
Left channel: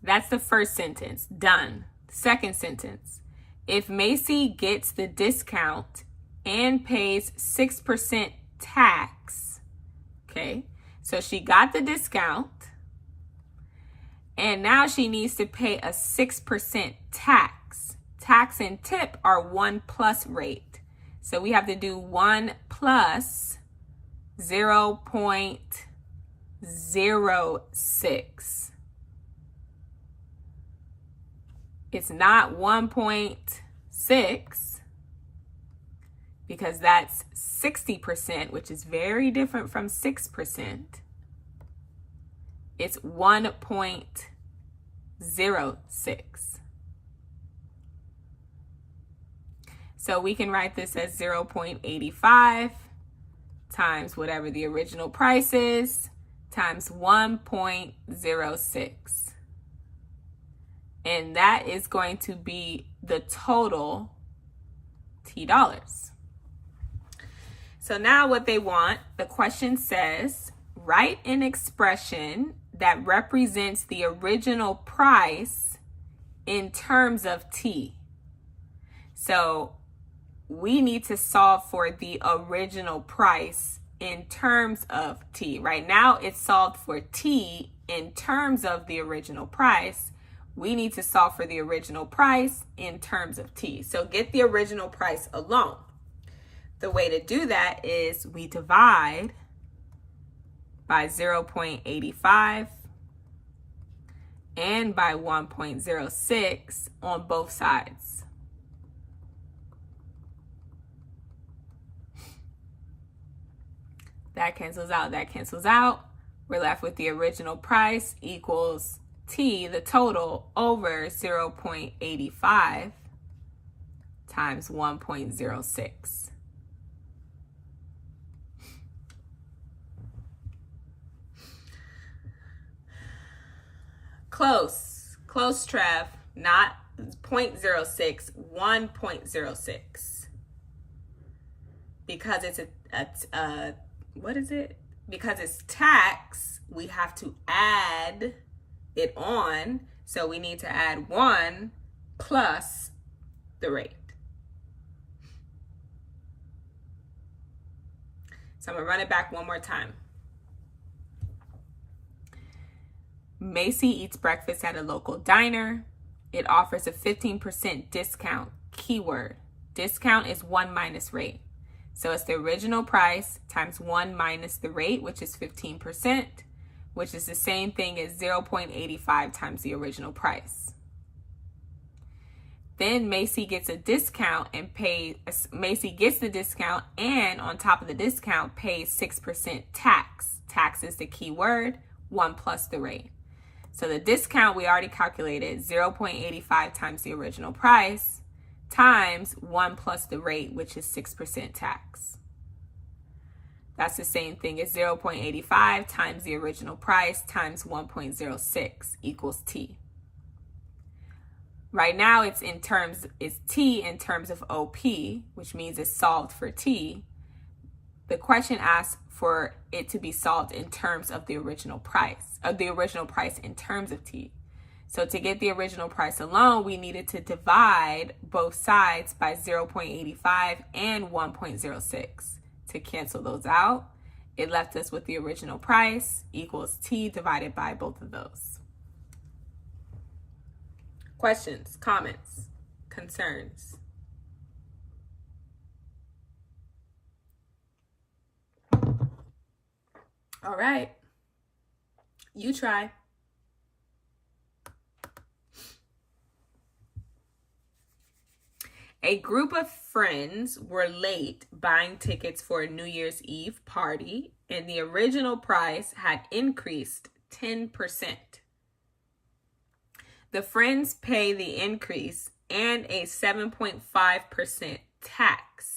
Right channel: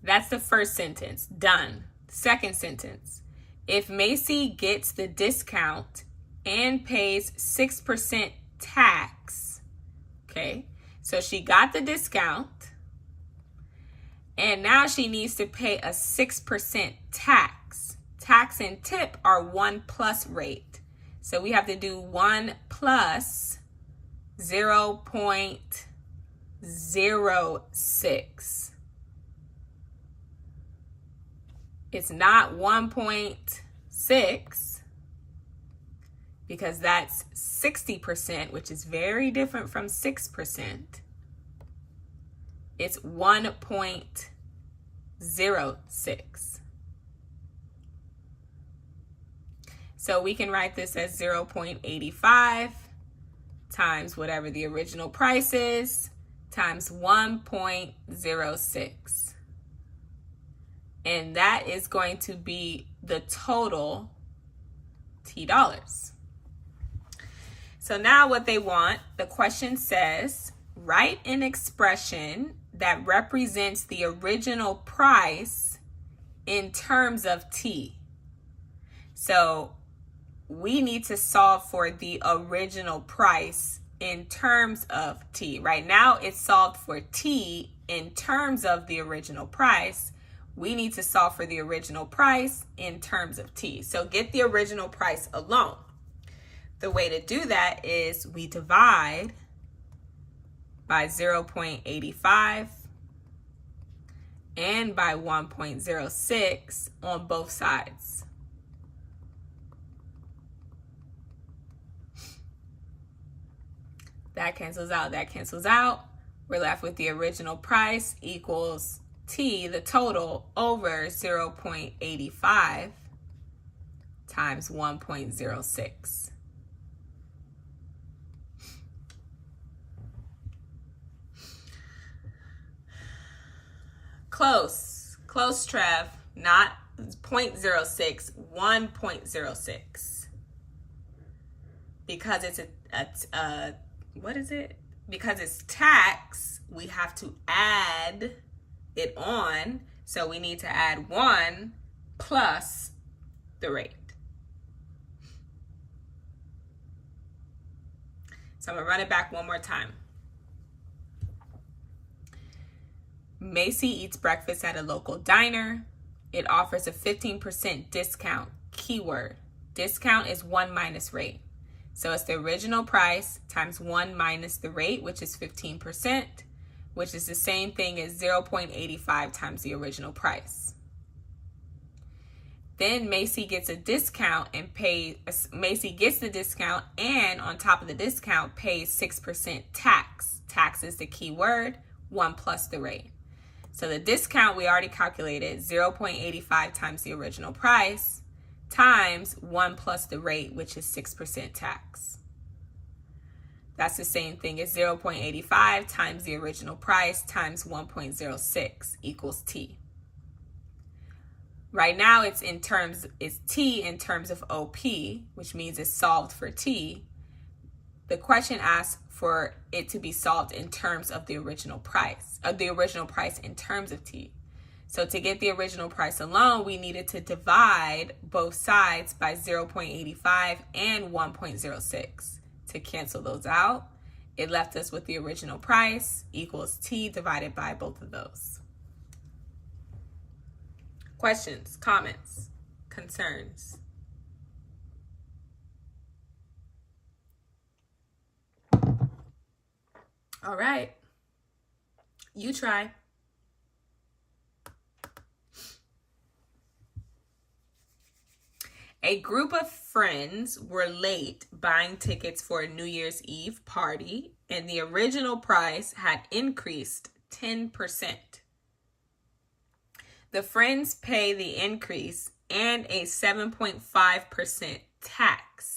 That's the first sentence. Done. Second sentence. If Macy gets the discount and pays 6% tax, okay, so she got the discount and now she needs to pay a 6% tax. Tax and tip are 1 plus rate. So we have to do 1 plus 0.06. It's not 1.6 because that's 60%, which is very different from 6%. It's 1.06. So we can write this as 0.85 times whatever the original price is times 1.06. And that is going to be the total $T. So now what they want, the question says, write an expression that represents the original price in terms of T. So we need to solve for the original price in terms of T. Right now it's solved for T in terms of the original price. We need to solve for the original price in terms of T. So get the original price alone. The way to do that is we divide by 0.85 and by 1.06 on both sides. That cancels out, that cancels out. We're left with the original price equals T, the total, over 0.85 times 1.06. Close, Trev. Not 0.06, 1.06. Because it's what is it? Because it's tax, we have to add it on. So we need to add 1 plus the rate. So I'm gonna run it back one more time. Macy eats breakfast at a local diner. It offers a 15% discount. Keyword. Discount is 1 minus rate. So it's the original price times 1 minus the rate, which is 15%, which is the same thing as 0.85 times the original price. Then Macy gets a discount and Macy gets the discount, and on top of the discount pays 6% tax. Tax is the key word, 1 plus the rate. So the discount we already calculated, 0.85 times the original price, times 1 plus the rate, which is 6% tax. That's the same thing as 0.85 times the original price times 1.06 equals T. Right now it's T in terms of OP, which means it's solved for T. The question asks for it to be solved in terms of the original price, in terms of T. So to get the original price alone, we needed to divide both sides by 0.85 and 1.06. To cancel those out, it left us with the original price equals T divided by both of those. Questions, comments, concerns? All right, you try. A group of friends were late buying tickets for a New Year's Eve party, and the original price had increased 10%. The friends pay the increase and a 7.5% tax.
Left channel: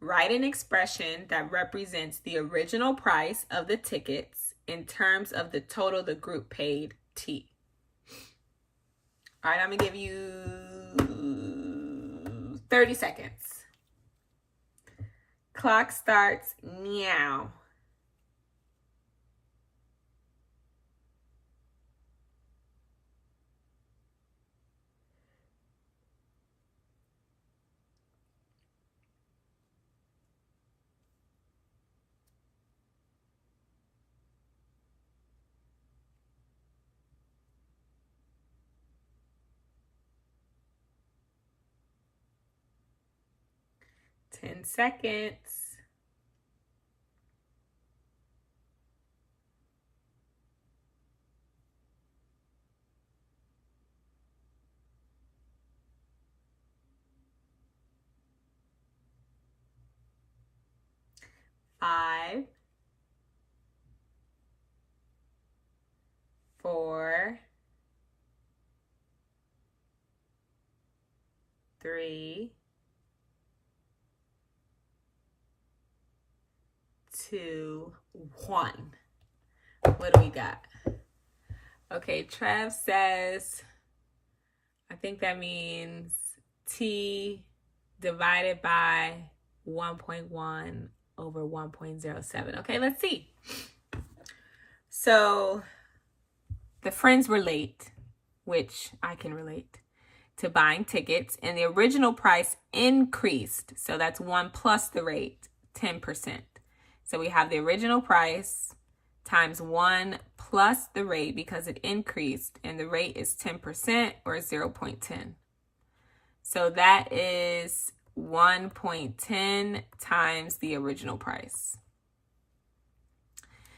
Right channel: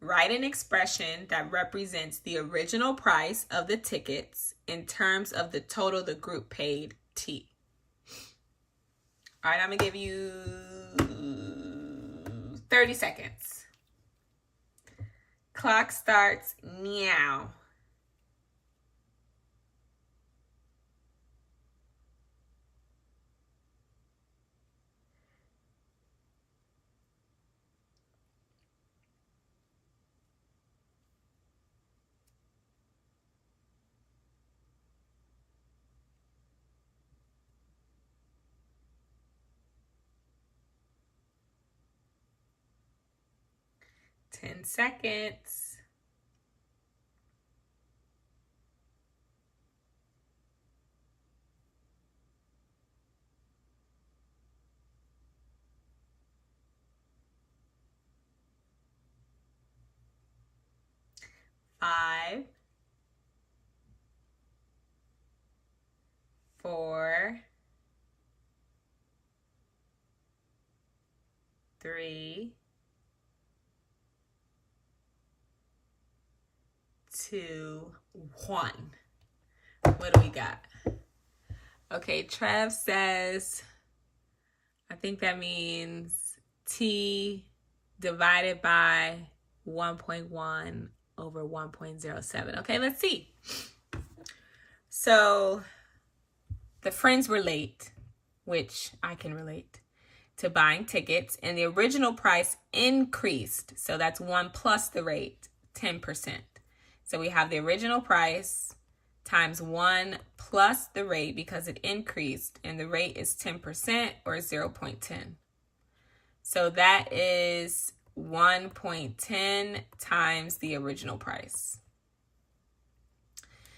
Write an expression that represents the original price of the tickets in terms of the total the group paid, T. All right, I'm going to give you 30 seconds. Clock starts now. Ten seconds. Five, 4, 3, 2, 1. What do we got? Okay, Trev says, I think that means T divided by 1.1 over 1.07. Okay, let's see. So the friends were late, which I can relate to buying tickets, and the original price increased. So that's 1 plus the rate, 10%. So we have the original price times 1 plus the rate because it increased, and the rate is 10% or 0.10. So that is 1.10 times the original price.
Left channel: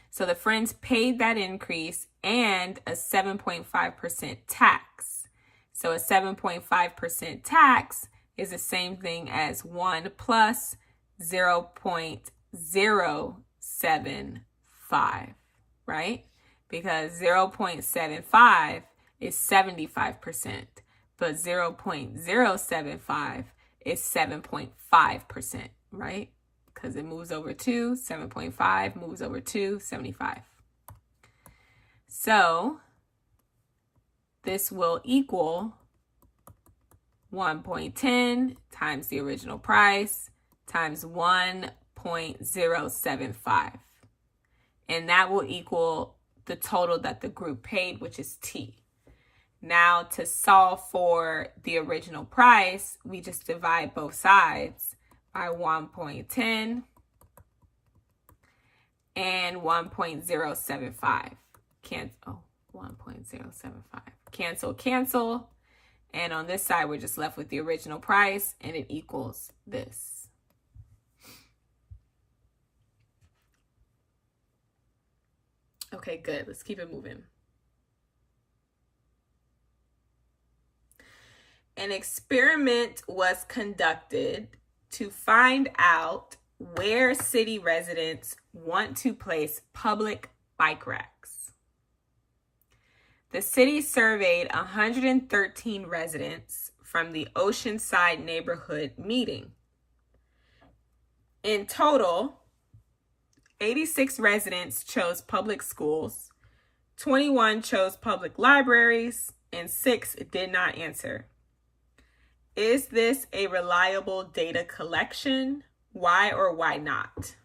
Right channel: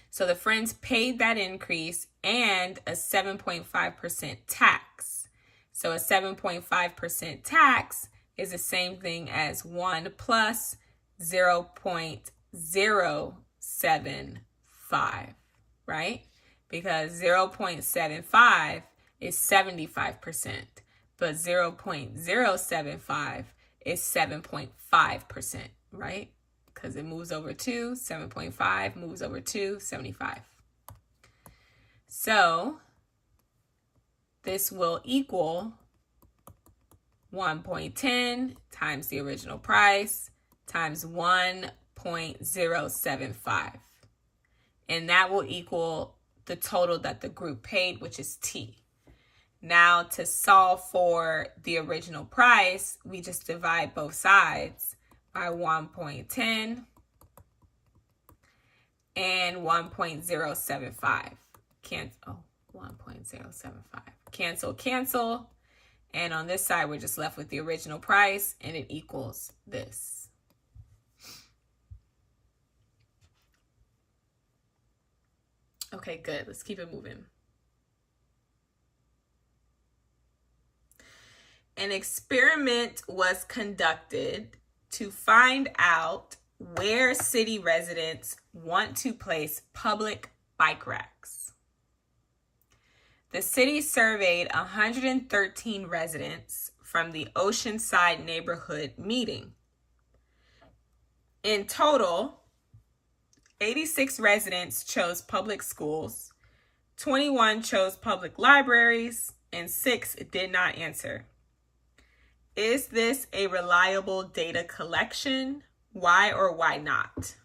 So the friends paid that increase and a 7.5% tax. So a 7.5% tax is the same thing as 1 plus 0.075, right? Because 0.75 is 75%, but 0.075 is 7.5%, right? Because it moves over 2, 7.5 moves over 2, 75. So this will equal 1.10 times the original price times 1.075. And that will equal the total that the group paid, which is T. Now, to solve for the original price, we just divide both sides by 1.10 and 1.075. 1.075. Cancel, cancel. And on this side, we're just left with the original price, and it equals this. Okay, good. Let's keep it moving. An experiment was conducted to find out where city residents want to place public bike racks. The city surveyed 113 residents from the Oceanside neighborhood meeting. In total, 86 residents chose public schools, 21 chose public libraries, and 6 did not answer. Is this a reliable data collection? Why or why not?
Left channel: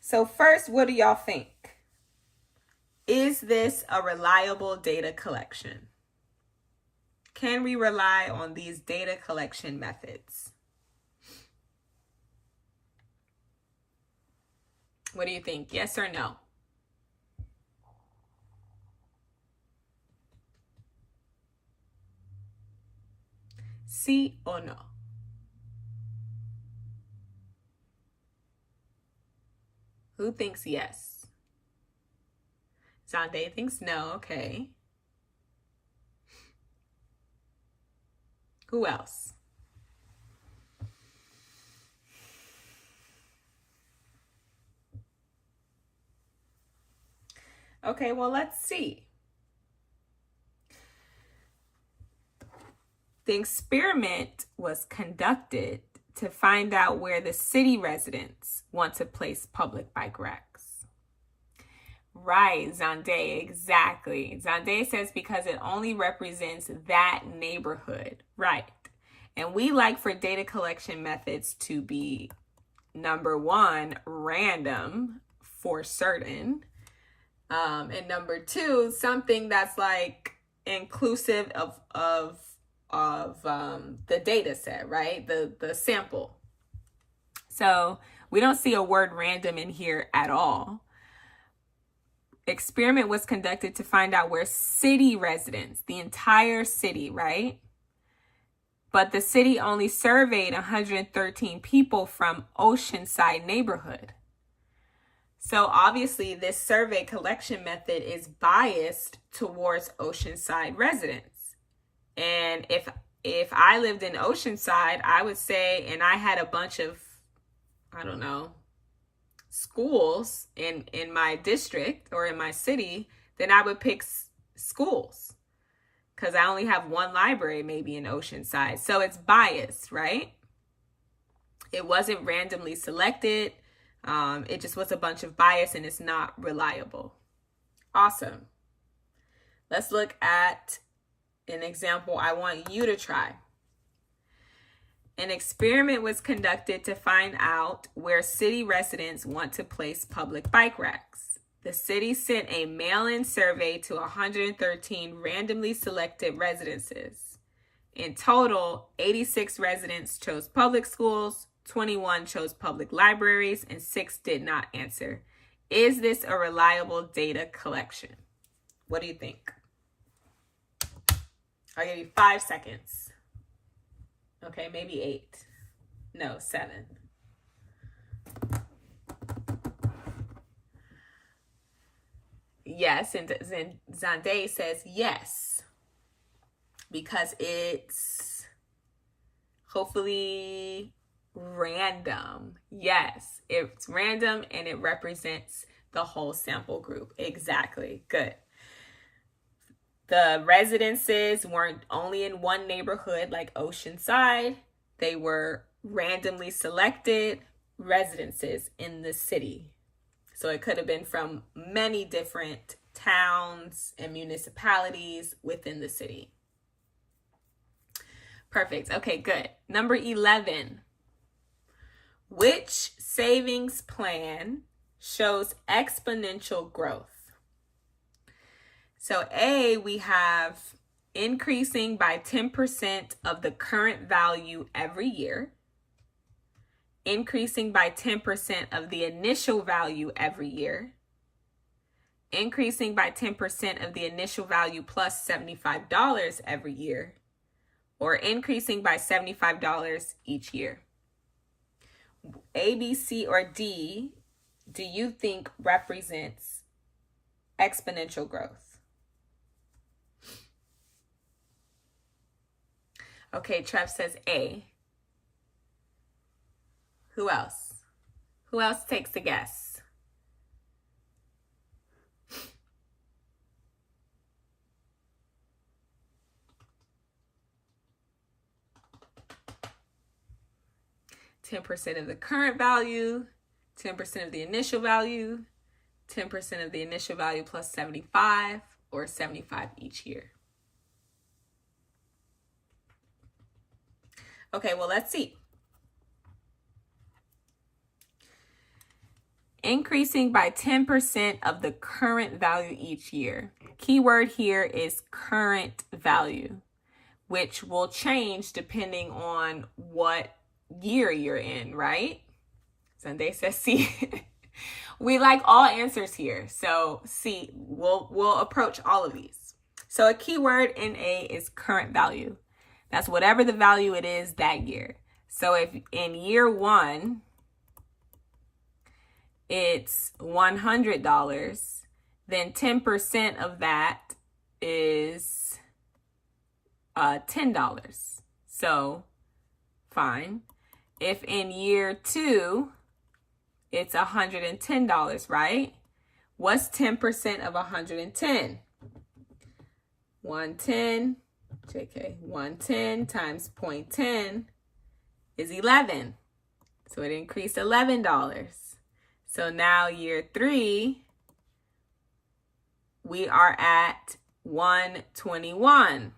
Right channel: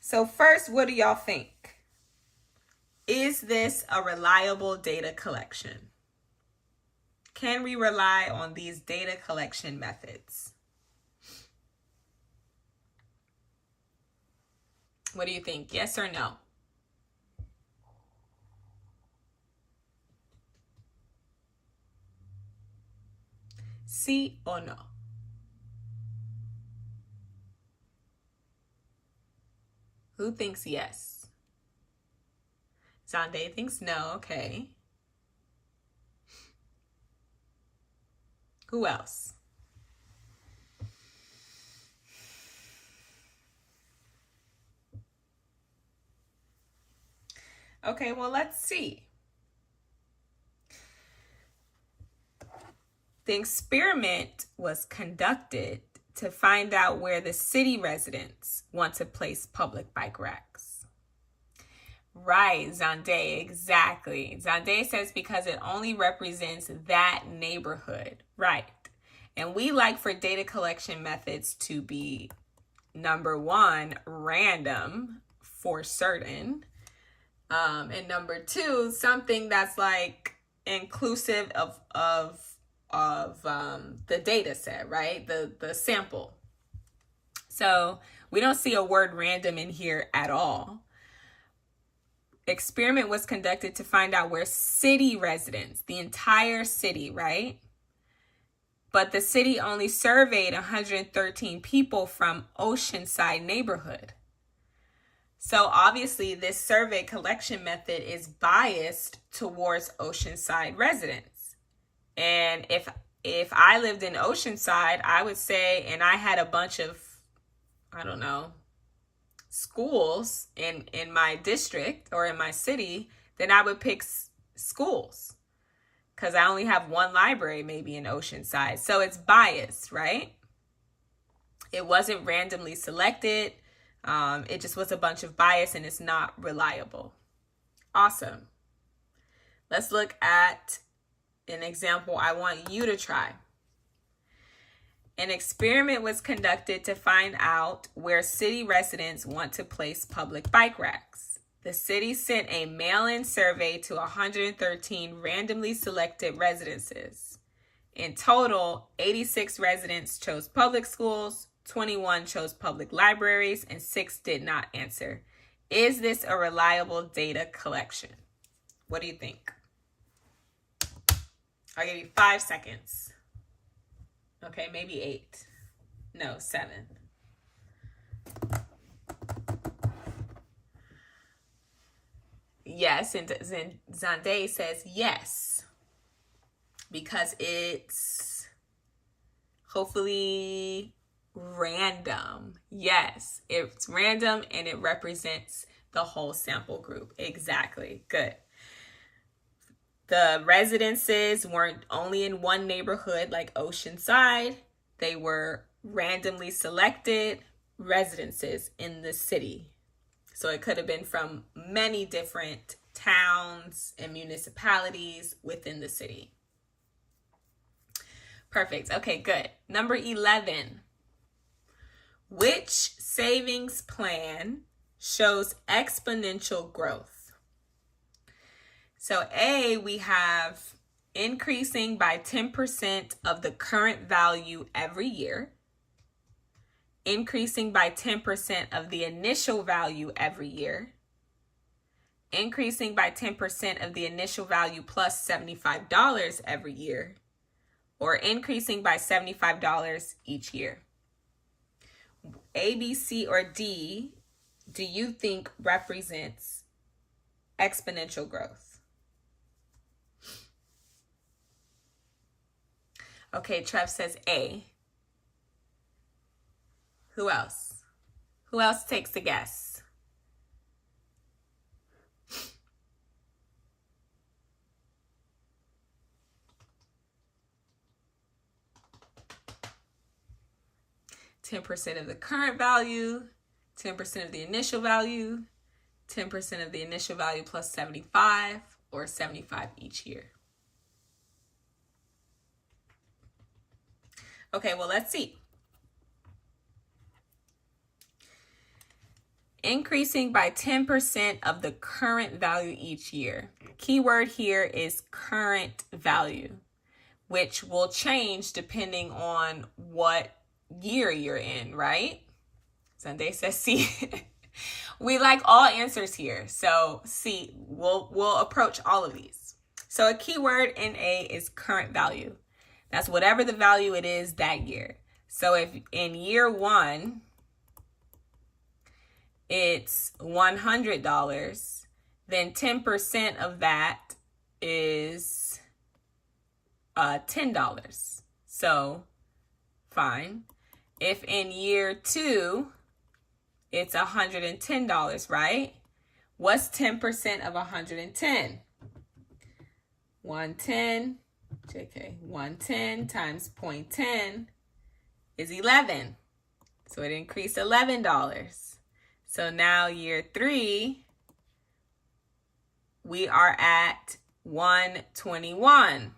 So first, what do y'all think? Is this a reliable data collection? Can we rely on these data collection methods? What do you think? Yes or no? Sí or no? Who thinks yes? Zande thinks no. Okay. Who else? Okay, well, let's see. The experiment was conducted to find out where the city residents want to place public bike racks. Right, Zande, exactly. Zande says because it only represents that neighborhood. Right. And we like for data collection methods to be, number one, random for certain. And number two, something that's like inclusive of the data set, right? The sample. So we don't see a word random in here at all. Experiment was conducted to find out where city residents, the entire city, right? But the city only surveyed 113 people from Oceanside neighborhood. So obviously this survey collection method is biased towards Oceanside residents. And if I lived in Oceanside, I would say, and I had a bunch of, I don't know, schools in my district or in my city, then I would pick schools because I only have one library maybe in Oceanside. So it's biased, right? It wasn't randomly selected. It just was a bunch of bias and it's not reliable. Awesome. Let's look at an example I want you to try. An experiment was conducted to find out where city residents want to place public bike racks. The city sent a mail-in survey to 113 randomly selected residences. In total, 86 residents chose public schools, 21 chose public libraries, and 6 did not answer. Is this a reliable data collection? What do you think? I'll give you 5 seconds. Okay, maybe 8. No, 7. Yes, and Zande says yes. Because it's hopefully random. Yes, it's random and it represents the whole sample group. Exactly. Good. The residences weren't only in one neighborhood like Oceanside. They were randomly selected residences in the city. So it could have been from many different towns and municipalities within the city. Perfect. Okay, good. Number 11. Which savings plan shows exponential growth? So A, we have increasing by 10% of the current value every year, increasing by 10% of the initial value every year, increasing by 10% of the initial value plus $75 every year, or increasing by $75 each year. A, B, C, or D, do you think represents exponential growth? Okay, Trev says A. Who else? Who else takes a guess? $10 of the current value, 10% of the initial value, 10% of the initial value plus 75, or 75 each year. Okay, well, let's see. Increasing by 10% of the current value each year. Keyword here is current value, which will change depending on what year you're in, right? Sunday says C. We like all answers here. So C, we'll approach all of these. So a keyword in A is current value. That's whatever the value it is that year. So if in year 1, it's $100, then 10% of that is $10. So fine. If in year 2, it's $110, right? What's 10% of 110? 110, JK, 110 times 0.10 is 11. So it increased $11. So now year 3, we are at 121.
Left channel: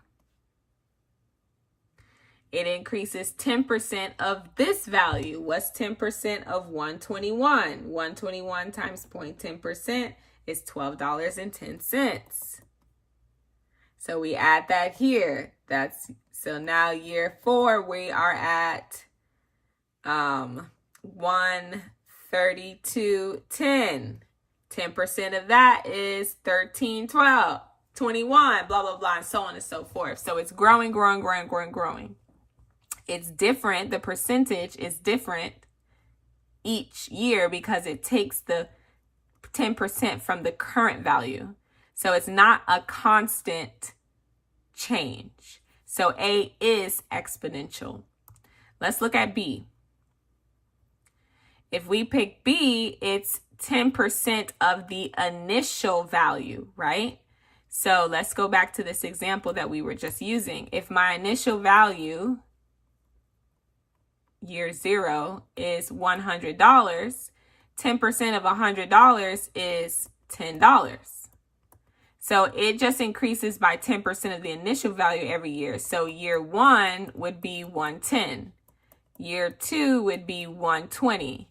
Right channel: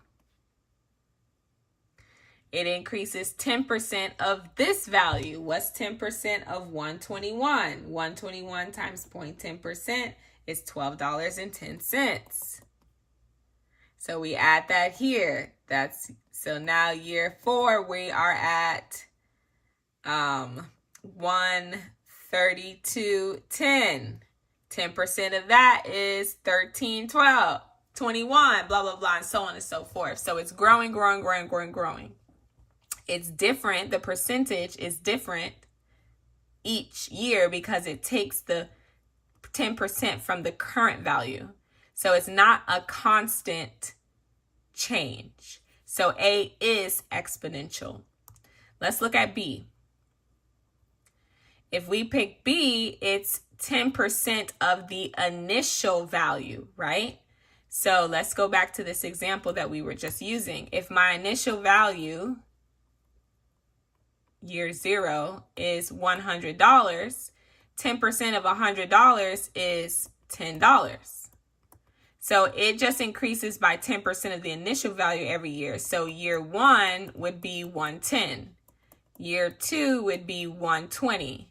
It increases 10% of this value. What's 10% of 121? 121 times 0.10% is $12.10. So we add that here. So now year 4, we are at 132.10. 10% of that is 13, 12, 21, blah, blah, blah, and so on and so forth. So it's growing, growing, growing, growing, growing. It's different. The percentage is different each year because it takes the 10% from the current value. So it's not a constant change. So A is exponential. Let's look at B. If we pick B, it's 10% of the initial value, right? So let's go back to this example that we were just using. If my initial value, year 0, is $100, 10% of $100 is $10. So it just increases by 10% of the initial value every year. So year 1 would be 110. Year 2 would be 120.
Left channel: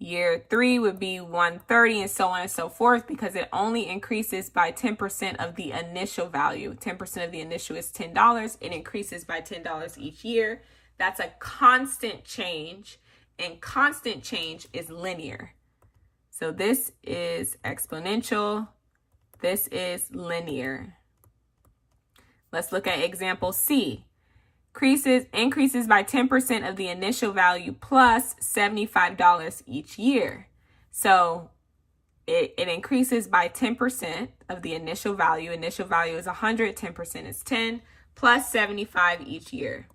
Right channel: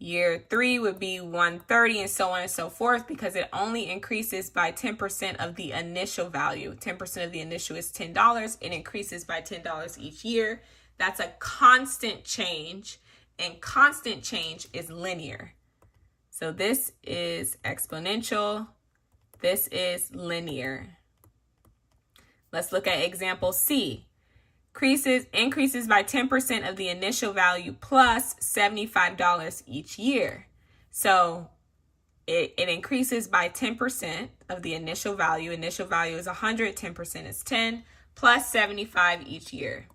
Year 3 would be 130, and so on and so forth, because it only increases by 10% of the initial value. 10% of the initial is $10. It increases by $10 each year. That's a constant change, and constant change is linear. So this is exponential. This is linear. Let's look at example C. Increases by 10% of the initial value plus $75 each year. So it increases by 10% of the initial value. Initial value is 100, 10% is 10, plus 75 each year.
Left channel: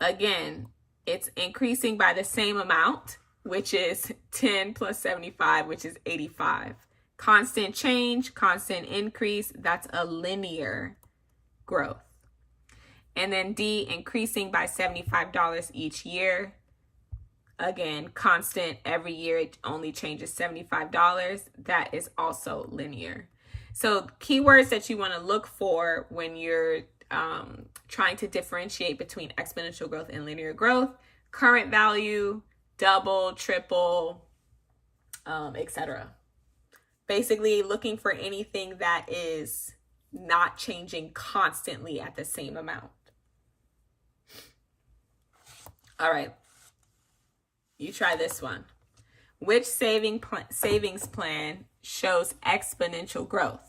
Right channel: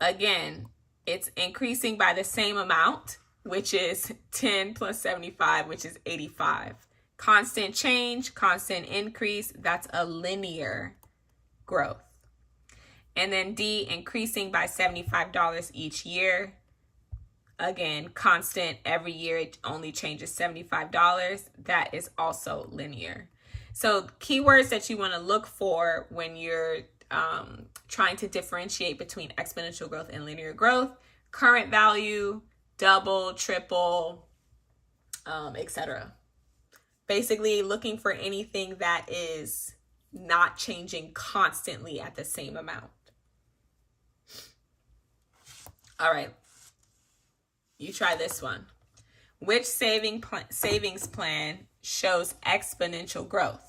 Again, it's increasing by the same amount, which is 10 plus 75, which is 85. Constant change, constant increase, that's a linear growth. And then D, increasing by $75 each year. Again, constant every year, it only changes $75. That is also linear. So keywords that you want to look for when you're trying to differentiate between exponential growth and linear growth: current value, double, triple, etc. Basically looking for anything that is not changing constantly at the same amount. All right, you try this one. Which savings plan shows exponential growth?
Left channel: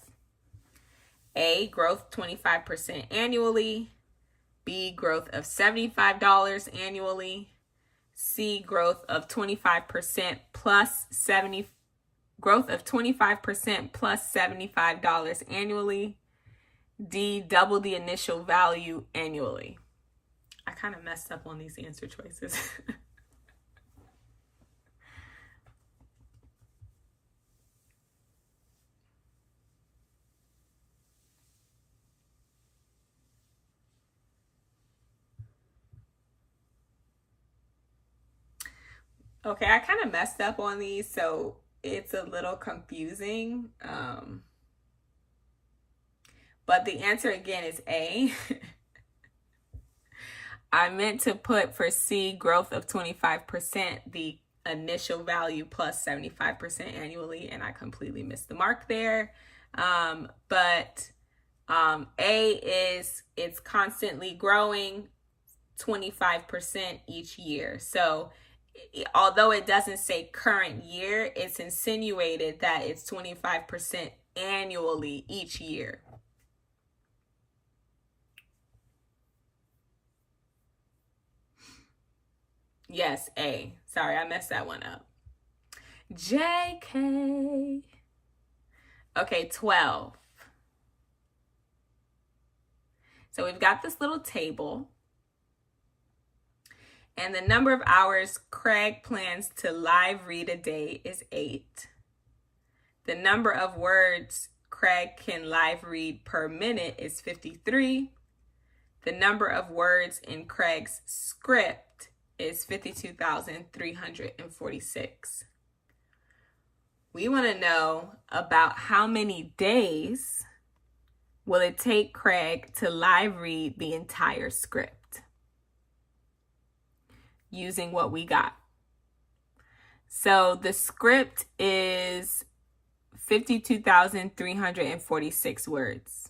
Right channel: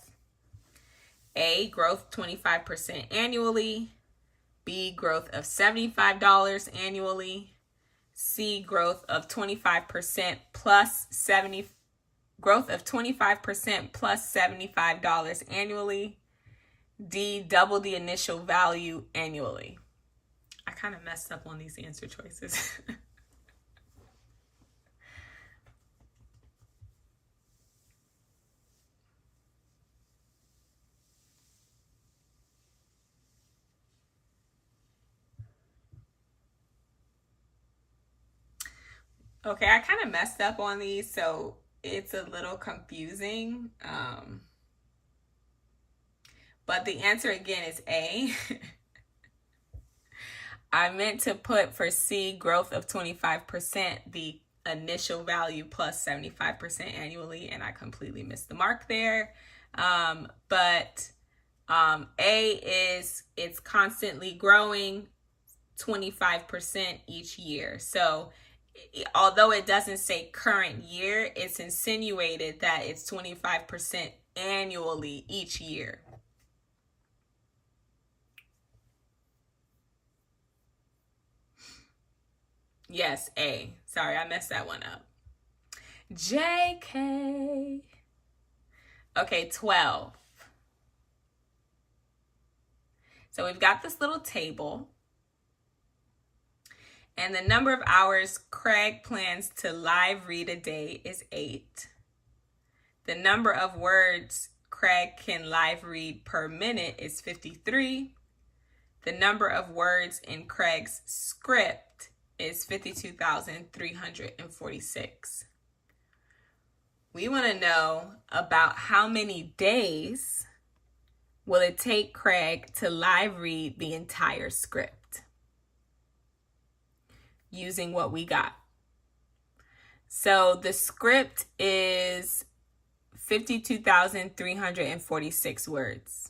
A, growth 25% annually. B, growth of $75 annually. C, growth of 25% plus $75 annually. D, double the initial value annually. I kind of messed up on these answer choices. Okay, I kind of messed up on these, so it's a little confusing. But the answer again is A. I meant to put for C, growth of 25%, the initial value plus 75% annually, and I completely missed the mark there. But A is it's constantly growing 25% each year. So although it doesn't say current year, it's insinuated that it's 25% annually each year. Yes, A. Sorry, I messed that one up. JK. Okay, 12. So we've got this little table. And the number of hours Craig plans to live read a day is 8. The number of words Craig can live read per minute is 53. The number of words in Craig's script is 52,346. We want to know about how many days will it take Craig to live read the entire script using what we got. So the script is 52,346 words.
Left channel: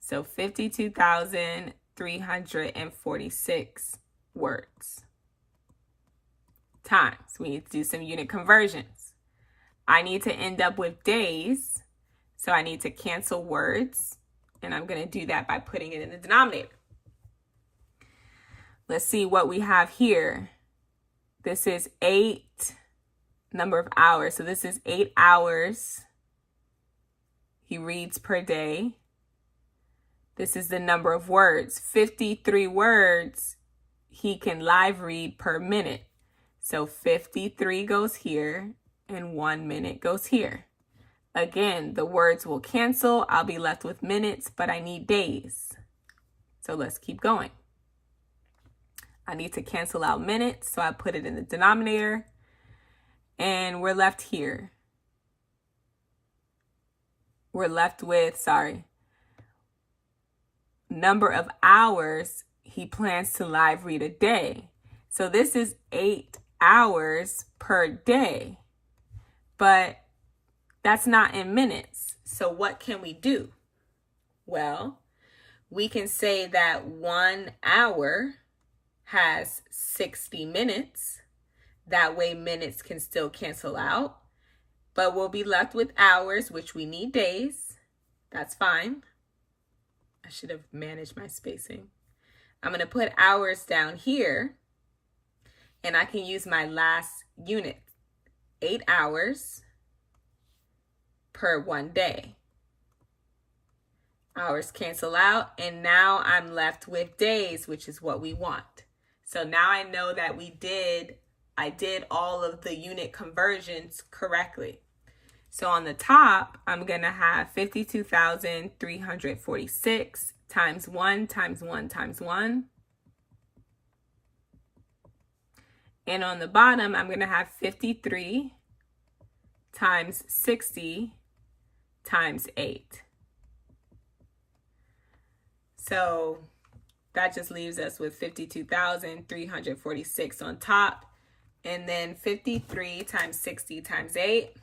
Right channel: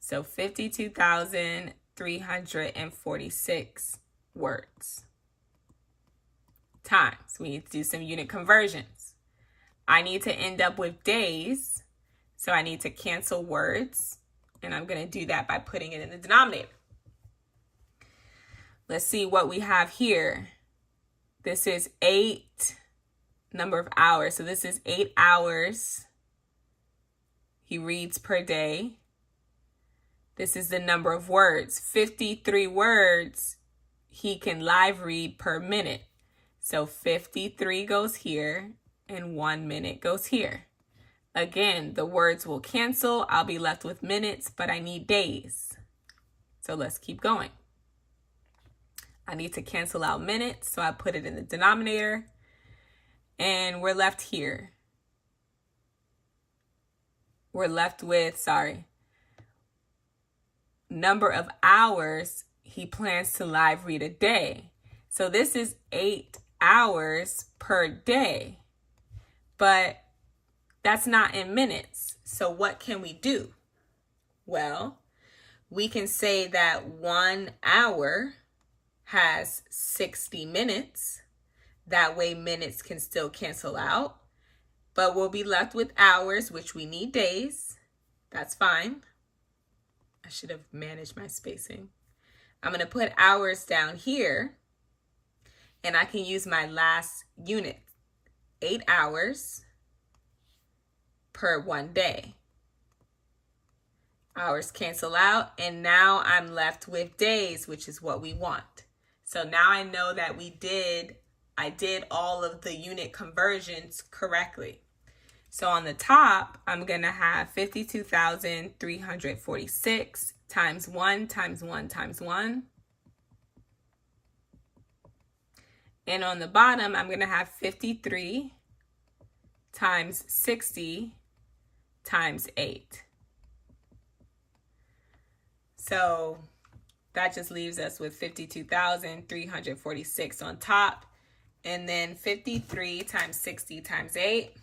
So 52,346 words times. We need to do some unit conversions. I need to end up with days, so I need to cancel words, and I'm going to do that by putting it in the denominator. Let's see what we have here. This is 8 number of hours. So this is 8 hours he reads per day. This is the number of words. 53 words he can live read per minute. So 53 goes here and 1 minute goes here. Again, the words will cancel. I'll be left with minutes, but I need days. So let's keep going. I need to cancel out minutes, so I put it in the denominator. And we're left here. We're left with, number of hours he plans to live read a day. So this is 8 hours per day, but that's not in minutes. So what can we do? Well, we can say that 1 hour has 60 minutes. That way minutes can still cancel out, but we'll be left with hours, which we need days. That's fine. I should have managed my spacing. I'm going to put hours down here, and I can use my last unit, 8 hours per 1 day. Hours cancel out, and now I'm left with days, which is what we want. So now I know that I did all of the unit conversions correctly. So on the top, I'm going to have 52,346 times 1 times 1 times 1. And on the bottom, I'm going to have 53 times 60 times 8. So that just leaves us with 52,346 on top. And then 53 times 60 times 8.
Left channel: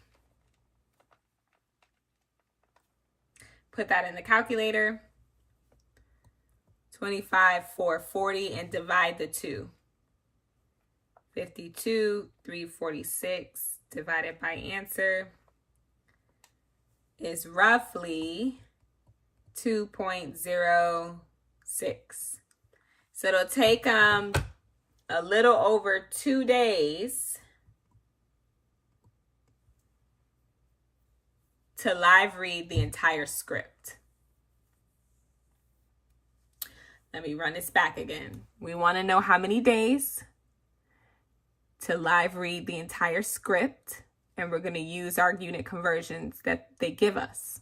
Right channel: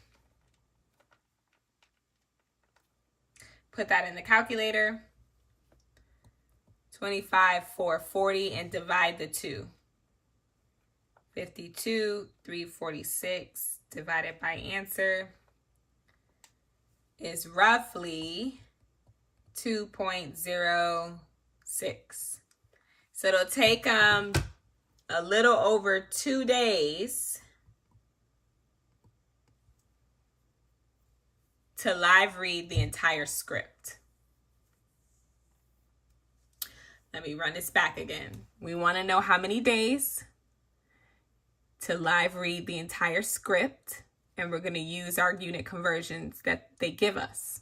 Put that in the calculator. 25,440 and divide the 2. 52,346 divided by answer is roughly 2.06. So it'll take a little over 2 days to live read the entire script. Let me run this back again. We want to know how many days to live read the entire script, and we're going to use our unit conversions that they give us.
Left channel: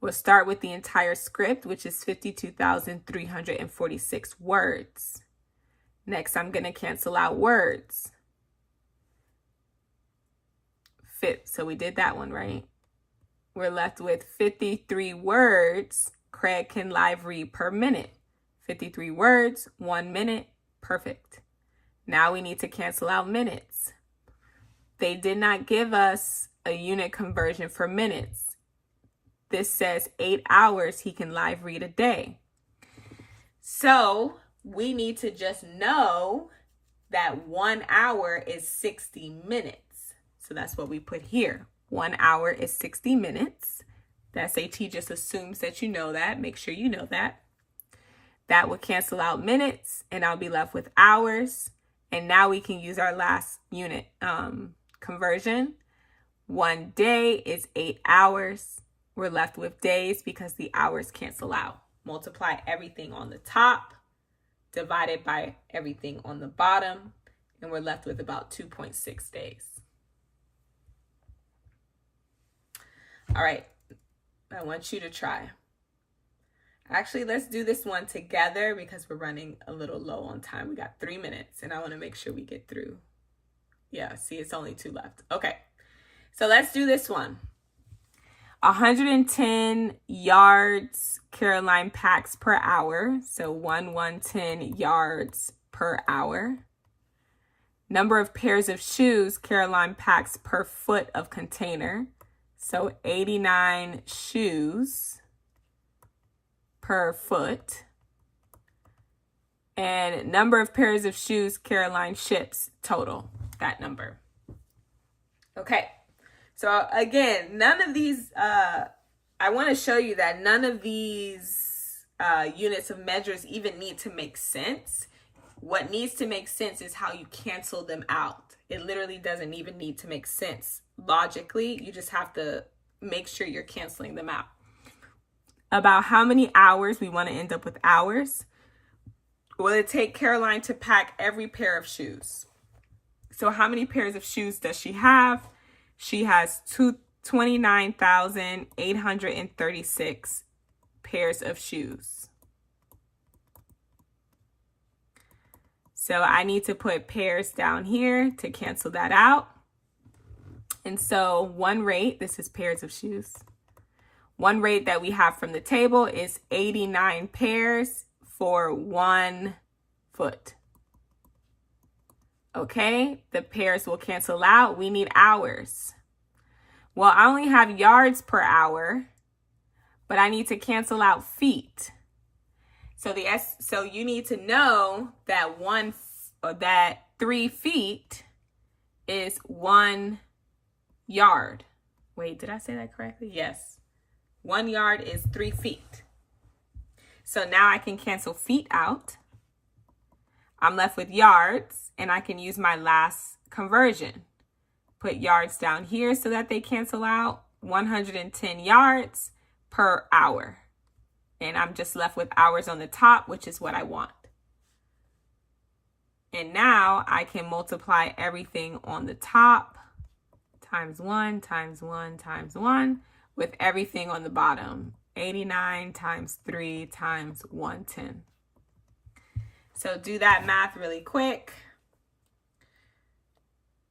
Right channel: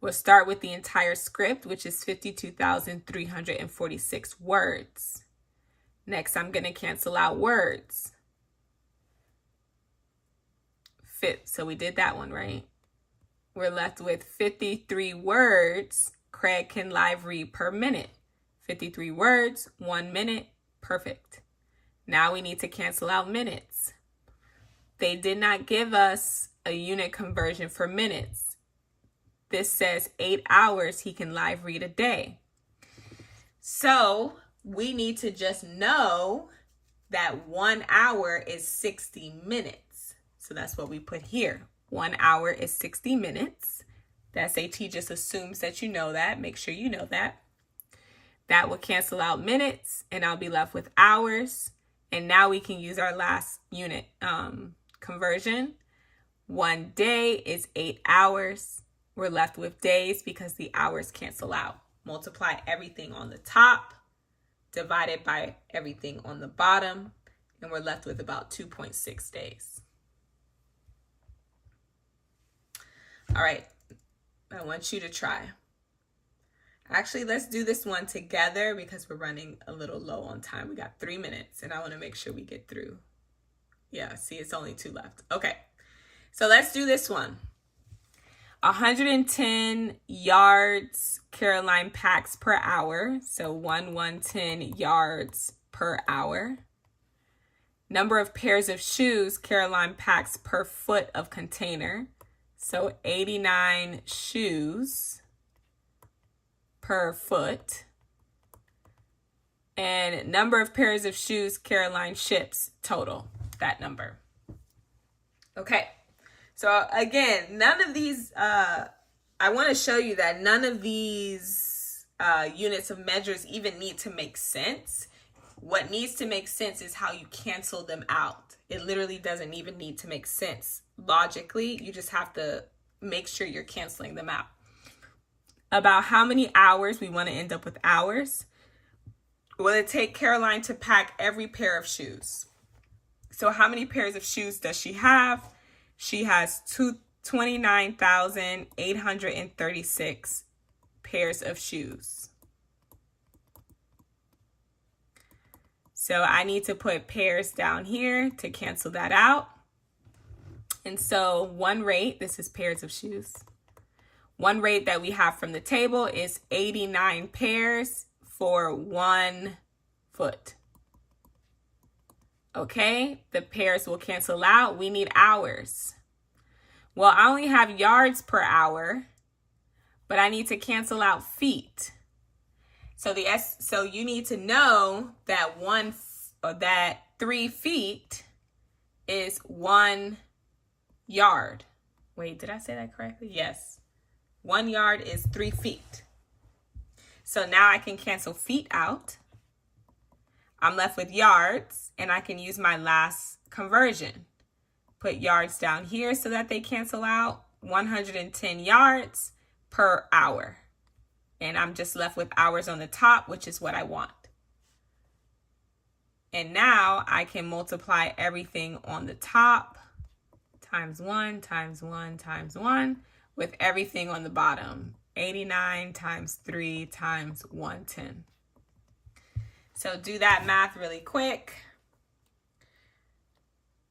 We'll start with the entire script, which is 52,346 words. Next, I'm going to cancel out words. So we did that one, right? We're left with 53 words Craig can live read per minute. 53 words, 1 minute, perfect. Now we need to cancel out minutes. They did not give us a unit conversion for minutes. This says 8 hours he can live read a day. So we need to just know that 1 hour is 60 minutes. So that's what we put here. 1 hour is 60 minutes. The SAT just assumes that you know that. Make sure you know that. That will cancel out minutes, and I'll be left with hours. And now we can use our last unit conversion. 1 day is 8 hours. We're left with days because the hours cancel out. Multiply everything on the top, divided by everything on the bottom, and we're left with about 2.6 days. All right, I want you to try. Actually, let's do this one together because we're running a little low on time. We got 3 minutes, and I want to make sure we get through. Yeah, see, it's only 2 left. Okay, so let's do this one. 110 yards Caroline packs per hour. So 110 yards per hour. Number of pairs of shoes Caroline packs per foot of container. So 89 shoes per foot. And number of pairs of shoes Caroline ships total, that number. Okay, so again, none of these, I want to show you that none of these units of measures even need to make sense. What needs to make sense is how you cancel them out. It literally doesn't even need to make sense logically. You just have to make sure you're canceling them out. About how many hours, we want to end up with hours. Will it take Caroline to pack every pair of shoes? So how many pairs of shoes does she have? She has 29,836 pairs of shoes. So I need to put pairs down here to cancel that out. And so one rate, this is pairs of shoes. One rate that we have from the table is 89 pairs for 1 foot. Okay, the pairs will cancel out. We need hours. Well, I only have yards per hour, but I need to cancel out feet. So you need to know that 3 feet is 1 yard. Wait, did I say that correctly? Yes. 1 yard is 3 feet. So now I can cancel feet out. I'm left with yards, and I can use my last conversion. Put yards down here so that they cancel out. 110 yards per hour. And I'm just left with hours on the top, which is what I want. And now I can multiply everything on the top times 1, times 1, times 1 with everything on the bottom. 89 times 3 times 110. So do that math really quick.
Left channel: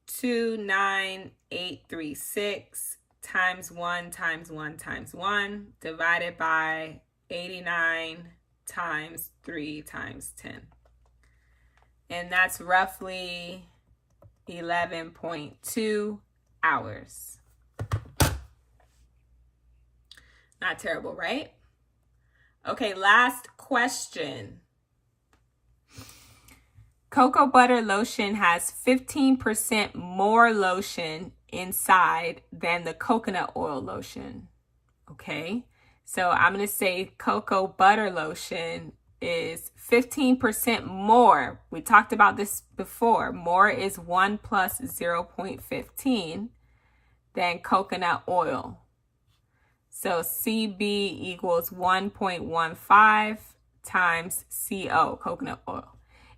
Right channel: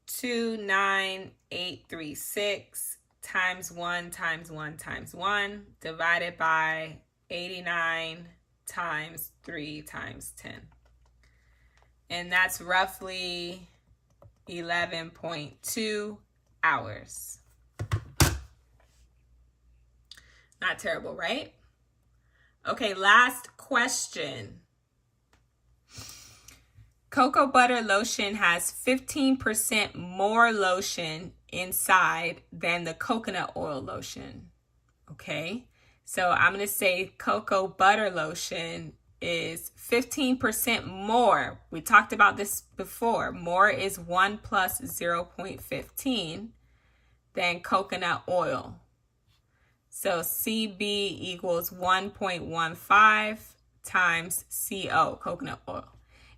29836 times 1 times 1 times 1 divided by 89 times 3 times 10. And that's roughly 11.2 hours. Not terrible, right? Okay, last question. Cocoa butter lotion has 15% more lotion inside than the coconut oil lotion. Okay, so I'm going to say cocoa butter lotion is 15% more. We talked about this before. More is 1 plus 0.15 than coconut oil. So CB equals 1.15 times CO, coconut oil.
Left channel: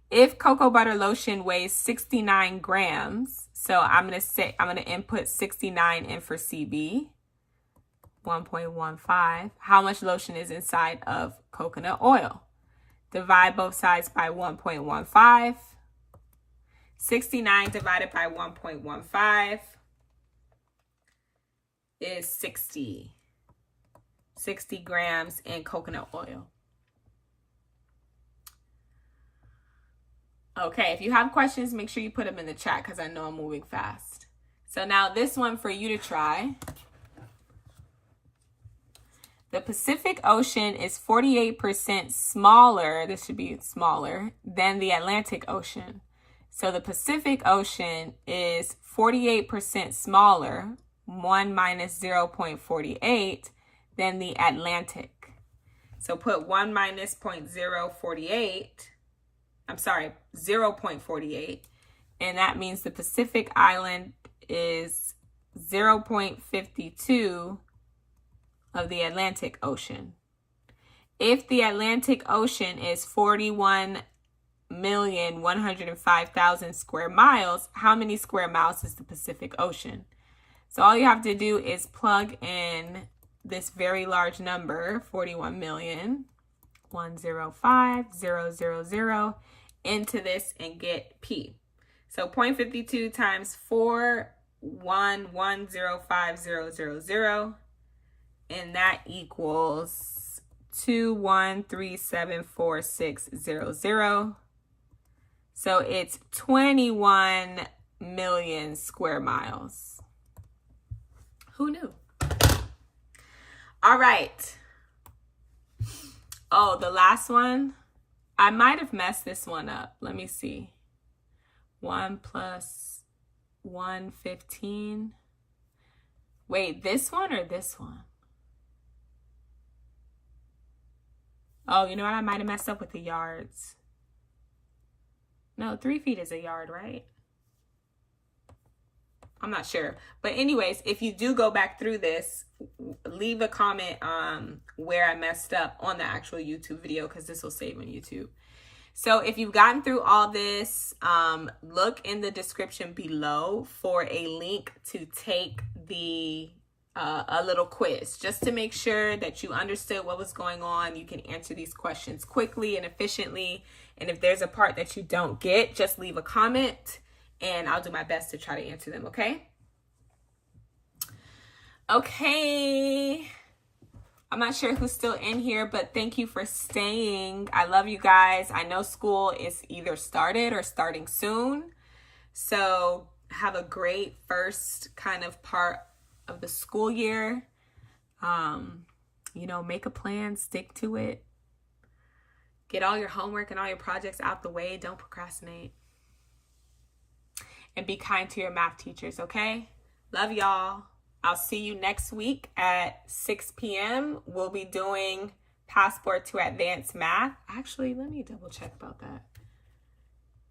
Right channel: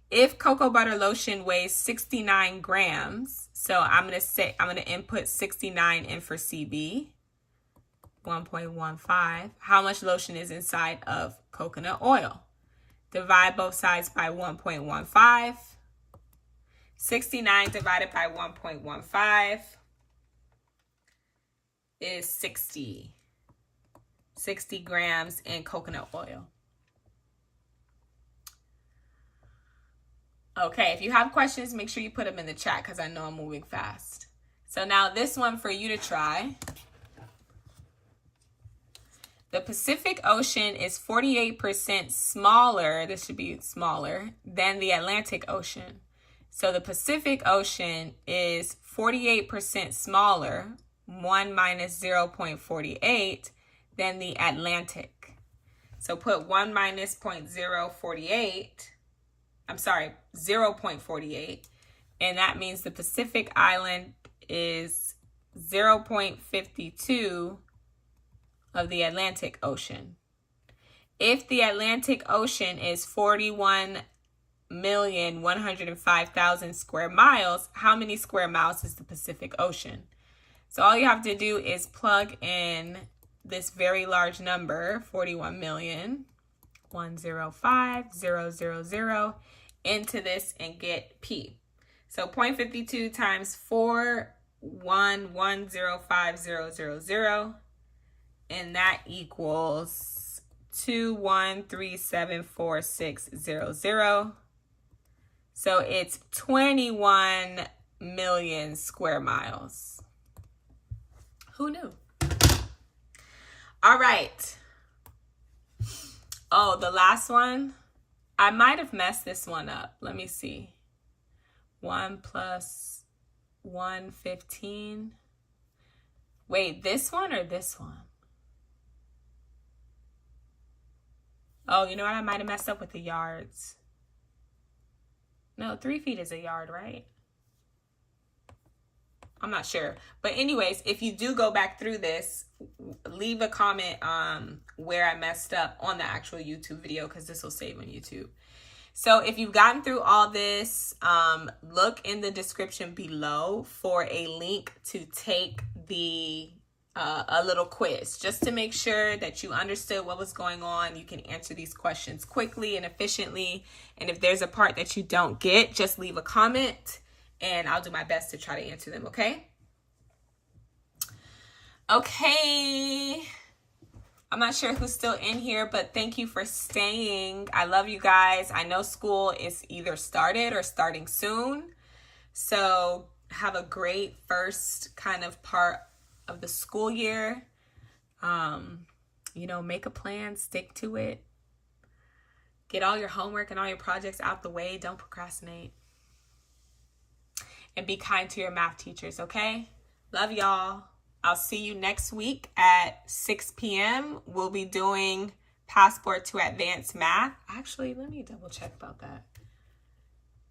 If cocoa butter lotion weighs 69 grams, so I'm going to input 69 in for CB, 1.15. How much lotion is inside of coconut oil? Divide both sides by 1.15. 69 divided by 1.15 is 60 grams in coconut oil. Okay, if you have questions, make sure you put them in the chat because I know I'm moving fast. So now this one for you to try. The Pacific Ocean is 48% smaller, this should be smaller, than the Atlantic Ocean. So the Pacific Ocean is 48% smaller, 1 minus 0.48, than the Atlantic. So put 1 minus 0.48, and that means the Pacific Island is 0.52 of the Atlantic Ocean. If the Atlantic Ocean is 41,105,000 square miles, how many square miles is the Pacific Ocean? So all you have to do is plug in this very large number, 41,105,000, into this and get P. So 0.52 times 41105,000, and that equals 21374,600. So it's 21 million square miles. Who knew? All right. Oh, the last one. I might have messed this one up. Let me see. 1 plus 115. Wait, this one or this one? Oh, you know what? I might have messed up with the yards. No, 3 feet is a yard, right? I'm not sure. But anyways, if you do go back through this, leave a comment where I messed up on the actual YouTube video, because this will save on YouTube. So if you've gotten through all this, look in the description below for a link to take the a little quiz, just to make sure that you understood what was going on. You can answer these questions quickly and efficiently. And if there's a part that you don't get, just leave a comment and I'll do my best to try to answer them, okay? Okay. I'm not sure who's still in here, but thank you for staying. I love you guys. I know school is either started or starting soon. So have a great first kind of part of the school year. You know, make a plan, stick to it. Get all your homework and all your projects out the way. Don't procrastinate. And be kind to your math teachers, okay? Love y'all. I'll see you next week at 6 p.m. We'll be doing Passport to Advanced Math. Actually, let me double check about that,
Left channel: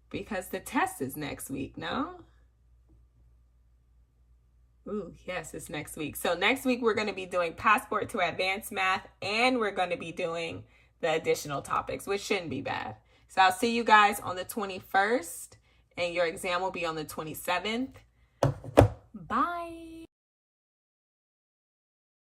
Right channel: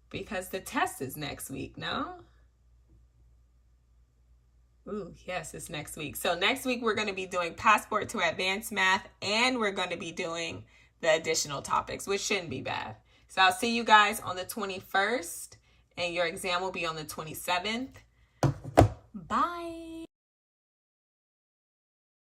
because the test is next week, no? Ooh, yes, it's next week. So next week, we're going to be doing Passport to Advanced Math, and we're going to be doing the additional topics, which shouldn't be bad. So I'll see you guys on the 21st, and your exam will be on the 27th. Bye.